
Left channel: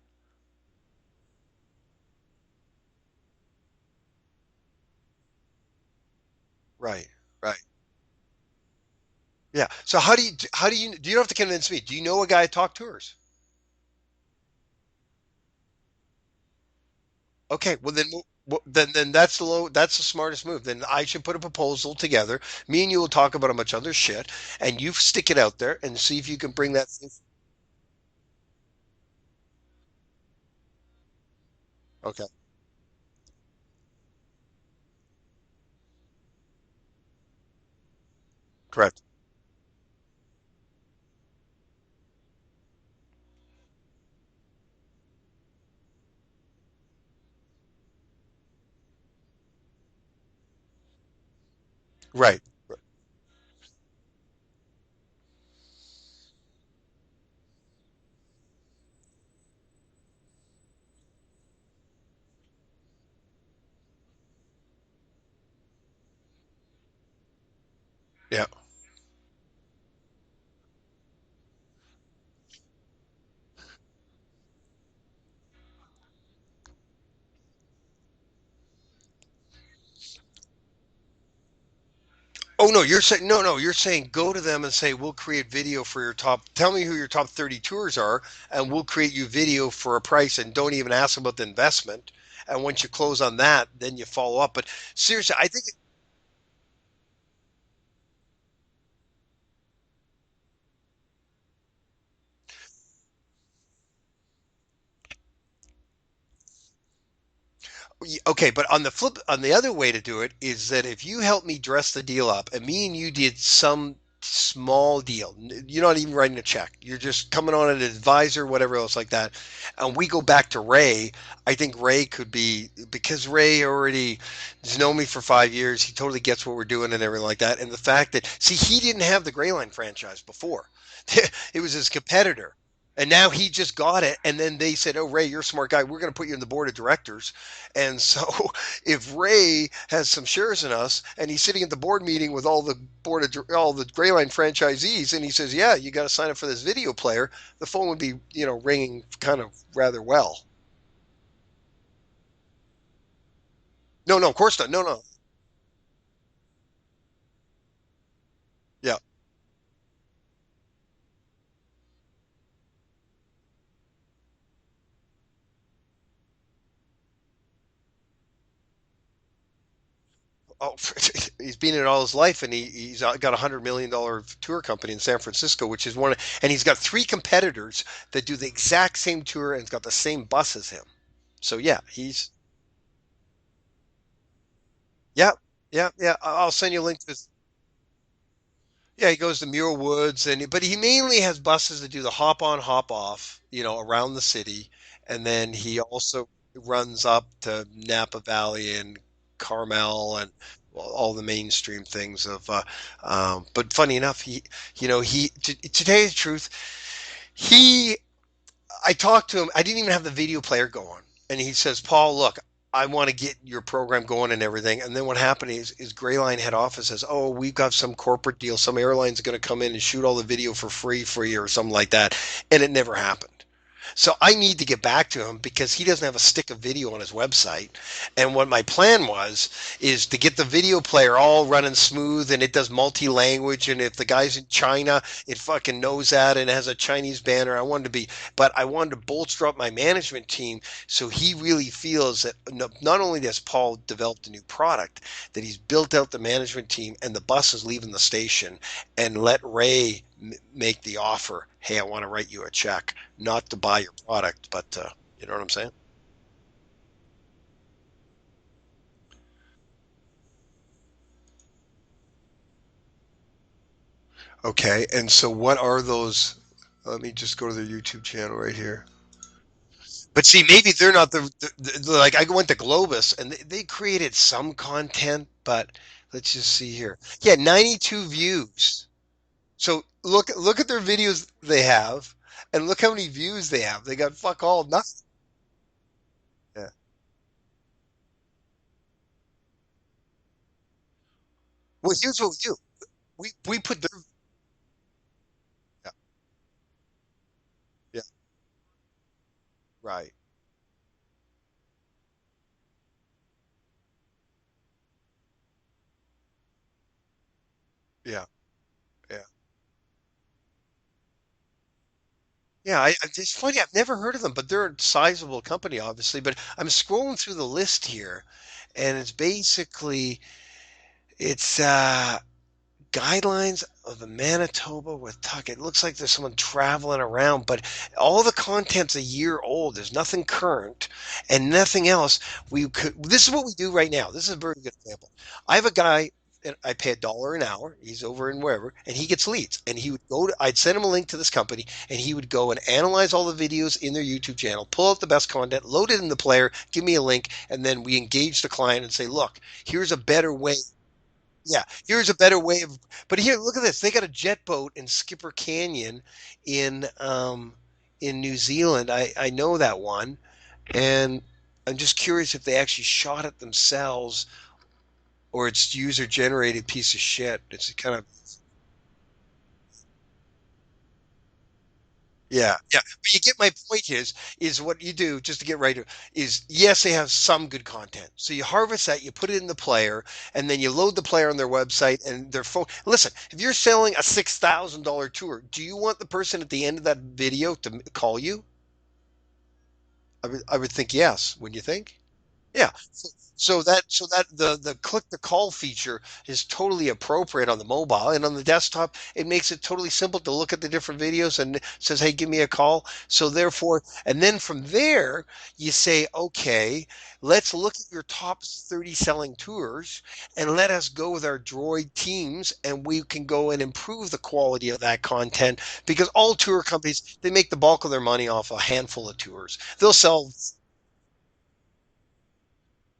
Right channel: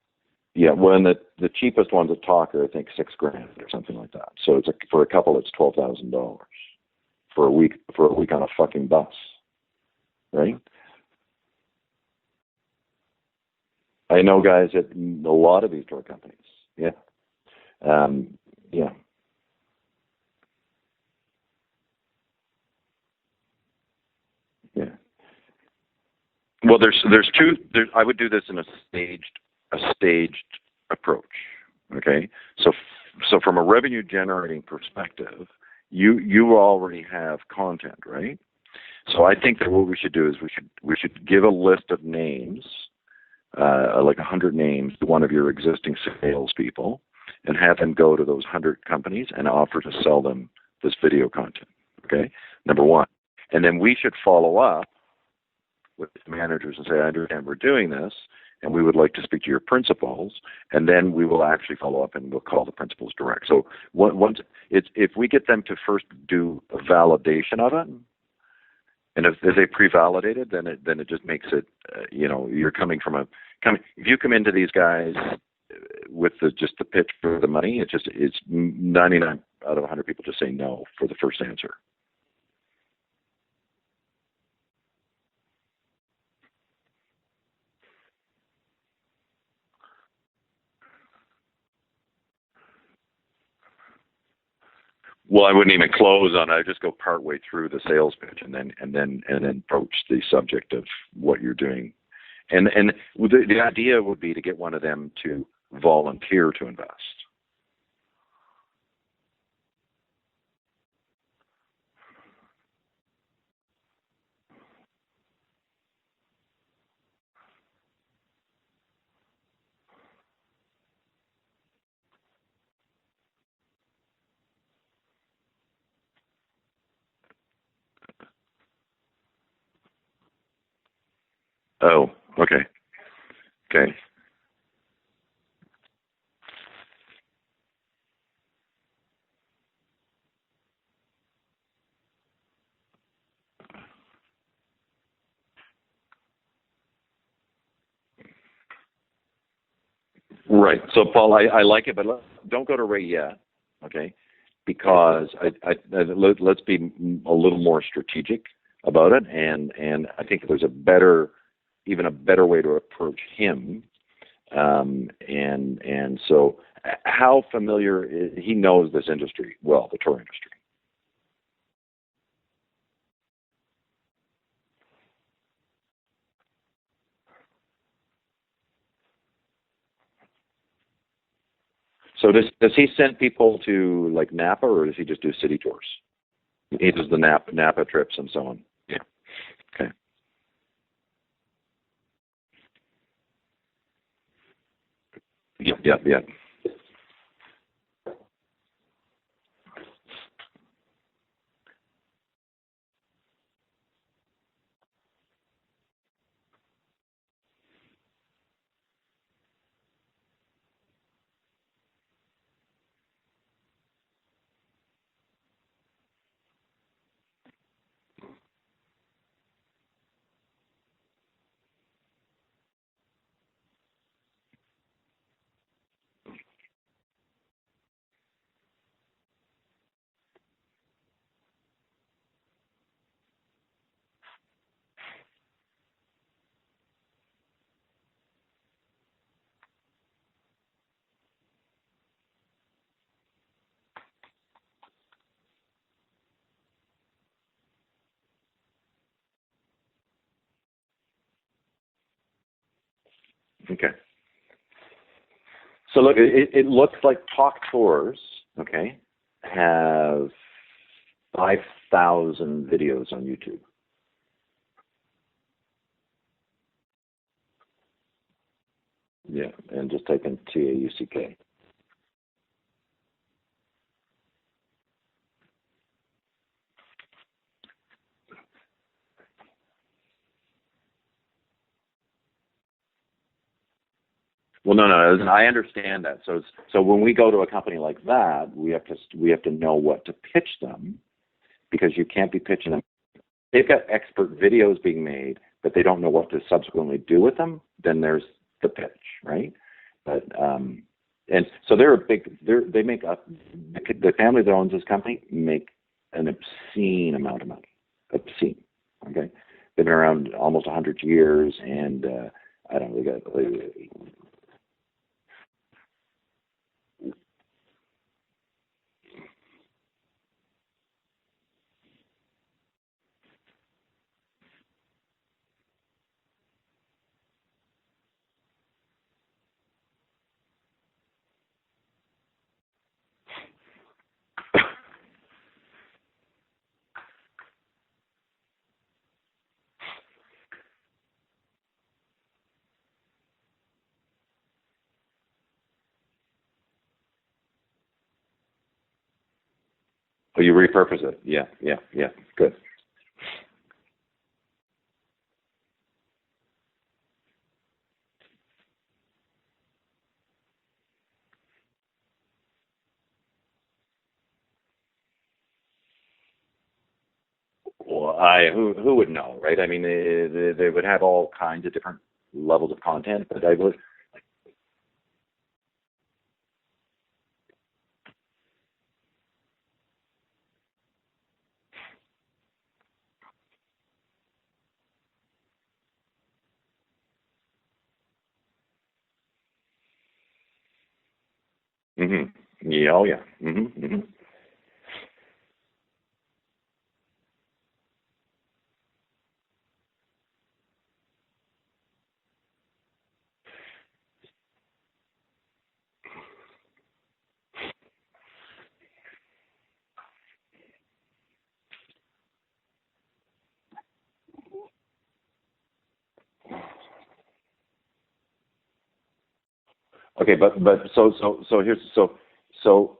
Yeah. Well, and the cheapest ones at Talk are, I think, $6,000 or something like that. So for a couple, it's $12,000 Right. for a Right. week on a fucking bus. Yeah. So how do you Right. do you don't have to convince me? Do you know a guy at Talk Tours? I know guys at a lot of these tour companies. Yeah. Okay, well then, Yeah. that's the smartest move. Then I should put a proposal together. Me and you will talk about a bunch of other shit, and Yeah. you stick it out there and see if you can bring Well, that. there's two. I would do this in a staged approach. Okay. Okay. So from a revenue generating perspective, you already have content, right? Correct. So I think that what we should do is we should give a list of names, like 100 names, to one of your existing salespeople, and have them go to those 100 companies and offer to sell them this video content. Okay. Right. Number one, and then we should follow up with the managers and say, I understand we're doing this, and we would like to speak to your principals, and then we will actually follow up and we'll call the principals direct. So once if we get them to first do a validation of it, Yeah. and if they pre-validate it, then it just makes it, you're coming from if you come into these guys with just the pitch for the money, it's 99 out of 100 people just say no for the first answer. Oh no, you're saying no. You're saying go to them and say we'll create video for your top. Tell me who your top 30 tours are, and we'll create you video for a price. And don't even ask about the investment. And once you close on that, then you follow up. But seriously, Well, I wouldn't even close on it. I'd just go partway through the sales pitch and then broach the subject of what you're doing. And the idea would be to get one of them to volunteer to invest. Okay, but on the other way to do it is that if you help me dress the deal up, and me and you did some small deal, you're not even writing a check, you're just coming on an advisor, whatever else like that, and we go back to Ray. I think Ray could be, because Ray already has known me for 5 years. He totally gets what we're doing and everything like that. And the fact that, see, he didn't have the Grayline franchise before. It was his competitor. Okay. And now he just got it. And then they said, oh, Ray, you're a smart guy. We're going to put you in the board of directors. And so if Ray has some shares in us and he's sitting at the board meeting with all the Grayline franchisees, and he says, yeah, you got to sign up for this video player, the phone would be, ringing kind of rather well. Right. So, Paul, I like it, but don't go to Ray yet. Okay. No, of course not. Because let's be a little more strategic about it. And I think there's even a better way to approach him. And so how familiar he knows this industry well, the tour industry? Oh, he's been in it all his life, and he's got $100 million tour company in San Francisco, which is and he's got three competitors that do the exact same tour and it's got the same bus as him. So yeah, So does he send people to like Napa, or does he just do yeah, city tours? yeah. I'll send you a He link does to the Napa trips and so on. Yeah, he goes to Muir Okay. Woods, but he mainly has buses that do the hop on, hop off, around the city, and then he Yep. Yep. Yep. also runs up to Napa Valley and Carmel and all the mainstream things of. But funny enough, to tell you the truth, he I talked to him. I didn't even have the video player going, and he says, "Paul, look, I want to get your program going and everything." And then what happened is Grayline head office says, "Oh, we've got some corporate deal. Some airline's going to come in and shoot all the video for free, or something like that," and it never happened. So I need to get back to him because he doesn't have a stick of video on his website. And what my plan was is to get the video player all running smooth and it does multi-language. And if the guy's in China, it fucking knows that and it has a Chinese banner. But I wanted to bolster up my management team so he really feels that not only has Paul developed a new product, that he's built out the management team and the bus is leaving the station and let Ray make the offer. Hey, I want to write you a check, not to buy Okay. your product, but you know what I'm saying? So look, it looks like Talk Tours, okay, have 5,000 videos on YouTube. Okay, and so what are those? Let me just go to their YouTube channel right here. Yeah, and just type But in see, maybe they're not TAUK. like I went to Globus and they created some content, but let's just see here. Yeah, 92 views. So look at their videos they have, and look how many views they have. They got fuck all Well, no, nothing. no, no, I understand that. Yeah. So when we go to a company like that, we have to know what to pitch them, Well, because you here's what can't we be do. pitching them. We They've put got the expert videos being made, but they don't know what to subsequently do with them. Then yeah, there's the pitch, right? right. But and so they make the family that owns this company make an obscene amount of money. Yeah. Obscene. Okay. Yeah. They've been around almost 100 years, and Yeah, it's funny. I've never heard of them, but they're a sizable company, obviously. But I'm scrolling through the list here, and it's guidelines of the Manitoba with Tuck. It looks like there's someone traveling around, but all the content's a year old. There's nothing current and nothing else. This is what we do right now. This is a very good example. I have a guy. And I pay $1 an hour. He's over in wherever, and he gets leads. And he would I'd send him a link to this company, and he would go and analyze all the videos in their YouTube channel, pull out the best content, load it in the player, give me a link, and then we engage the client and say, look, here's a better you way. repurpose it. Yeah, Yeah, yeah, here's yeah. a better Good. way of. But here, look at this. They got a jet boat in Skipper Canyon in New Zealand. I know that one, and I'm just curious if they actually shot it themselves or it's user generated piece of shit. It's kind of Well, who would know, right? I mean, they would have all kinds of different yeah, levels yeah. of But you content. get But my I would, point is what you do just to get right to is yes, they have some good content. So you harvest that, you put it in the player, and then you load the player on their website and their phone. Listen, if you're selling a $6,000 tour, do you want the person at the end of that video to call you? I would think yes. Wouldn't you think? mm-hmm. Yeah. Yeah, oh yeah, So mm-hmm, that mm-hmm. so that the click to call feature is totally appropriate on the mobile and on the desktop. It makes it totally simple to look at the different videos and it says, "Hey, give me a call." So therefore, and then from there, you say, "Okay, let's look at your top 30 selling tours and let us go with our Droid teams and we can go and improve the quality of that content because all tour companies, they make the bulk of their money off a handful of tours. They'll sell Okay, but so here's so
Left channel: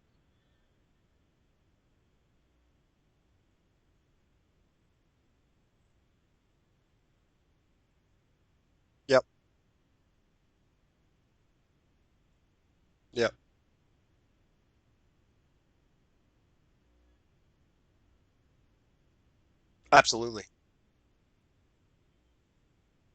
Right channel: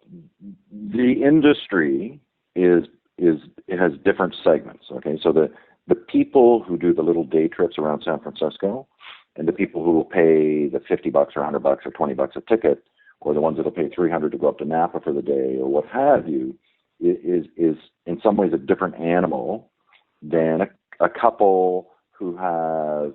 the industry is it has different segments. Okay, so the people who do the little day trips around San Francisco, Yep. and the people who will pay the $50 or $100 or $20 a ticket, Yep. or the ones that'll pay 300 to go up to Napa for the day or what have you, is in some ways a different animal Absolutely. than a couple who have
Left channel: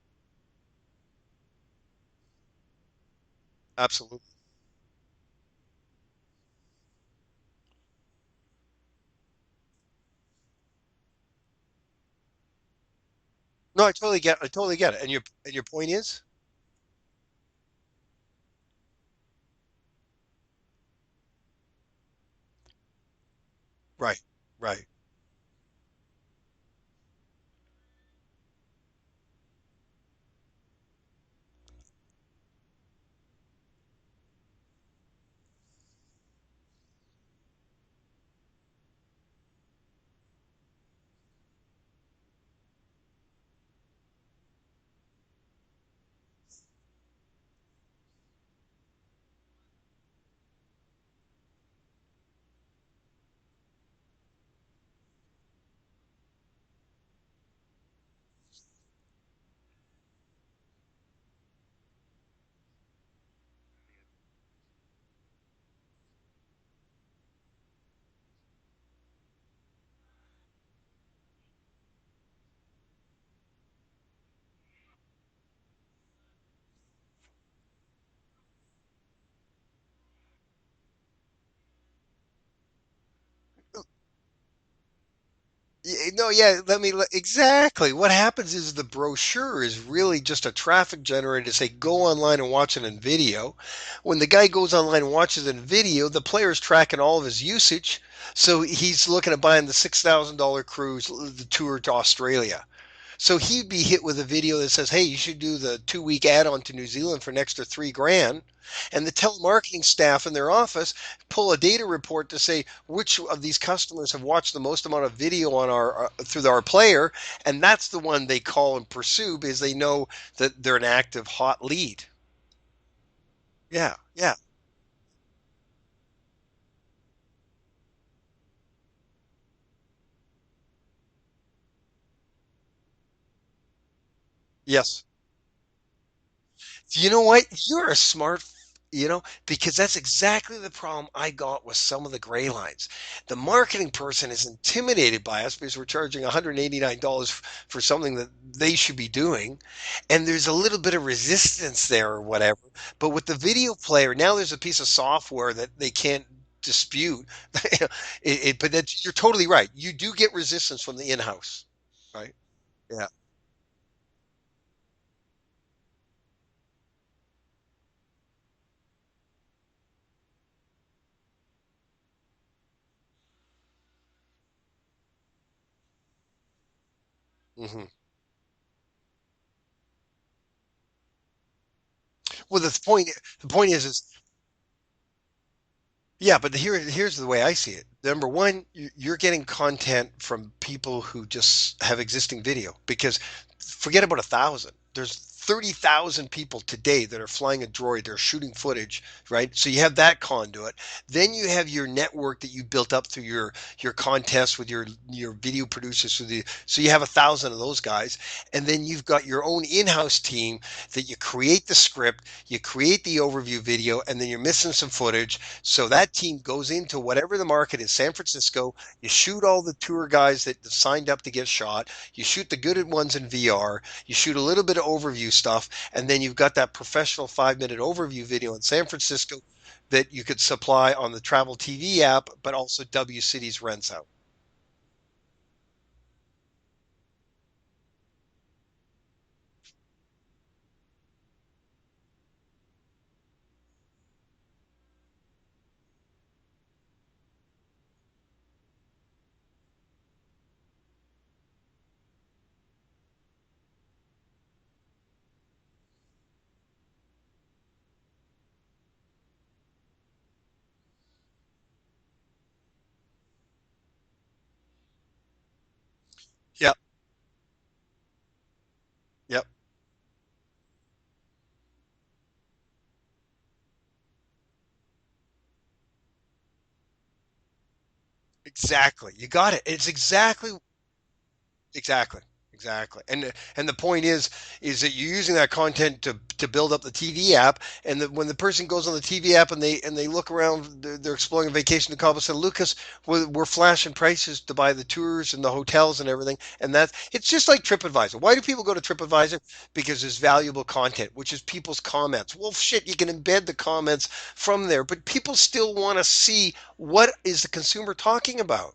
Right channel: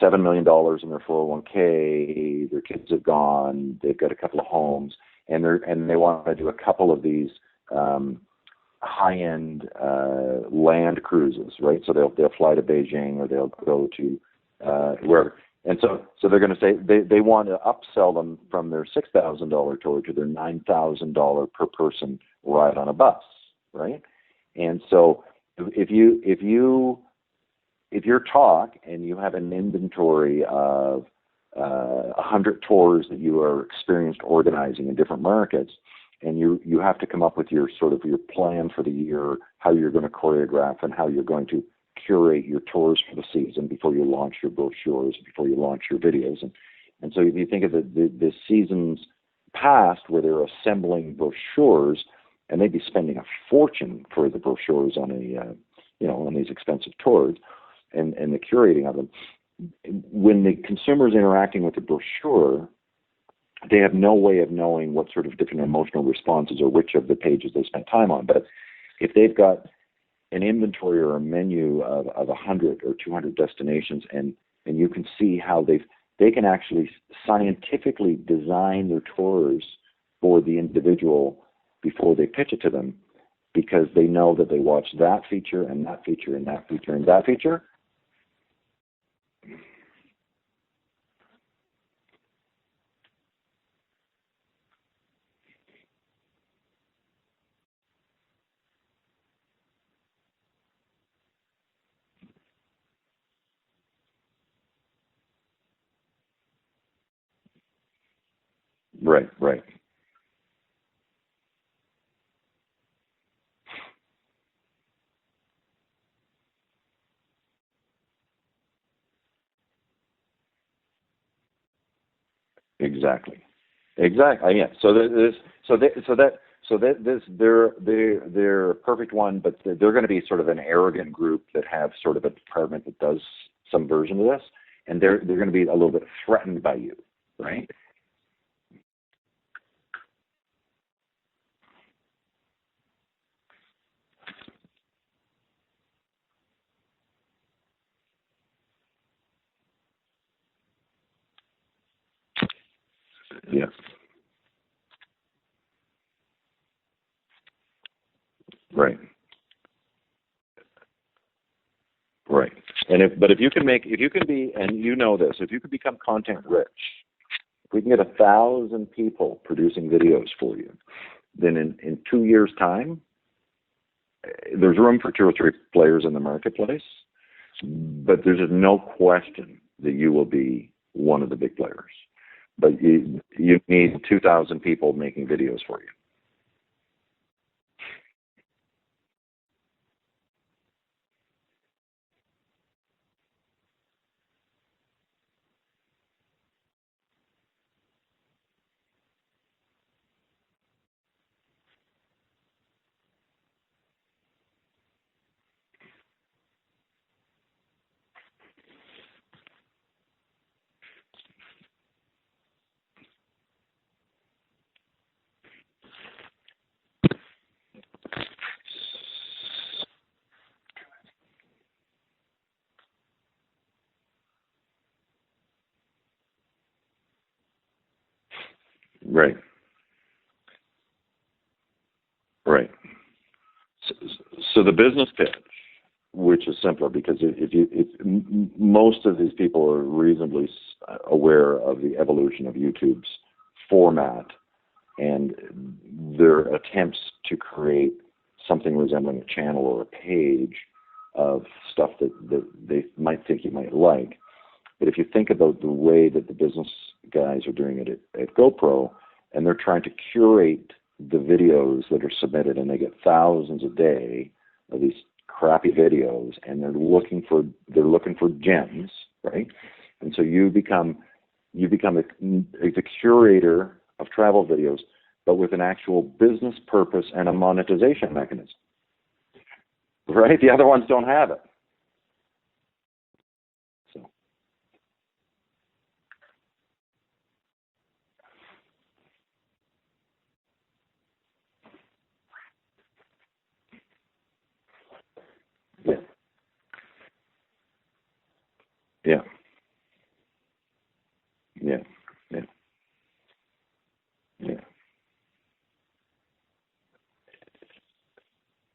$7 million in their 401k. Their kids have gone. They've got a Absolutely. couple of homes, and they want to do a couple of these high-end land cruises, right? So they'll fly to Beijing, or they'll No, go to I totally get it. wherever. And your And point so, is? so they're going to say they want to upsell them from their $6,000 tour to their $9,000 per person ride on a bus, right? Right, And right. so if you're Talk and you have an inventory of 100 tours that you are experienced organizing in different markets, and you have to come up with your sort of your plan for the year, how you're going to choreograph and how you're going to curate your tours for the season before you launch your brochures, before you launch your videos, and so if you think of the seasons past where they're assembling brochures, and they'd be spending a fortune for the brochures on on these expensive tours, and the curating of them. When the consumer is interacting with the brochure, they have no way of knowing what sort of different emotional responses or which of the pages they spent time on. But if they've got an inventory or a menu of 100 or 200 destinations, and you can see how they can actually scientifically design their tours for the individual before they pitch it to them, because they know that they watch that feature and that No, feature and yeah, that feature and that feature. exactly. What happens is the brochure is really just a traffic generator to say go online and watch it in video. When the guy goes online and watches it in video, the player's tracking all of his usage. So he's looking at buying the $6,000 cruise, the tour to Australia. So he'd be hit with a video that says, "Hey, you should do the 2 week add-on to New Zealand for an extra 3 grand." And the Right, right, telemarketing staff in their office pull a data report to say which of these customers have watched the most amount of video on our through our player, and that's the one they call and pursue because they know that they're an active hot lead. exactly. Yeah, yeah. Exactly. Yeah. So this, so that this, they're a perfect one, but they're going to be sort of an arrogant group that have sort of a department that does some version of this, and Yes. they're going to be a little bit threatened by you, You know what? right? You're a smart, because that's exactly the problem I got with some of the gray lines. The marketing person is intimidated by us because we're charging $189 for something that they should be doing. And there's a little bit of resistance there or whatever. But with the Yeah. video player, now there's a piece of software that they can't dispute. But Right. you're totally right. You do get resistance from the in-house, right? Right. And Yeah. if you can be, and you know this, if you can become content rich, if we can get 1,000 people producing videos for you, then in 2 years' time, there's room for two or three players in the marketplace, Hmm. but there's just no question that you will be one of the big players. Well, But the you point is need 2,000 people making videos for you. yeah, but here's the way I see it. Number one, you're getting content from people who just have existing video because forget about 1,000. There's 30,000 people today that are flying a droid. They're shooting footage, right? So you have that conduit. Then you have your network that you built up through your contests with your video producers. So you have 1,000 of those guys, and then you've got your own in-house team that you create the script, you create the overview video, and then you're missing some footage so that team goes into whatever the market is, San Francisco. You shoot all the tour guys that signed up to get shot. You shoot the good ones in VR. You shoot a little bit of overview stuff, and then you've got that professional 5 minute overview video in San Francisco Right. that you could supply on the Travel TV app, but Right. also W Cities rents out. So the business pitch, which is simpler, because if most of these people are reasonably aware of the evolution of YouTube's format and their attempts to create something resembling a channel or a page of stuff that they might think you might like. But if you think about the way that the business guys are doing it at GoPro, and they're trying to curate the videos that are submitted, and they get thousands a day of these crappy videos, and Yep. they're looking for gems, Yep. right? And so you become the curator of travel videos, but with an actual business purpose and a monetization mechanism, Exactly. You got it. It's right? The exactly other ones don't have it. Exactly. Exactly. And the point is that you're using that content to build up the TV app, and that when the person goes on the TV app and they look around, they're exploring a vacation to Cabo San Lucas, we're flashing prices to buy the tours and the hotels Yeah, and everything, and it's just like TripAdvisor. Why do people go to yeah, TripAdvisor? Because there's valuable content, which is people's yeah, comments. yeah. Well, shit, you can embed the comments Yeah. from there, but people still want to see what is the consumer talking about.